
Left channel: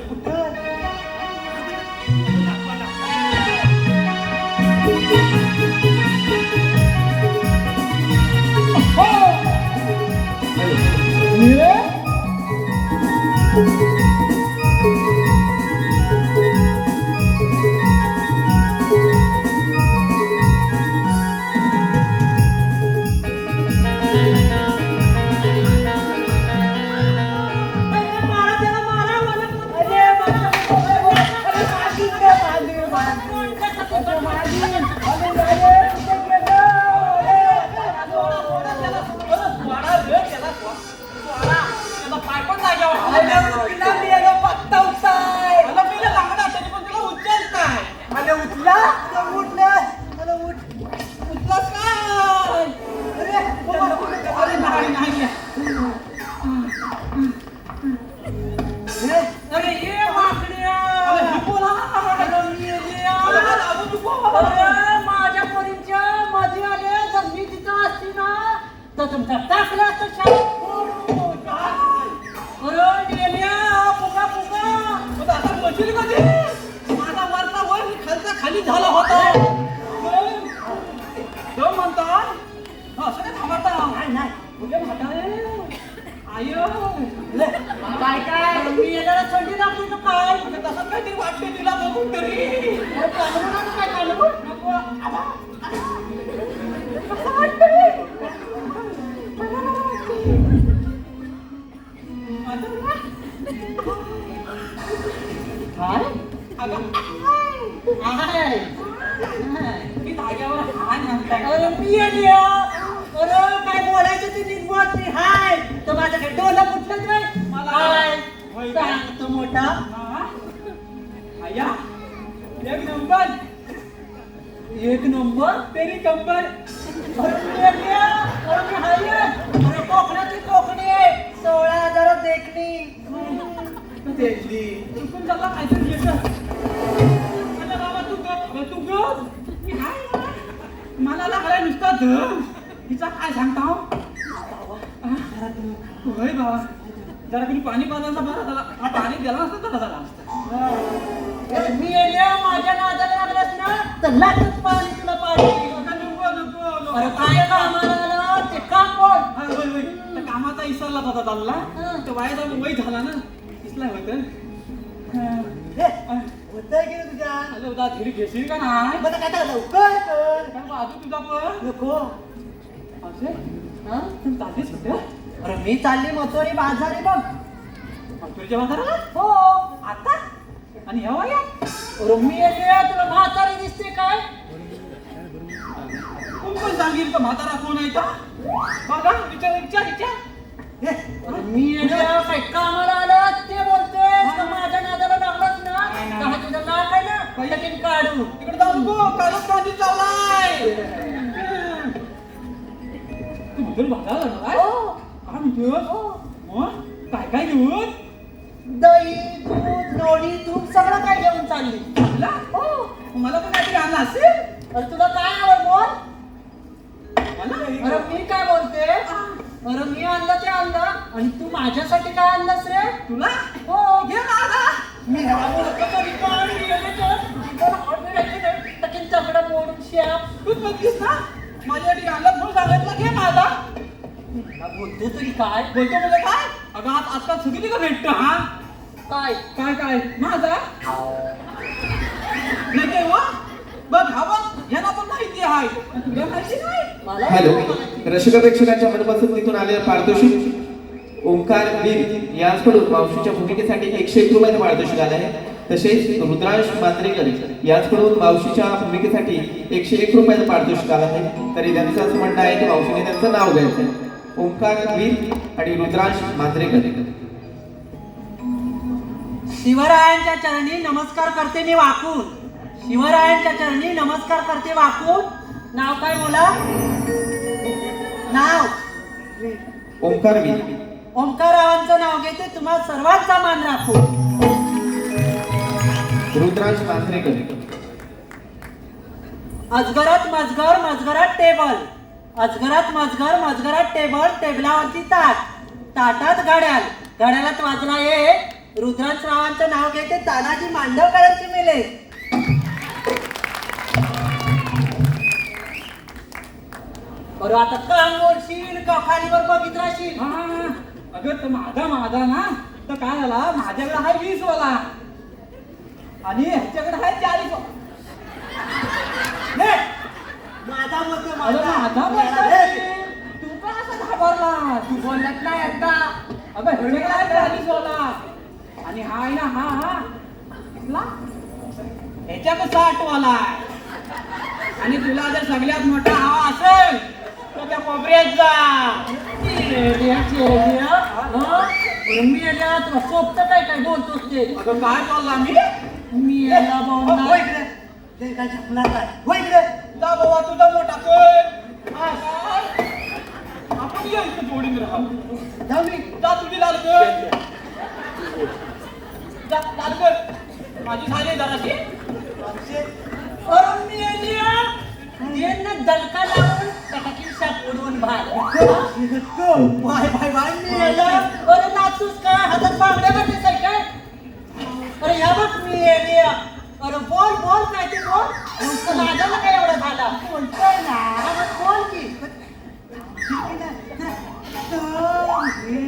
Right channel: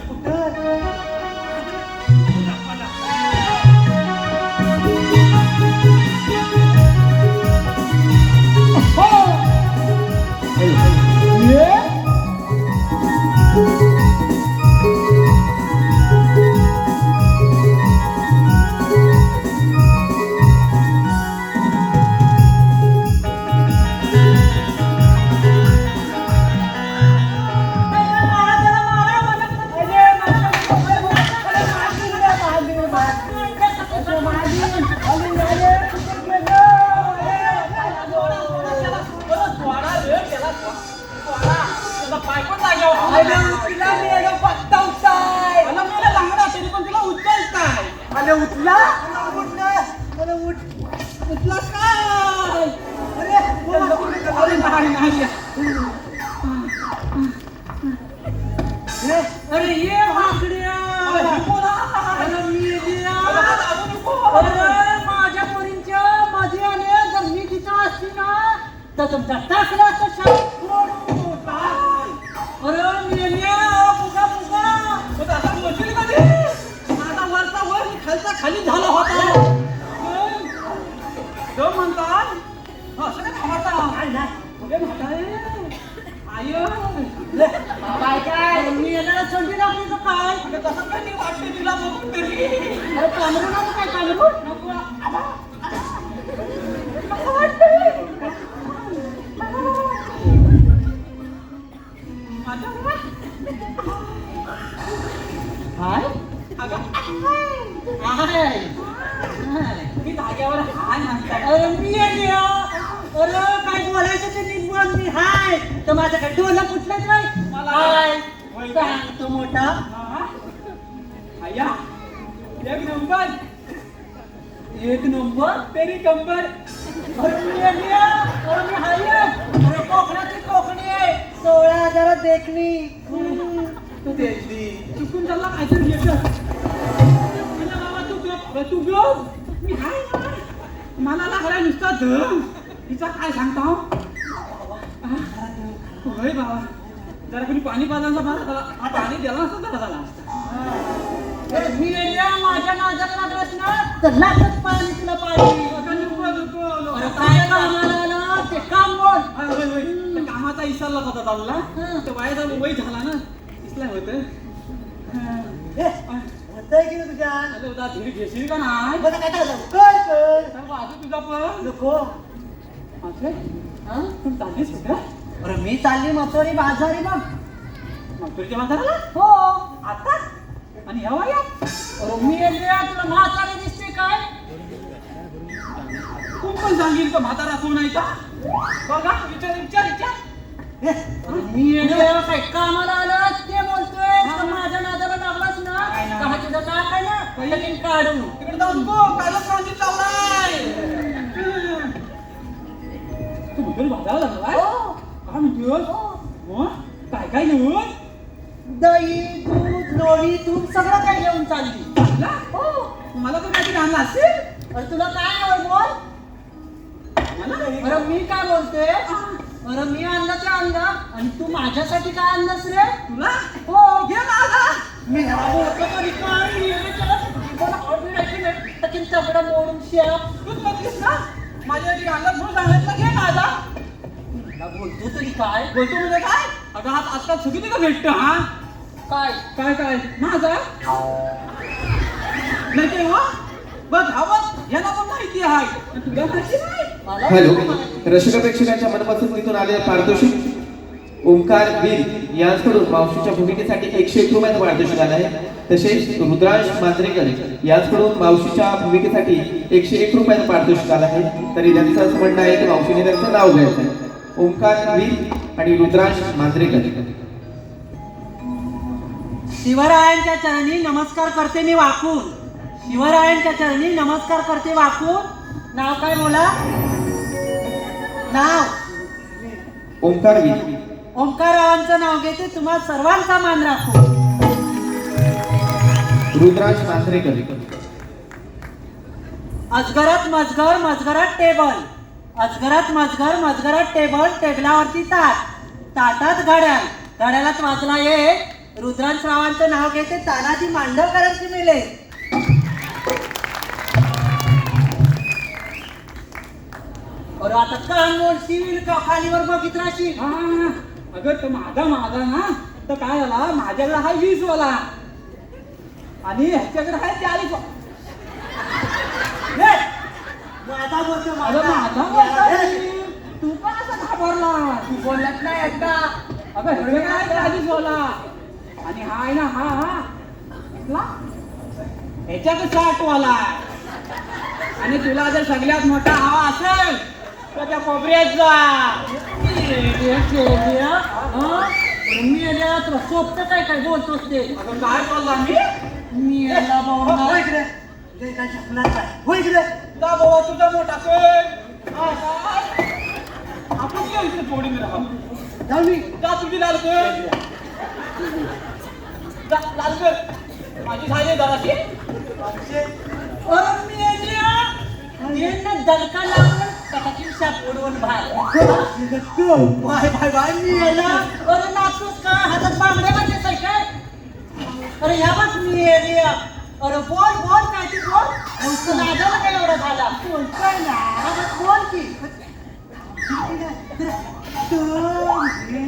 तुमचा टाकला तर खाली झाला होता म्हणतात असं काय थांबता काय काय मी याला सोडली ना आपली काय तसं काही वाटते तिला बघून तरी काय कामरू नको काय अगं मी धाग्यावर हाय म्हणताय अरे मी आली अरे काय बोलायचं ते नीट बोल मी हाय तर माझ्याकडे डोला फुटलंच नाही मला तो मोठा आया एक नंबर तेरी कंबर कोकणी आहे 16,000 देखणी देखली चुकून चालला काहीतरी येतं मला बाबा तू गप मी हाय ना. मला लागलाय नुसता धन हिचा काय सांगता होय बाबा जरा कोणी पाणी पाजायचं बरं त्याला हा पाणी दिला नसतं तर झाला मी माझ्या नादाला लागलास ना तर लागत पाणी तुला पाणी अरे काय कामाला आलं ते काम बोल त्या कामाचा इसरला होता चालला तर वायदा वय झाला ना इसला होतं होतंय की तुझ्या अरे उदा धीर घेशील का नाही बरं काय लवकर कर काय बाजू तुझा पण नको असे हा? तू चाललीस होत्या अरे मी चालली मथुरी बाजारी बघ तुझ्या बाजाराला हो आता आणि ह्या वया अरे मी तुला म्हातारी दिसते काय कोण पण सांगेल का म्हातारा कोण आहे का बघा विचार मी काय कामाला आलं ते बोलतोय तर माझ्या नादाला लागलाच ना काय तुझं काय काय ना पहिली काढू तिकडे जाऊन गो कागद काढी चाललाय तू मुघल बाजाराला झालाय काय म्हणतोस मग काय घेऊन दही दूध लोणी तूप सगळं काय घेऊन चालली चालला मला तर काहीतरी आणलं असेल अरे तुला काय आवड बोल मला अरे मी काय बोलते अरे मी आणलं ते आणलं आणि तू माझ्यासाठी काय आणलंस रे तुला हो घे मला मी चपडा मोडून शेळा तूच बघलीस ना माझ्यासाठी आणलं म्हणून सांगितलं घे माझा बोलतो तरी काय बोलतो म्हणजे काय अगं हात आजकाल सगळी का भेटतं हा काय काय माझा नाही काय हो बघ हवा याला पण माहिती आहे आणि तुला माहिती नाही मला हॅलो रसिका प्रेक्षकांच्या मनपसंतीतून आलेले पारितोषिक ओंकार वीर यांच्याकडून मावशीच्या भूमिकेसाठी 101 रुपयाचं पारितोषिक आलं आहे तसेच रुद्रांश मांजरेकर यांच्याकडून मावशीच्या भूमिकेसाठी 101 रुपयाचं पारितोषिक आलं आहे तरी त्यांचं असं म्हणणं आहे की मावशीने त्यांचं नाव घ्यायचं ओंकार वीर आणि रुद्रांश मांजरेकर शिवरायांच्या चरणी नमस्कार करते मी वाकून शिवरायांच्या चरणी नमस्कार करते वाकून नाव काय बोला नाव ओंकार वीर ओंकारावांचं नाव घेते, तुम्हा सर्वांचा मान राखू. रुद्राज मांजरेकर. अजगरात मजगर, मजगरात टेबल. अजगरात मजगर, मजगरात टेबल, टेबलावरती ताट, ताटात घड्याळ, घड्याळात वाजला एक. रुद्रांश रावांचं नाव घेते, तानाजी मांडवकरांची मिले. अरे आता काम बोलशील का खालीवर बघित राहशील? अगं तो माझा ना तर काय झाला, माझ्याकडे हाय 20 वाला आणि ह्याच्याकडे हाय 40 वाला. माझा बोलतो, अगं माझा बोलतो. तू का असं घाबरला? तू बोललाच नाही आता. अगं ह्याच्याकडे हाय 40 वाला आणि हा आहे ना, हा कुठला? ह्याच्याकडे 60 वाला. आणि तुला जर सगळ्यात मोठा हवा असेल तर त्या कोपऱ्यात जा. मी याला तुला सोबत काय काय बोलतोस ते? अगं काय बोलला मी याला बोलणार. जा बाबा, तुझा मोठा कर. आपण ये इथे फोडीन राहा. जा तुझी लाल कर. जा लाल कर. माझी झाली जराशी. अरे मी यांना दणका लावून त्याची शापोडून भाल. अरे नाचतोस का? हातात बांगड्या बांधतेस आहे काय? अरे ह्या बघ मी येली. अरे बोल बोल काय ते बोल. नुसतं नादाला काय एवढं झाला? बोलतोय ना, बोल की.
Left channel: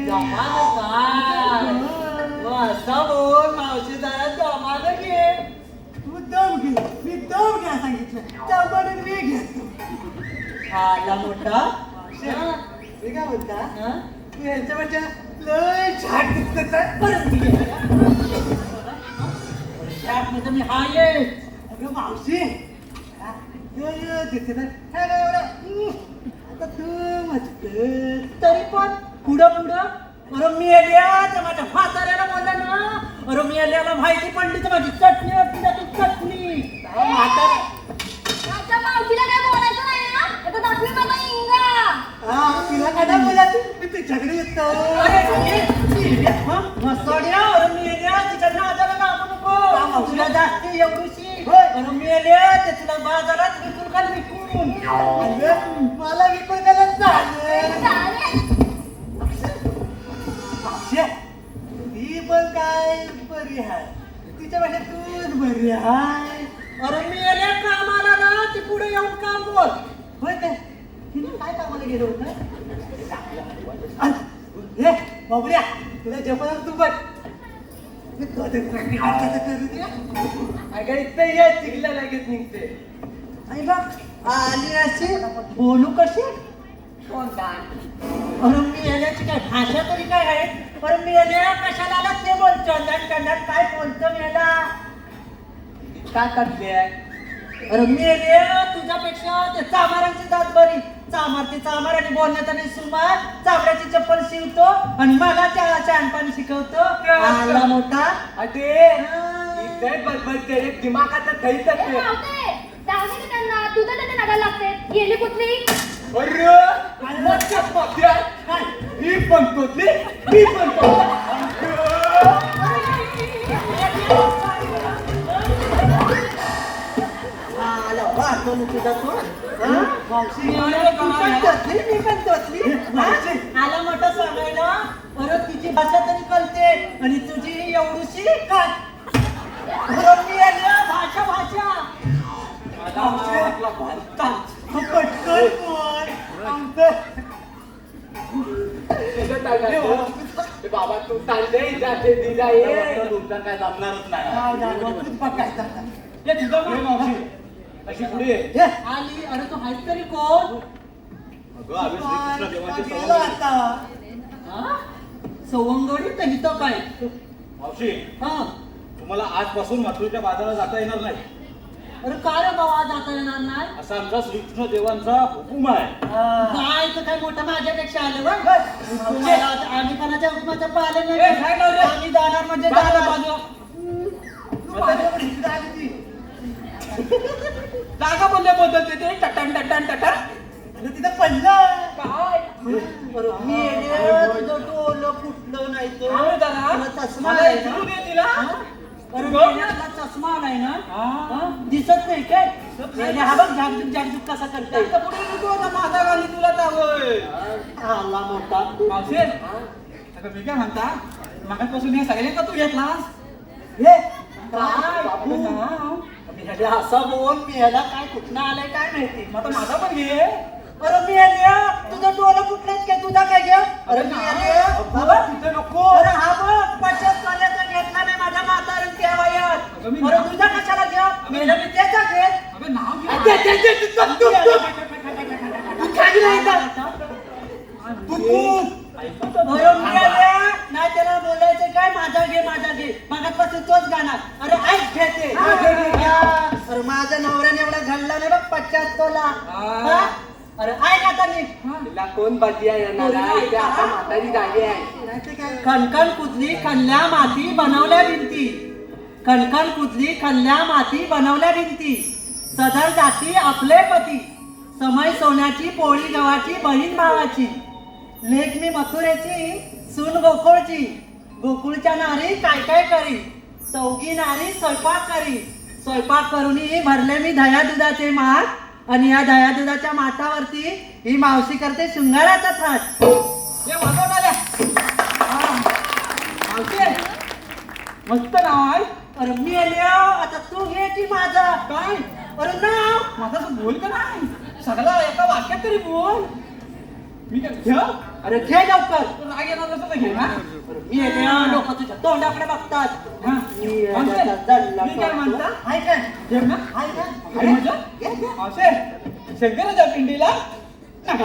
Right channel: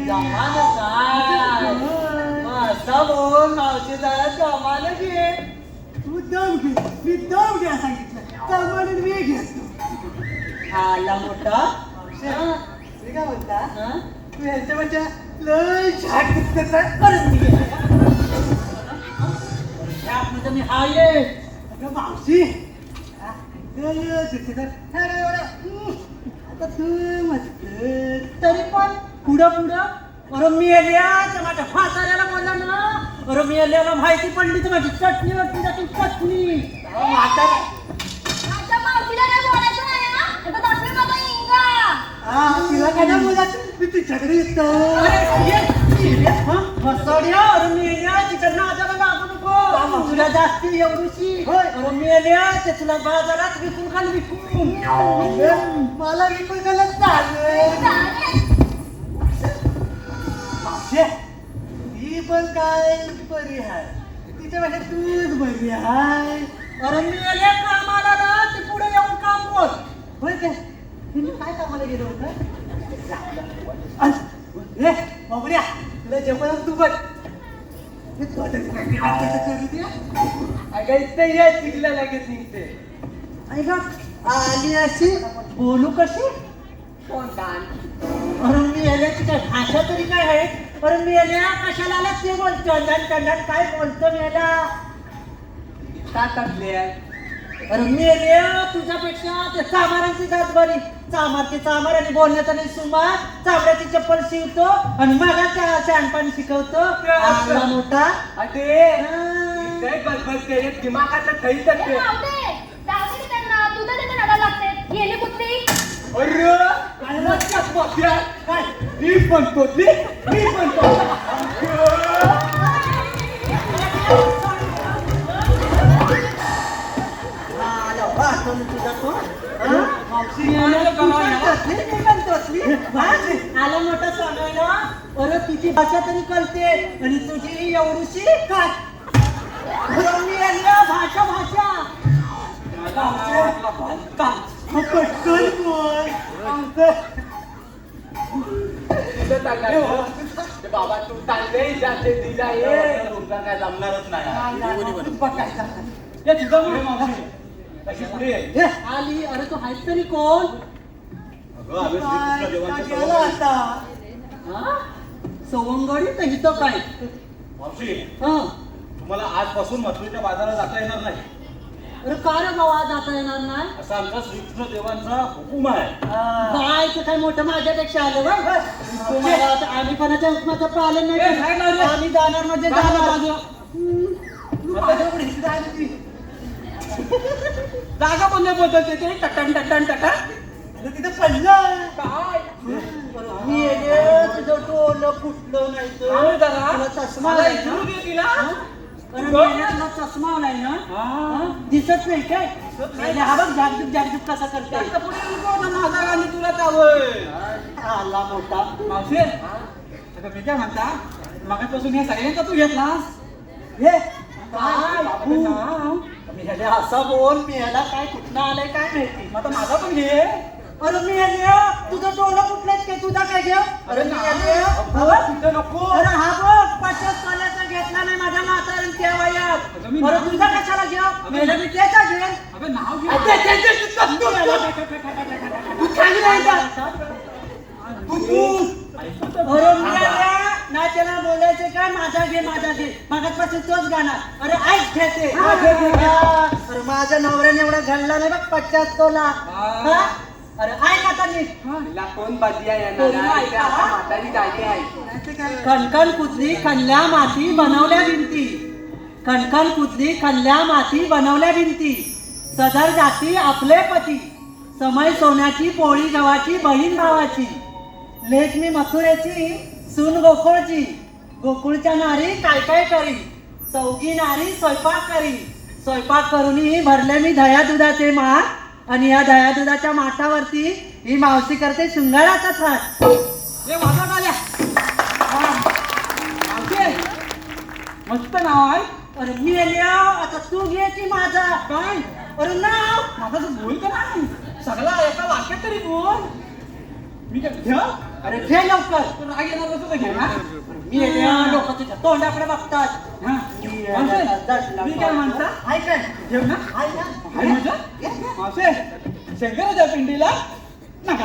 जमानं काय? असं बोल, मावशी जरा जमानं घे. आला मोठा. हं? परत मी गेलो. त्यामध्ये मी आहे. तरी पण पुढं पुढं अरे मी तर माझ्या म्हाताऱ्याला बोलला ना. अरे मी माहिती पडली तर माझी चटणी होती ना, ती चटणी. माझ्या मावशीला काय बोलायचं नाही ना, आता दाखवे माझा इंगा. अरे मी तिच्या नादाला लागू नको. तुला जास्ती एवढीशी. अरे मी ते तुला बाजारात विकून घाल विकून. मला विकून घालत ही पण काय बरी आहे, तिच्या म्हणजे तूच बरी आहे. अरे मी कामाला ना, ते पुढे येऊन काम बोल. होय काय? तिने काय कामाला गेलो होतं? बाबऱ्या, तुला जपान तू बघ. अगं इथे ये, शिकलं लगेच निघते. आली अशी बोलू कशी? कोणता? अरे मी याल्याची काय भाषा तरी काय आहे? अरे मी याल्या कशाला आला ते बोलतो. टंडन काय बोलतो याला? का टाकले? अरे मी तुझ्यापेक्षा ते चामारांची जात बरी. चामार आणि बोलण्याचा नाही सुमार. चामड्याची चप्पल शिवतो आणि मला शहाणपण शिकवतो. आला मोठा. इथे बदबद केले, दिमागाचं थैत ए, मावते, जाऊ दे की त्यांना. तू तर त्याच्या नादाला लागते. येली कुठली? मी म्हणतो आला मोठा सांगायला. अरे तिची भाषा तरी कळते आणि तुझी एवढीशी काय? भाषा बाबा तू तांदे जाते दिला ये. तुमचा काय जमणारच नाही. अशी पुढे आली. अरे तू आहेस तरी कोण? अगं आम्ही श्रीकृष्ण देवांचे सवंगडी. हा? सवंगडी नाही तो काय? मावशी, हा. तुम्हाला आजपासून मथुरेच्या बाजारात जाता येणार नाही, अरे का रे बाबा जाता येणार नाही? असा आमचा श्रीकृष्ण देवांचा हुकूम आहे. काय तर काय मोठं माझ्यापेक्षा आलं बघ. तुम्हाला आता आम्ही कोणाच्या हुकमाचं पालन नाही करणार. आम्ही जाणार म्हणजे जाणार बाजूला. जागा बोलले बोलत ते टटन टटन टटन. तिथं पडलं काय मी येणे तुझं डोलं फुटलं नाही तर तुला चष्मा आलाय ना अरे मेल्यातला चष्मा आलाय ना हा? दिसत नाही काय मेल्या हा बघ झाकझुक झाकझुक कसा करते माझा गाणी तुला चावय आला मोठा मावशी आता मी काय म्हणता मागापासून हे सायलेंट तू घेतलास हे काय मी ह्याच्या असा बोल मी ह्याला काय कुठलं आलंय काय माहिती मग आता माझा पण घे अरे मी तुझं डोलं फुटलंच काय तुझा काय घेऊ अरे मी नको अरे हा बघ पटकन चालायचा घेतला नाही माझ्या म्हातारण त्या वयात अरे तुझा कशाला घेऊ मेला मी त्याचा घे अगं नाव घे तू खाली नाही का नाही त्याला बोलायचं काय माझा घे मागापासून तोच गाणार अरे ऐक घेते अरे माझ्या नवऱ्याने एवढा घडला नाही बघ 50 तोला अरे ऐक आता नीट कोण बाजी आहे आता म्हातारी झाली आहे कणकण कुजली खणल्या माती बनवल्या भिंती कणकण कुजली खणल्या माती बनवल्या भिंती सदर जाती आपले पती समय सोन्याची पोळी गव्हाची बहीण भावाची लेख मी मथुरेची सून गोकुळची गोकुळच्या नारी काय काय करी चौघी नारी स्वयंपाक करी स्वयंपाक करूनही भरले मी दह्या दुधाचे माठ आणि या दह्या दुधाच्या माठावरती ही मावशी करते शृंगाराचा थाट हे माझा आल्या मस्त नाव आहे अरे मी आता तू घे की माझा काय अरे नाव माझा बोल का नाही सगळा एका वाक्यात तरी बोल मी काय घ्या अरे घे लवकर पण राग येणार नसलं तर घे ना मी येते लोक तुझ्या तोंडाकडे बघतात हा. मी काय म्हणता हाय काय जेव ना हाय का? काय म्हणता मावशे शंकराच्या पिंडीला नका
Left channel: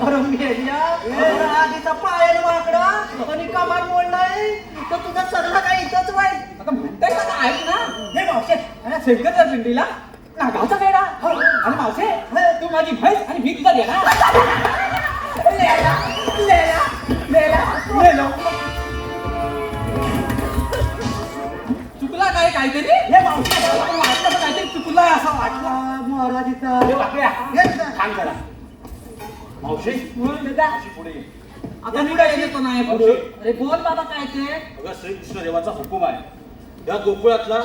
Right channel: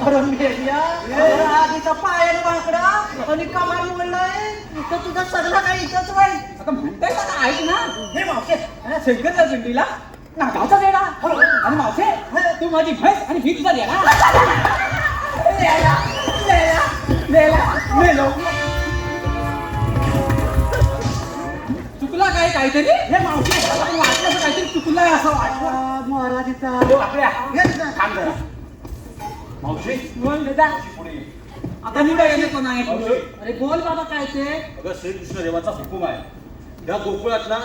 अरे मेल्या, अरे आधीचा पायाला वाकडा आणि कमाल मोडलाय तर तुझं सगळं काही इथंच राहील आता म्हणताय का ऐक ना हे मावशे शंकराच्या पिंडीला नागाचा वेडा आणि मावशे तू माझी म्हैस आणि ही तुझा देणार चुकला काय काहीतरी हे मावशे वाटलं काहीतरी चुकला असं वाटलं महाराजीचा मावशी बोल बेटा पुढे ये. आता मी काय येतो नाही पुढे अरे बोल बाबा काय ते अगं श्रीकृष्ण देवाचा हुकूम आहे या गोकुळातला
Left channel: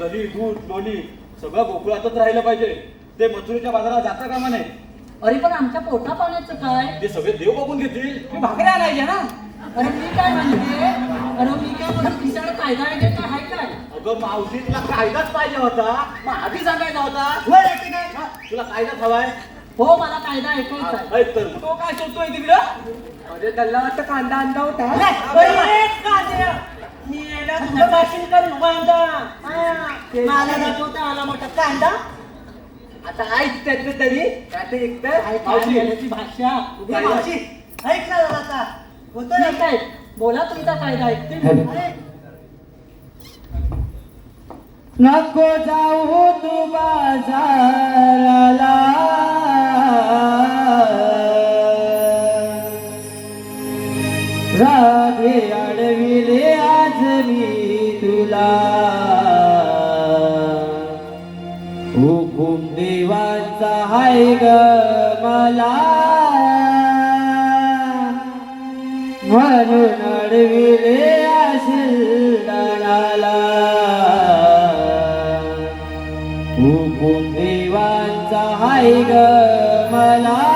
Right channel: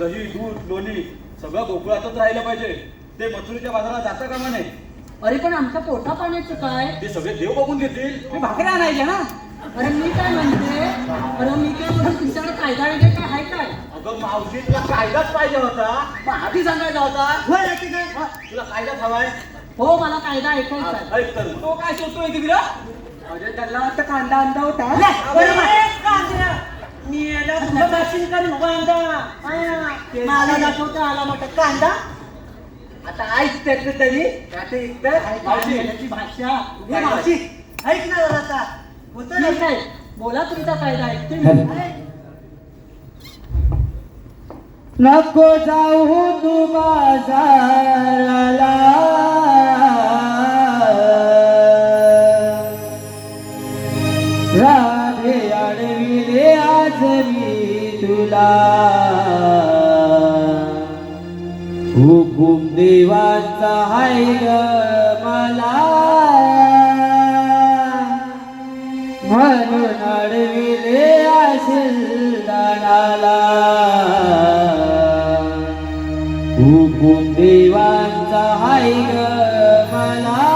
दही दूध लोणी सगळं गोकुळातच राहिलं पाहिजे ते मथुरेच्या बाजारात जाता कामा नये अरे पण आमच्या पोटा पाण्याचं काय ते सगळे देव बघून घेतील मी भाकऱ्या नाही घ्या ना अरे मी काय म्हणते अरे मी काय म्हणतो तुमच्याकडे कायदा वगैरे काय आहे काय अगं मावशी तुला कायदाच पाहिजे होता मग आधी सांगायचा होता तुला कायदाच हवाय हो मला कायदा ऐकायचा आहे ऐक तर तो काय सुचतोय तिकडं अरे त्याला वाटतं कांदा अंदा होता मी करून कांदा मला दाखवता आला मोठा कांदा आता ऐक त्याचं तरी ऐकायची भाषा ऐक ना आता होतं काय बोला तुमचा कायदा ऐकते नको जाऊ तू बाजाराला राधे आडविले आज मी तुला हुकुम देवाचा हाय ग मला म्हणून आडविले असेल दानाला हुकुम देवांचा हाय ग मला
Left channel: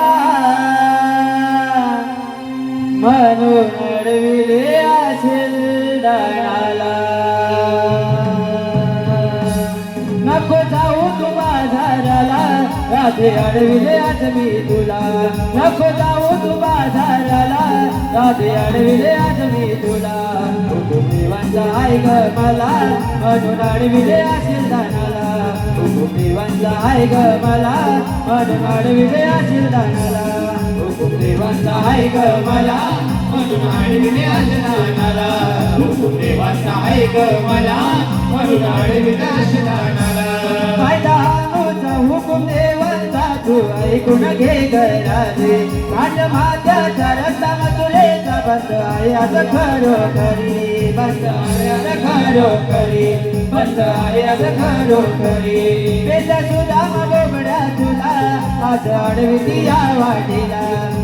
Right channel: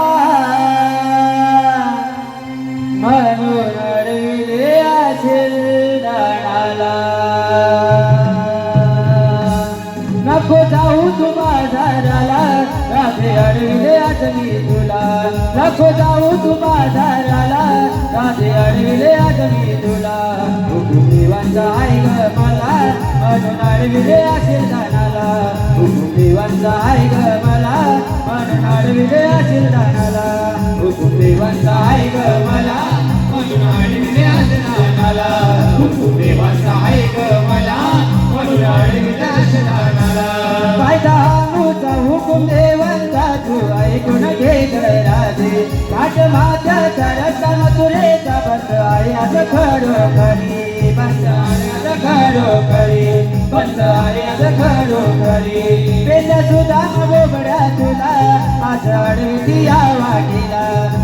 म्हणून अडविले असेल दानाला नको जाऊ तू बाजाराला राधे अडविले आज मी तुला नको जाऊ तू बाजाराला राधे अडविले आज मी तुला हुकुम देवांचा हाय ग मला म्हणून अडविले असेल दानाला हुकुम देवांचा हाय ग मला म्हणून अडविले असेल दानाला हुकुम देवांचा हाय ग मला म्हणून अडविले असेल दानाला हुकुम देवांचा हाय ग मला म्हणून अडविले असेल दानाला कायदा आमचा हुकुम देवांचा तू ऐकून घे ग राजे राजमात्याचा रस्ता मथुरेचा बंद आहे असं खरोखरी बंद आहे असं खरोखरी बंद आहे असं खरोखरी पेंदा सुद्धा गोबड्या तुला आज आडविती या वाटेला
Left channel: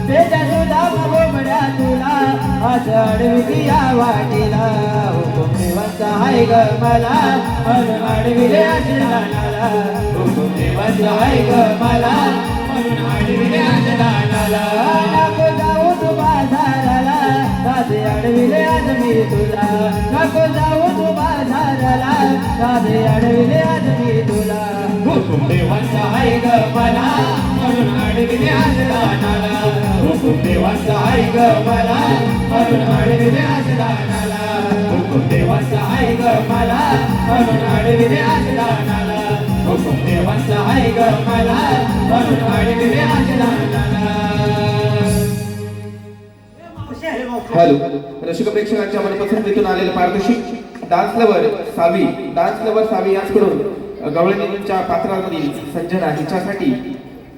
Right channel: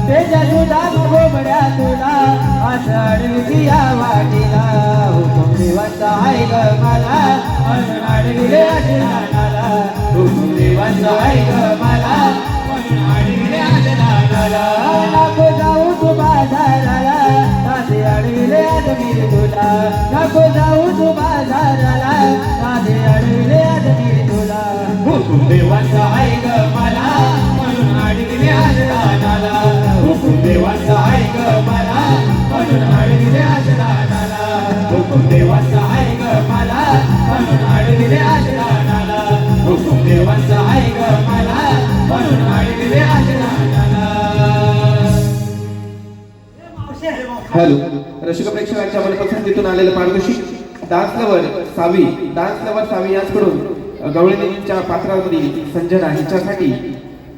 त्याच्या तुला बरोबऱ्या तुला असं आडविती या वाटेला हुकुम देवाचा आहे ग मला म्हणून आडविले आजरानाला हुकुम देवाचा आहे ग मला म्हणून आडविले आजरानाला नको जाऊ तू बाजाराला साधे आडविले आज मी तुला नको जाऊ तू बाजाराला साधे आडविले आज मी तुला हुकुम देवाचा आहे ग मला म्हणून आडविले आजरानाला हुकुम देवाचा आहे ग मला म्हणून आडविले आजरानाला हुकुम देवाचा आहे ग मला म्हणून आडविले आजरानाला हुकुम देवाचा आहे ग मला म्हणून आडविले आजरानाला हॅलो रसिक प्रेक्षकांच्या मनपसंतीतून आलेलं पारितोषिक डान्स लवर सावी याचकडून गवळणीच्या पात्रावरील संजना हिच्यासाठी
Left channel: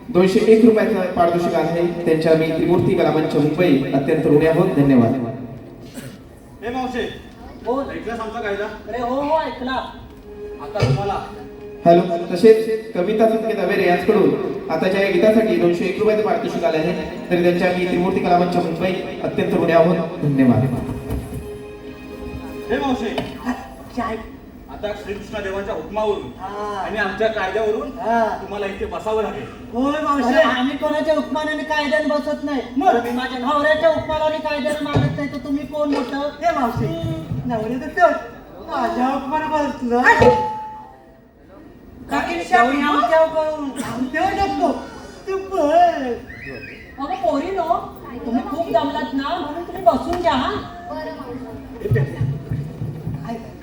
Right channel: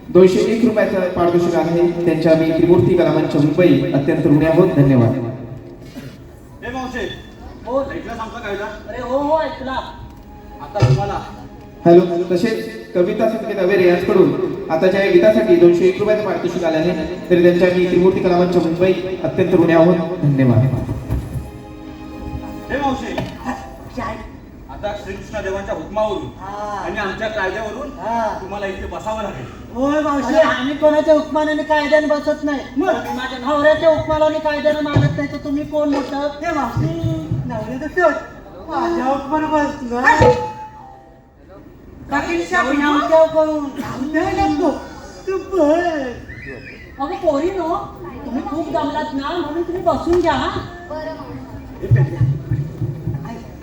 201 रुपयाचं पारितोषिक आहे. त्यांच्या मी त्रिमूर्ती कला मंच मुंबई अत्यंत ऋणी आहोत. धन्यवाद. हे मावशे हो ऐकला सांगता कायदा अरे हो हो ऐकला आता तुम्हाला हॅलो तसेच कविता संगीत अवेरे यांच्याकडून आताच्या या गीतासाठी 201 रुपयाचं पारितोषिक आले आहे. तरी त्यांच्या मी त्रिमूर्ती कला मंच मुंबई अत्यंत ऋणी आहोत. धन्यवाद. हे मावशे काय आता श्रीकृष्ण देवांच्या हुकमावरून आणि आमच्या कायद्यावरून तुम्हाला इथे बसावं लागेल. होय मावशी आम्ही कोणाच्या हुकमानाने कायद्याने बसत नाही तुम्ही माझ्या नवऱ्याच्या हुकमानाने कायद्याने मागत नाही तर तुम्ही कोण होतं ते मावशी नवऱ्याचं तेवढं माझ्या उपमान बसलं अगं पोरी नो तुम्ही खूप दमलात ना म्हणून तुम्ही बसून घ्या हा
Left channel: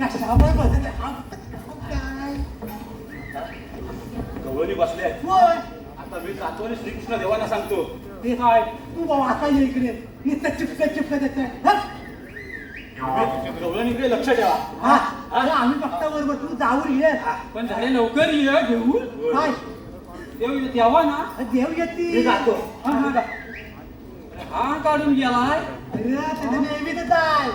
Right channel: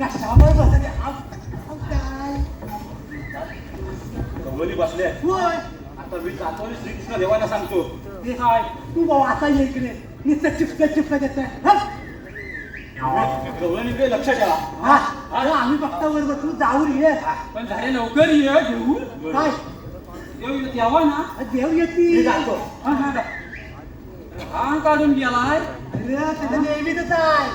कशावर बसत गवळणी बसले आता मी जातो आणि श्रीकृष्ण देवाला सांगतो. ते काय तू वाचा इकडे नुसतं चिपकत देत गवळणीकडे लक्ष द्या. आम्ही बघतावर बसून जाऊन ये पण झाले लवकर ये घेऊन काय देव तेव्हा ना देव येते मी जातो. आण काढून गेलाय अरे त्याचं नेहमीच आहे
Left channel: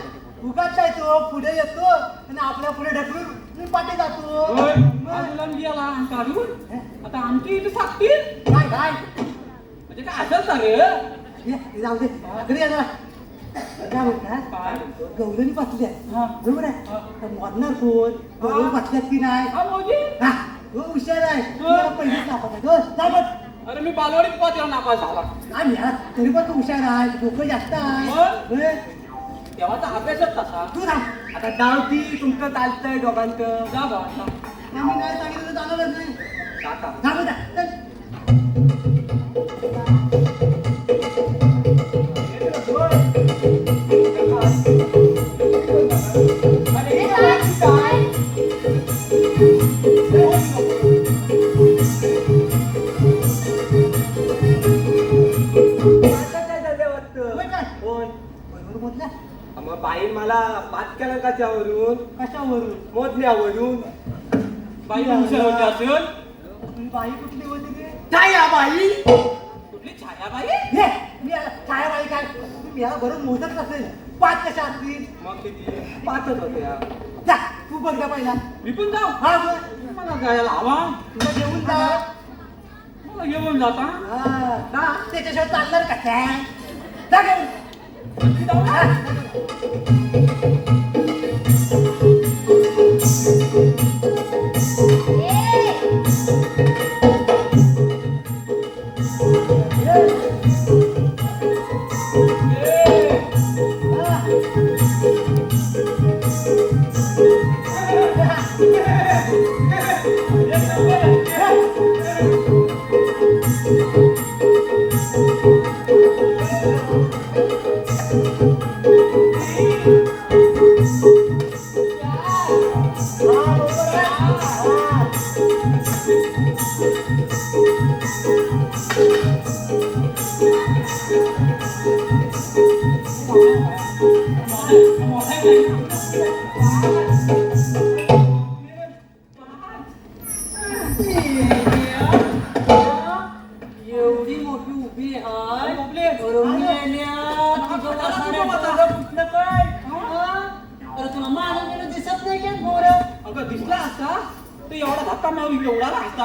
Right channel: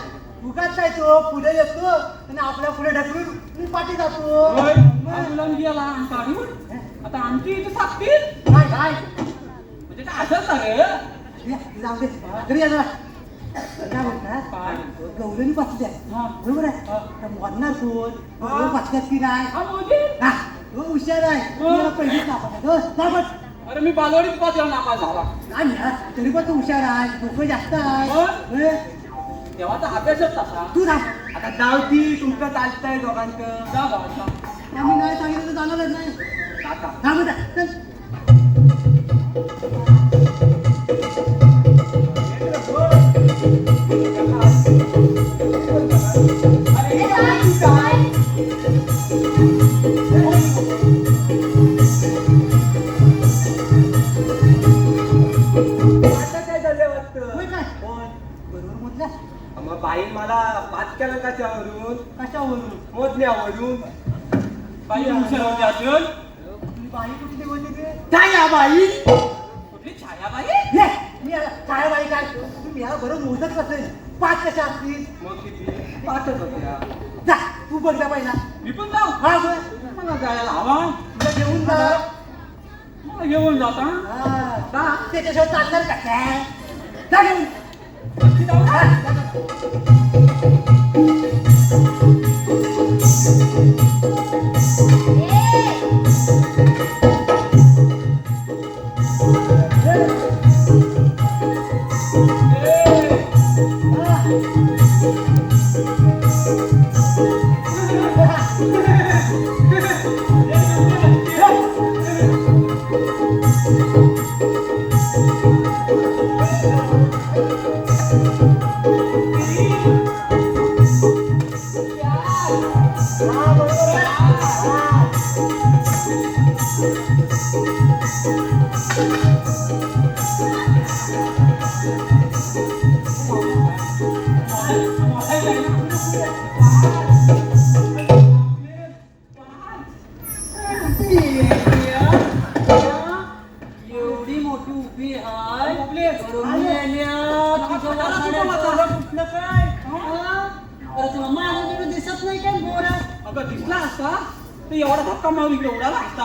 उगाच जायचो पुढे येतो आणि आपल्या पुढे ढकलून मी पाठी जातो गेला आण काढून आता आमची इथे सापतील काय काय म्हणजे काय असं रे ये, जाऊ दे घरी या जरा काय म्हणतात काय गौरवणी बसली आहे बरोबर आहे तर म्हणणार कोण गौरव बसल्यात की नाही हा तो हुशार आहे तुम्हाला पहिलेच दाखवतो ना पण अरे मी बालवाडीत पाचला नापास झाला आणि यार तरी पण तू हुशार आहे डोकं जास्त आहे होय. तेव्हा तर अभ्यासच तसा तू थांब आता डावती तुमचं चालतंय दोघांचं जा बाबा आम्ही नाही सांगितलं तर जाणार नाही थांब आता, चल. होय काय? बरोबर म्हटलं मग बाई मला पाच केला कशावरून कशावरून मोजण्यावरून बाई हुशार होती असेल ही बाई कुठली होती रे काय या बाई कुठली छाया बाई ये मी काय बाई काय तुम्ही याला बरोबर मोजत असेल 5 कशा असतील मग किती पाचच होत्या जा तू बघ जा पहिला मी पण जाऊ हा बोल. पण जायला हवा तुला घेऊन जा मग येऊन जाता हा, जा त्याच्याशिवाय चालणार का काय जा घेऊन हा, जा घेऊन. एवढी मोठी उभी आहे अरे तुला महाराजांना दिसत नाही का मोर अगं दिसला असता तर एवढा धक्का मारून एवढा लागता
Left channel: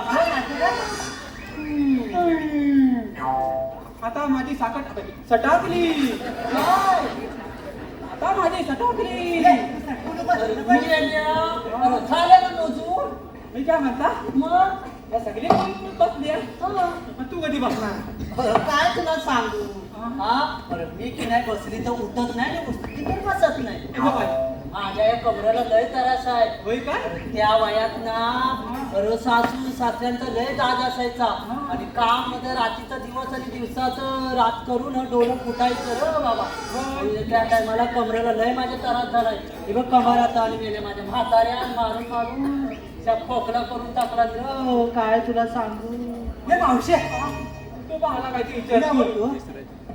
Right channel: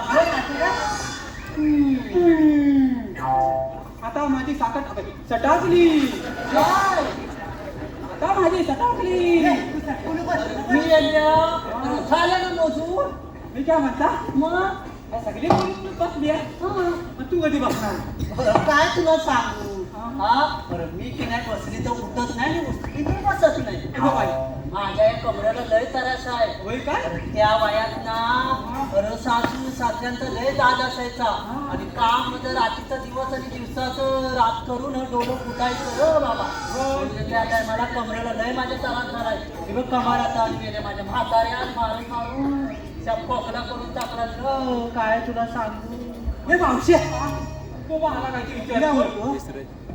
आता माझी साखर सटाकली, आता माझी सटाकली. मी गेल्या. अरे झालं ना मोजून? मी काय म्हणता मग या सगळी मुली बसली आहे. मग तू कधी बसणार? बरं, काय तुला सांगू हा? बरं, मी की नाही बसली तर उठत नाही आणि उठली तर बसत नाही. ए बाबा, माझ्या या कमरेला लय त्रास आहे. होय काय? त्या वयात ना अरे सासू सासऱ्यांचा लय दाज असायचा आणि काम मध्ये रात्रीचा दिवस आणि दिवसाचं रात करून डोळं फुटायचं रे बाबा. म्हणजे त्या टायमाला कमरेला लय माझ्या त्रास झालाय. हे बघ कमरात आली गेले माझ्या म्हाताऱ्या मारून मारून त्या खोकला करून टाकला रे. काय तुला सांगू? हे मावशी तू मला काय ते विचारतो.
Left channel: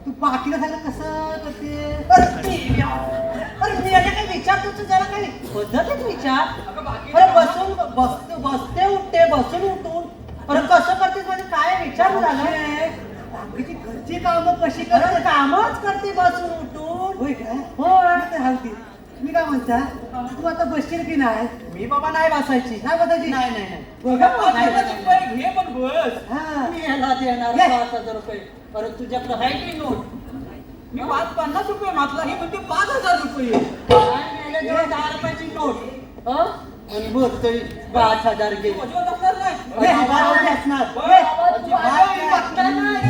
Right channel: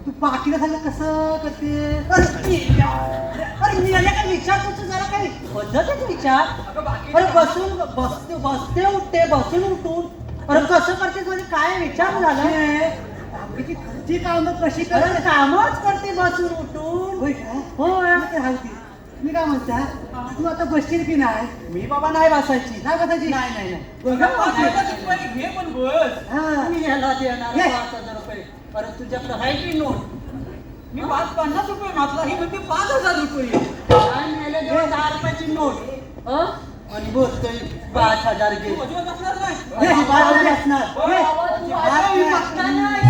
तू पाकिट झालं कसं करते? अरे मी याला काय विचारतो तू जरा काही पद्धतीत विचार. अगं बाकी अरे बसून बसते उठते बसून उठून अरे कसं करते म्हणजे काय विचार झाला? बाकीची घरची कामं कशी करत कामच करते बसून उठून. होय काय? होय राहती. मी काय म्हणता तू आता बसशील की नाही? मी बाबा नाही बसायची. नाही बसायची? नाही नाही नाही. अगं 5,000 रुपये घे पण बस. हा. मी याला देणार 5,000 रुपये. अरे तुझ्याकडे आहे की नोट? मी 50 रुपये मागला, ही म्हणते 5,000 रुपये. काय मिळालं? 10 रुपयाची नोट हं? आणि बोलतोय 5,000 गेले. अजिबात असणार नाही. हे बाजूला असणार. हे. बाई, मी बघता नाही.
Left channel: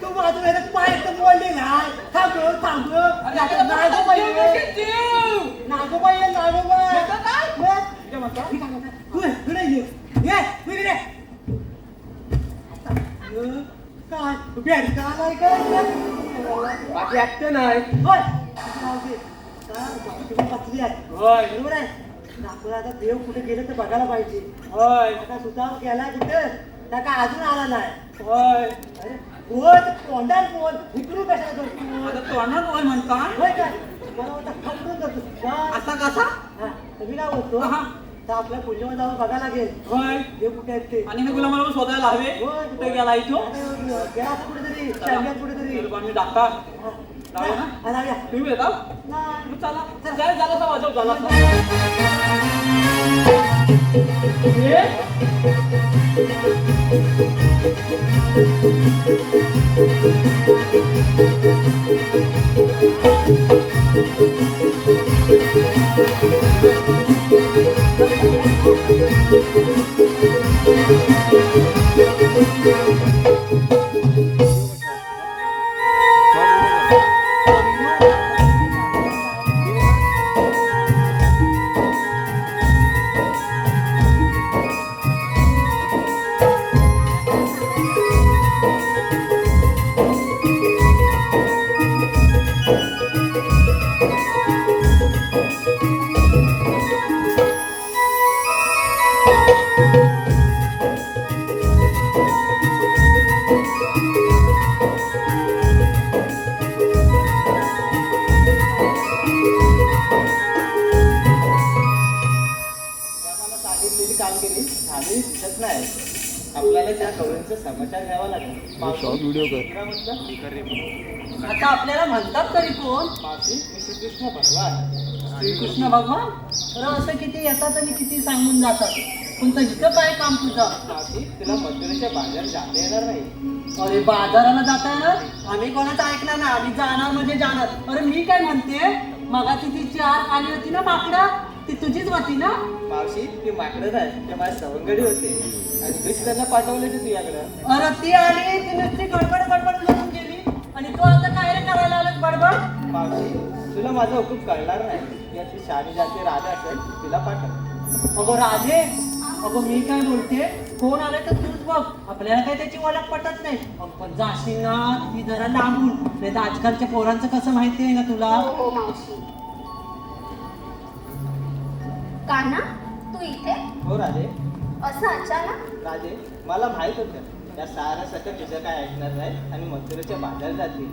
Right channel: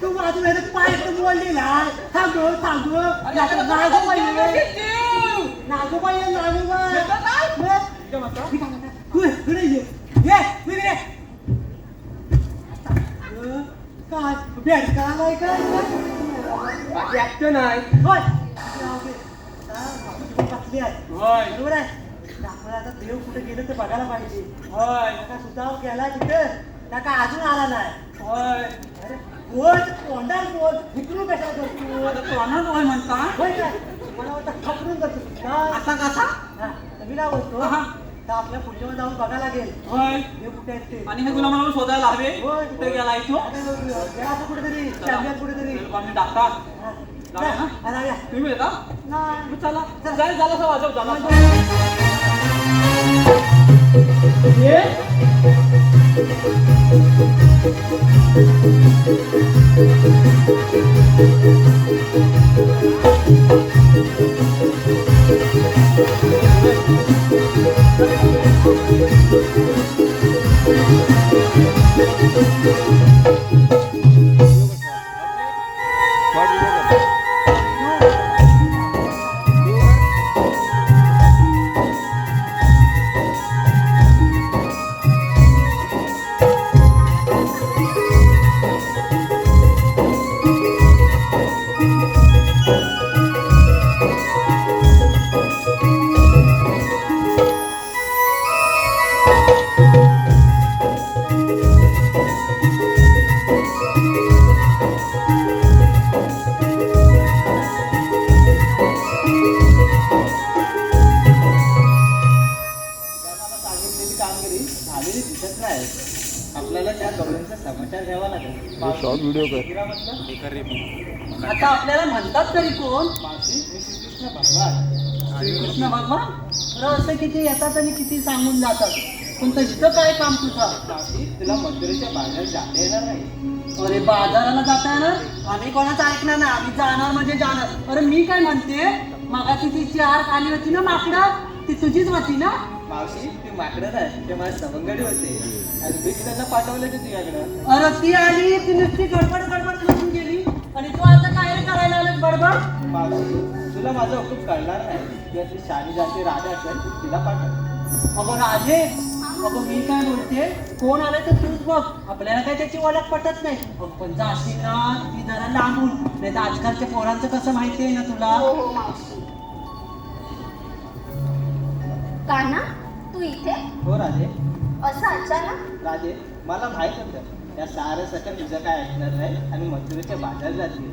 तू बाजूला पाय बोलली लाल. थांब थांब. नागोबाई काय बेडका नाही काय बाकी ऐकतो नाही. पतली आहे होय बरोबर आहे. आपण आता देव कुठे गेलं तर बघायला पाहिजे. होय आता सुद्धा गेलाय कुठं त्या काय अजून आला नाही. होय. अरे होय कोंडा इकडे कशा करतो? आता तोंडावर होय म्हणता. होय काय मला वाटतं खपरून करतो काय? असा कसा? हा, तर मी काय बोलतो हा. तर आपल्या पुढच्या जाऊन बघायला लागेल होय. देव कुठे आहेत ते. आणि हे गुलामाला शोधायला हवे. होय कुठे गेला इथो? गेला तर कुठेतरी चॅम्पियन कुठेतरी. आम्ही डाकता. जाऊया ना? हा, जाऊया. तुम्ही येता? नाही. मग चला. काय झाला तर वाजव झाला. आपल्याला त्या करूनचा समाचार घ्यावा लागेल. शॉर्ट व्हिडिओ कर. आता आपल्याला म्हणतात तरी कोण? श्रीकृष्ण भगवान. श्रीकृष्ण भगवान? तर असं किती येतात आणि किती सांगून जातात. पण इथं काय काम तुझं? तुला मथुरेच्या बाजारात जाता येणार नाही. अरे बाजाराला जाता येणार? आम्ही कोणाचं ऐकणार ना. आम्ही जाणार म्हणजे जाणार. अरे मी काय म्हणते मगाची ती 4 आली होती ना माकडं ती तुझीच होती ना? मावशी ती माकडच आहे. ते माझ्या सवंगडी होते आणि मी त्यांना पाठवलं ते तुझ्याकडं. अरे ती आली ती नुसती गडबड करून गेली आणि तू आता काय करायला आलास बडबड? मावशी तुला माझा हुकूम कळणार नाही. किंवा ती शाणी जाती राधा असेल तिला पाठव. अगं राधे अगं मी काय बोलते, कोण आलाय तर तूच बघ, आपल्याला काय त्याची ओळख पटत नाही. अगं पण जाशील ना ती जरा लांबून, नाही तर आजकालच्या पोरांचं कसं माहिती आहे ना तुला. हो मावशी. कान्हा, तू इथे हो राधे. असं अचानक? राधे, मला माहित होतं त्या सारं सकट तुझं काय ऐकणार नाही आणि मथुरेच्या बाजारात जातील.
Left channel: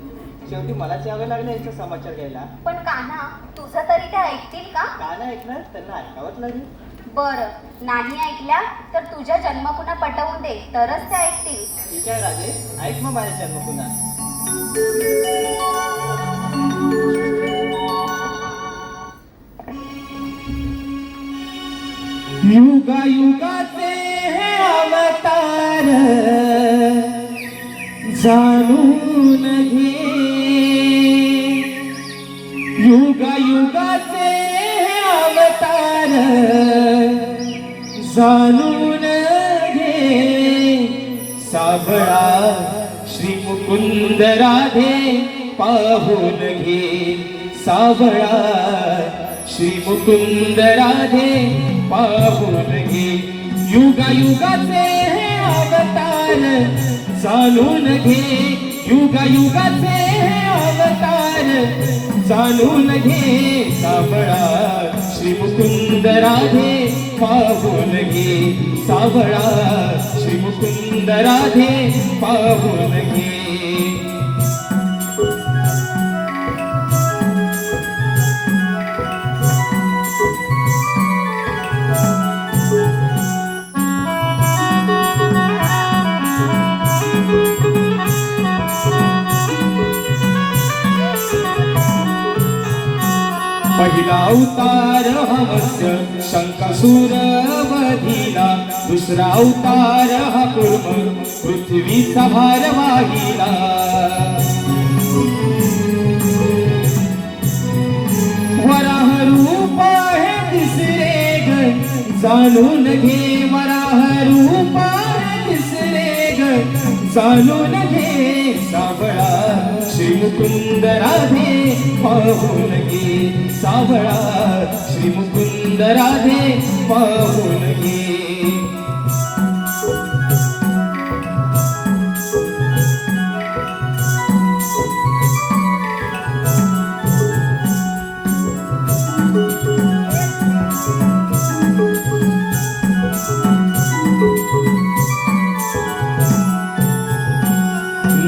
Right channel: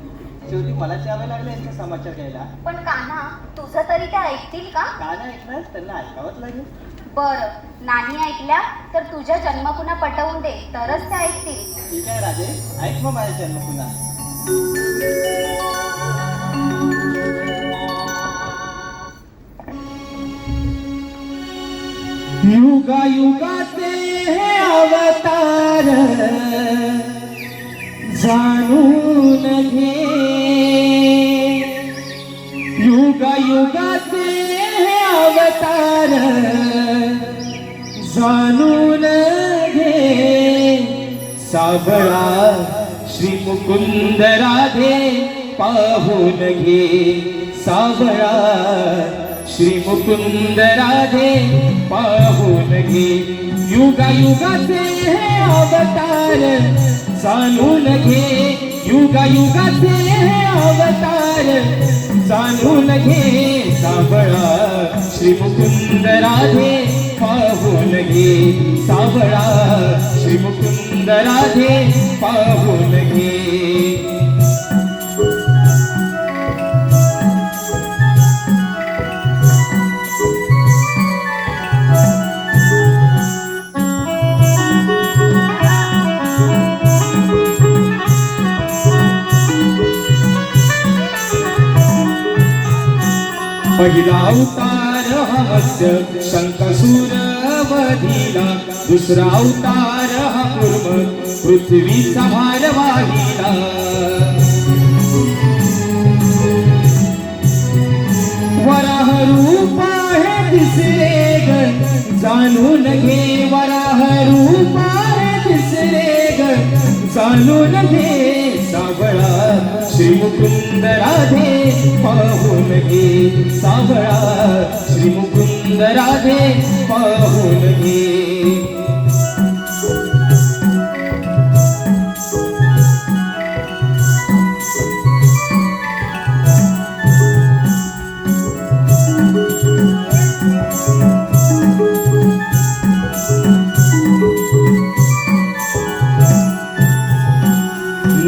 शेवटी मलाच यावे लागले यांचा समाचार घ्यायला. पण कान्हा, तुझं तरी ते ऐकतील का? का नाही ऐकणार, त्यांना ऐकावंच लागेल. बरं, नाही ऐकल्या तर तुझ्या जन्मकुण्या पटवून दे, तरच ते ऐकतील. ठीक आहे राधे, ऐक मग माझ्या जन्म पुन्हा. युगा युगाचे हे अवतार जाणून घे. युगा युगाचे हे अवतार जाणून घे. साबळा श्री मुकुंद राधे पाहून घे. साबळा श्री मुकुंद राधे पाहून घे. युगा युगाचे हे अवतार जाणून घे. युगा युगाचे हे अवतार जाणून घे. साबळा श्री मुकुंद राधे पाहून घे. साबळा श्री मुकुंद राधे पाहून घे. पहिला अवतार हा मत्स्य शंकासूर वधिला. दुसरा अवतार हा कूर्म पृथ्वीचा भार वाहिला. वराह रूप हे दिसले ग जाणून घे. वराह रूप हे दिसले ग जाणून घे. साबळा श्री मुकुंद राधे पाहून घे. साबळा श्री मुकुंद राधे पाहून घे.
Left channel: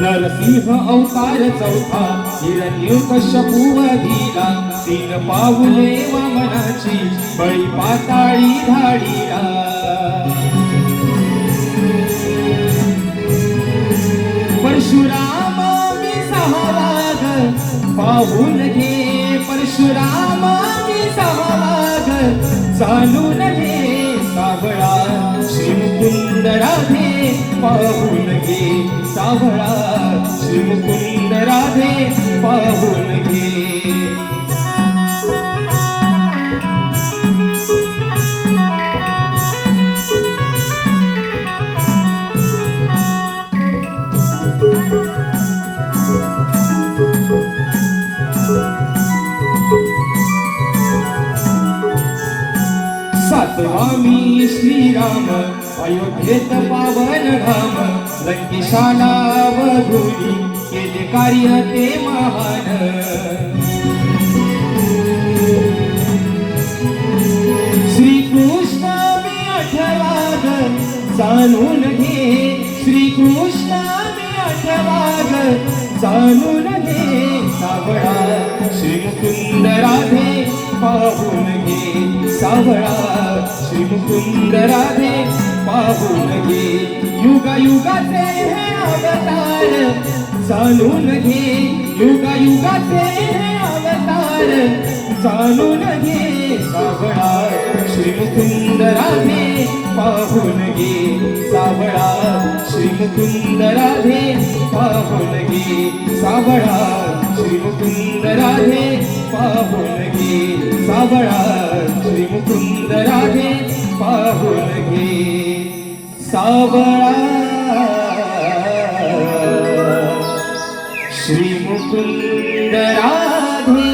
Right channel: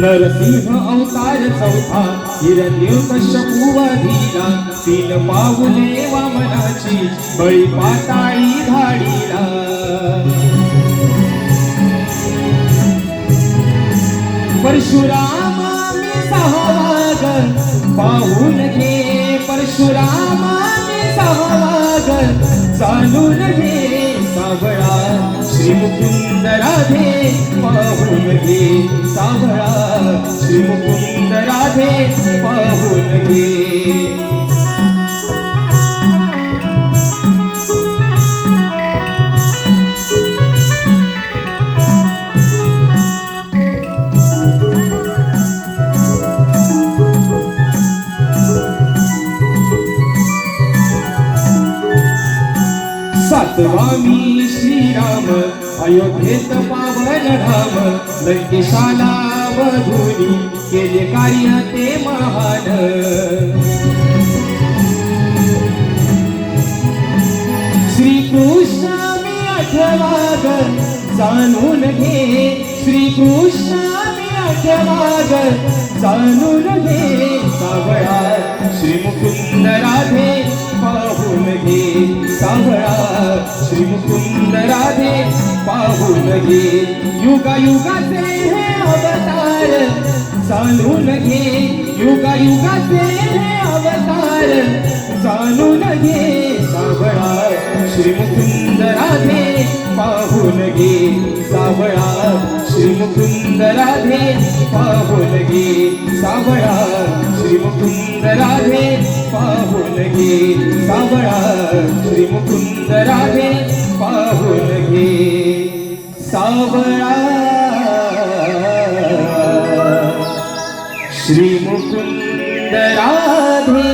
नरसिंह अवतार चौथा हिरण्यकश्यपू वधिला. 3 पाऊले वामनाची बळी पाताळी धाडीला. परशुराम मी 6वा ग पाहून घे. परशुराम मी 6वा ग जाणून घे. साबळा श्री मुकुंद राधे पाहून घे. साबळा श्री मुकुंद राधे पाहून घे. सातवा मी श्रीराम अयोध्येत पावन धाम. लंकेशाला वधुरी केले कार्य ते महान. श्रीकृष्ण मी 8वा ग जाणून घे. श्रीकृष्ण मी 8वा ग जाणून घे. साबळा श्री मुकुंद राधे पाहून घे. साबळा श्री मुकुंद राधे पाहून घे. युगा युगाचे हे अवतार जाणून घे. युगा युगाचे हे अवतार जाणून घे. साबळा श्री मुकुंद राधे पाहून घे. साबळा श्री मुकुंद राधे पाहून घे. साबळा श्री मुकुंद राधे पाहून घे. साबळा श्री मुकुंद राधे पाहून घे. साबळा श्री मुकुंद राधे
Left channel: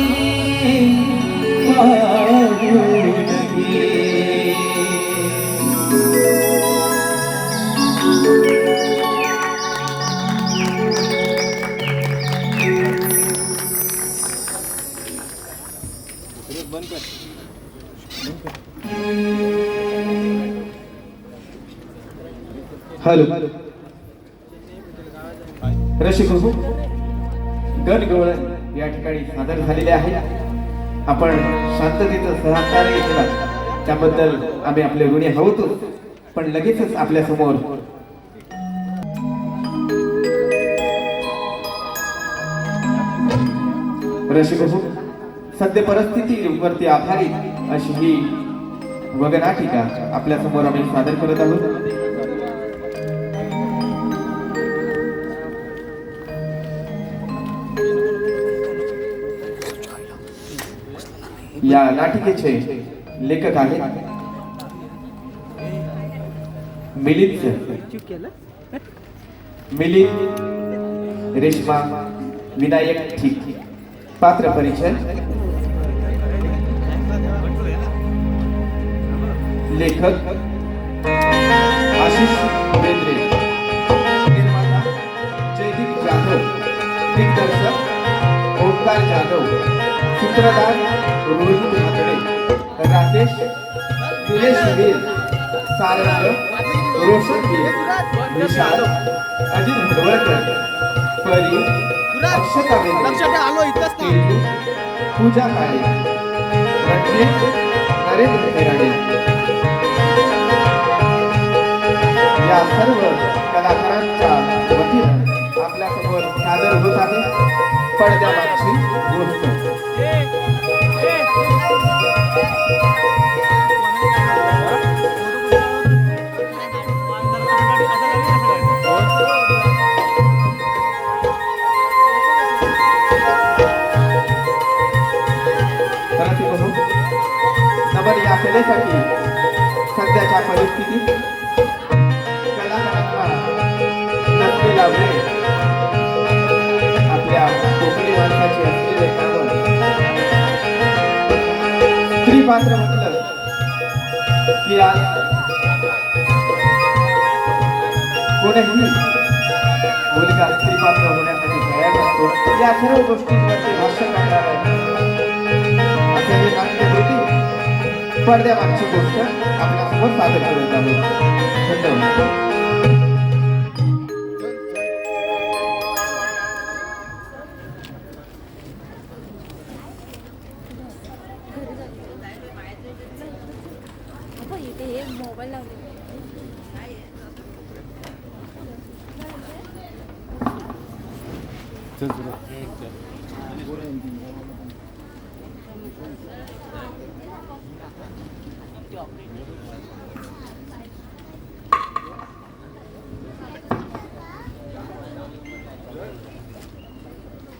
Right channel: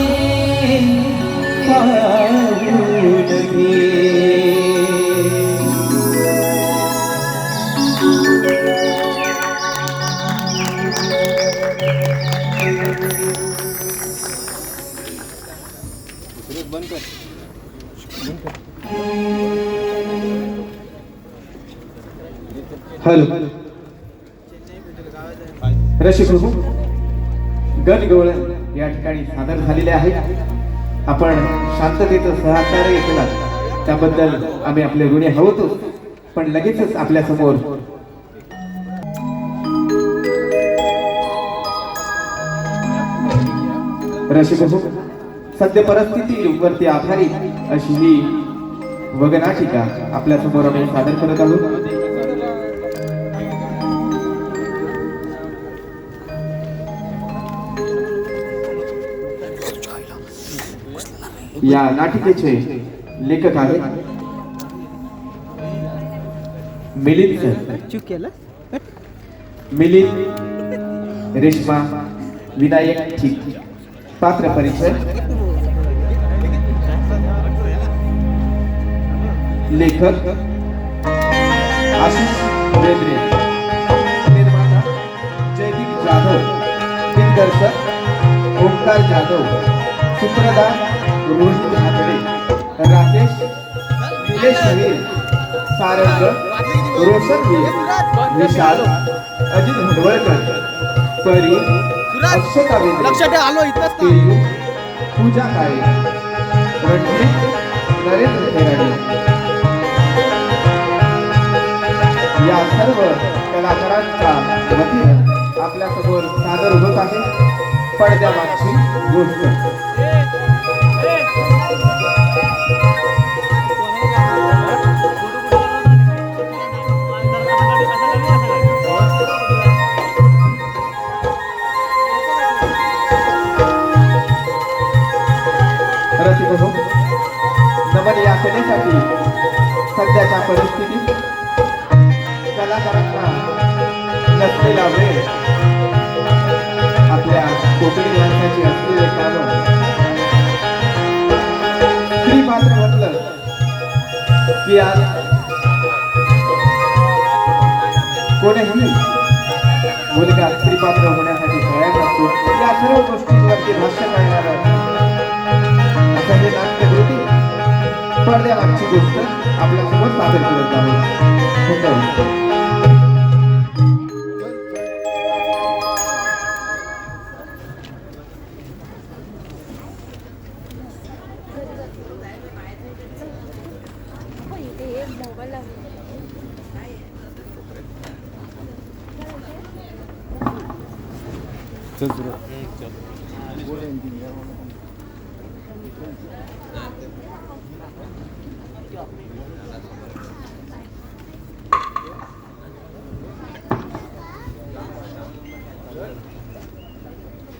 पाहून घे. हॅलो रसिक हो गणगवळण या ठिकाणी सादर झालेले आहेत. आपण शांततेचं सहकार्य केलं त्याबद्दल आम्ही आपले ऋणी आहोतच. पण लगेचच आपल्या समोर रसिक हो सद्य परिस्थितीवरती आधारित अशी ही वगनाटिका आपल्या समोर आम्ही सादर करत आहोत. या नाटिकेचे लेखक आहेत मिलिंद सर. मिलिंद रेश्मा विनायक ठीक. पात्र परिचय लेखक आशिष बेंद्रे, निर्माता जयदीप जाधव, दिग्दर्शक ओंकार जाधव, सूत्रधार रोहित भाकडे, राकेश निलेश वीर, सारंग रोशन वीर, विशाल अजित हडवळकर, परी अक्षता बेंद्रे, पूजा काळे, रणजित नरेंद्र तेराडे या सर्व कलाकारांच्या वतीनं आपल्या समोर सादर होत आहे पडद्यामागची गोष्ट. नमन या कलेसाठी सध्याच्या परिस्थितीत कलाकारांना नसलेला वेळ आपल्या कोकणी माणसाची असलेले काम स्त्री पात्र म्हटलं की आज कोणीही मुलगा स्त्री पात्र होण्यासाठी तयार नसतो. या सर्व गोष्टींवरती भाष्य करणार असं हे नाट्य होते. पडद्यामागची गोष्ट आपल्या समोर सादर करत आहे. धन्यवाद.